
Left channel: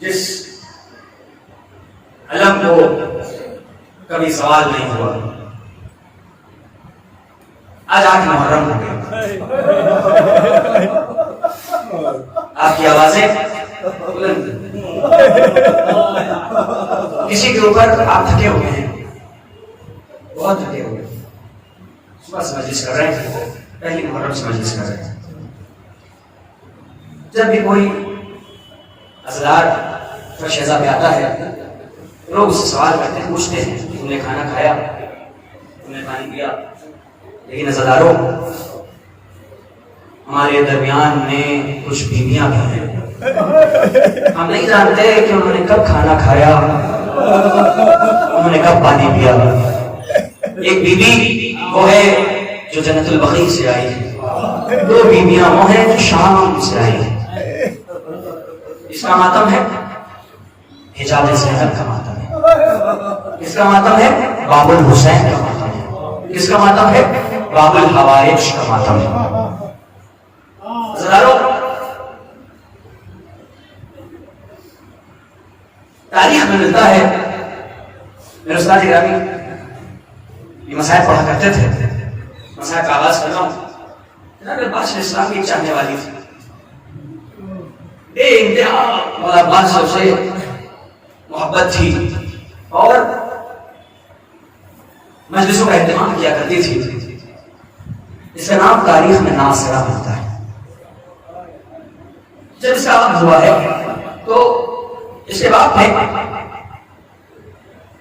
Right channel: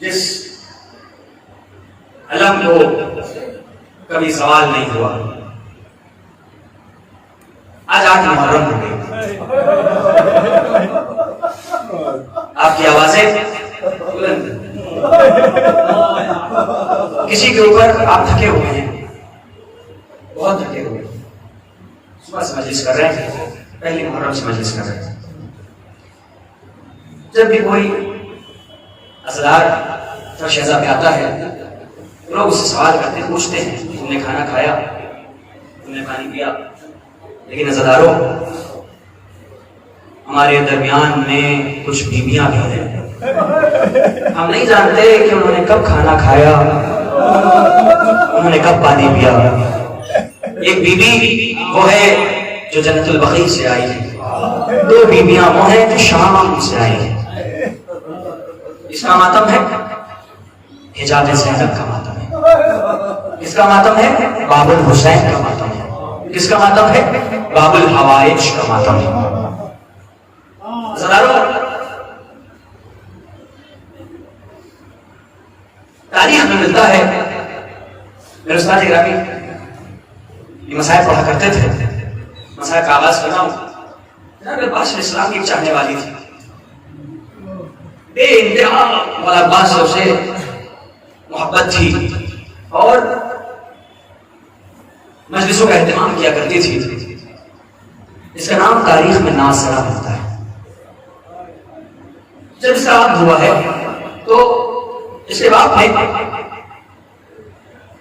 جس علم کو کبھی سوال نہیں ہوا. آج 8 محرم ہو گئی, آپ کی آوازیں کسی کے اوپر آپ تھکے ہوئے ہیں, بہت تھکے ہوئے ہیں. صبح سے مجلس کر رہے ہیں, پہلی محرم سے مجلس کر رہے ہیں. جب بھی کوئی ازلار فرشیزہ پہ آتا ہے لوگ اس سے سوال کرتے ہیں, پوچھتے ہیں تم نے کھانا کھایا, تم نے پانی پیا. لیکن ازلاروں ہمارے درمیان میں کچھ بیویاں بھی ہیں, ہم نہیں جانتے کہ انہوں نے کب کھانا کھایا, انہوں نے کب پانی پیا. ایک بیوی وہ ہے جو جنت البقیع سے آئی ہے, 2 بیویاں وہ ہیں جو شام سے آئی ہیں. اس کا ماتم ہے حجاب زینب کا ماتم ہے. کس کا ماتم ہے؟ باب الحسین کا ماتم ہے. کس کا ماتم ہے؟ باب الحوائج کا ماتم ہے. تاریخ میں ملتا ہے، میرے استاد گرامی یہ مسائل پڑھا کرتے تھے، مسائل کا آغاز کرنا ہوں. جناب عباس علیہ السلام کی ایک چاہنے والی تھی، بے انتہا مولا عباس سے اسے محبت تھی اور مجلسوں کا اہتمام کیا کرتی تھی. اس کا نام تاریخ میں ناصرہ ہوتا ہے. جب اس کا عقد ہوا ہے تو اس کے باپ نے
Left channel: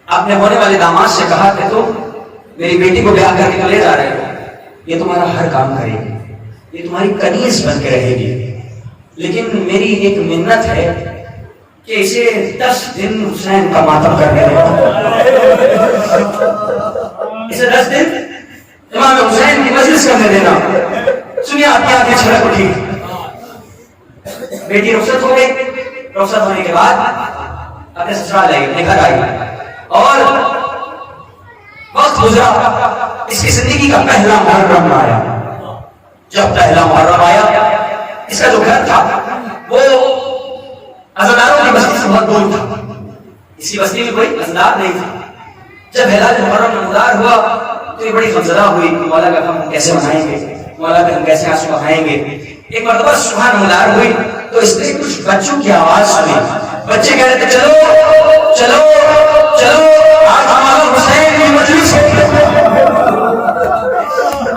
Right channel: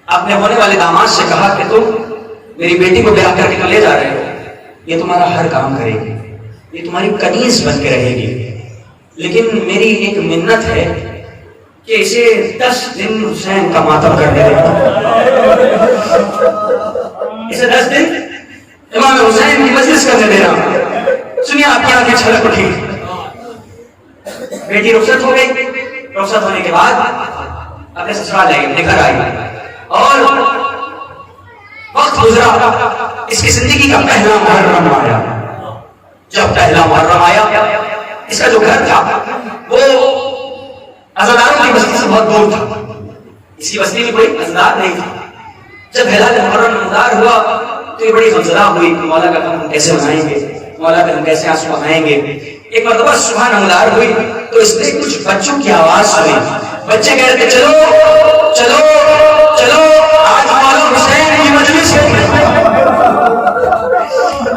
اپنے ہونے والے داماد سے کہا کہ تم میری بیٹی کو بیاہ کر کے لے جا رہے ہو، یہ تمہارا ہر کام کرے گی، یہ تمہاری کنیز بن کے رہے گی، لیکن میری ایک منت ہے کہ اسے 10 دن حسین کا ماتم کر دے. اسے 10 دن امام حسین کی مجلس کرنے دینا. سنیے آپ کی آنکھیں چھلک اٹھی. بیٹی رخصت ہو گئی. رخصت ہونے کے بعد اپنے سسرال آئی، اپنے گھر آئی اور وقت گزرا. اس کی زندگی کا پہلا محرم آیا. جب پہلا محرم آیا، اس کا جو گھر تھا وہ عزاداروں کی بستی سے بہت دور تھا. اسی بستی میں کوئی عزادار نہیں تھا. جب ہلال محرم نمودار ہوا تو یہ بڑی غمزدہ ہوئی کہ مولا کا ہم کیسے منائیں گے، مولا پہ ہم کیسے آنسو بہائیں گے. ایک مرتبہ صبح نمودار ہوئی تو اس نے کچھ بچوں کی آواز سنی. بچے کہہ رہے تھے چلو چلو چلو آج مولا حسین کی مجلس ہے،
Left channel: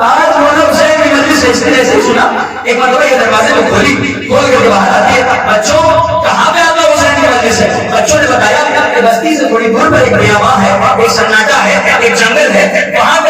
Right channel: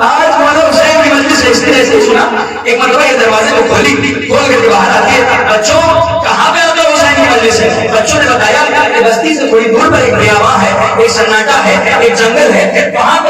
آج مولا حسین کی مجلس ہے. اس نے ایسے سنا. ایک مرتبہ یہ دروازے میں کھول کر کے باہر آتی ہے. بچوں کہاں پہ آپ حسین کی مجلس ہے؟ بچوں نے بتایا کہ بستی سے تھوڑی دور پر ایک بیاباں ہے، ایک سناٹا ہے، ایک جنگل ہے، وہاں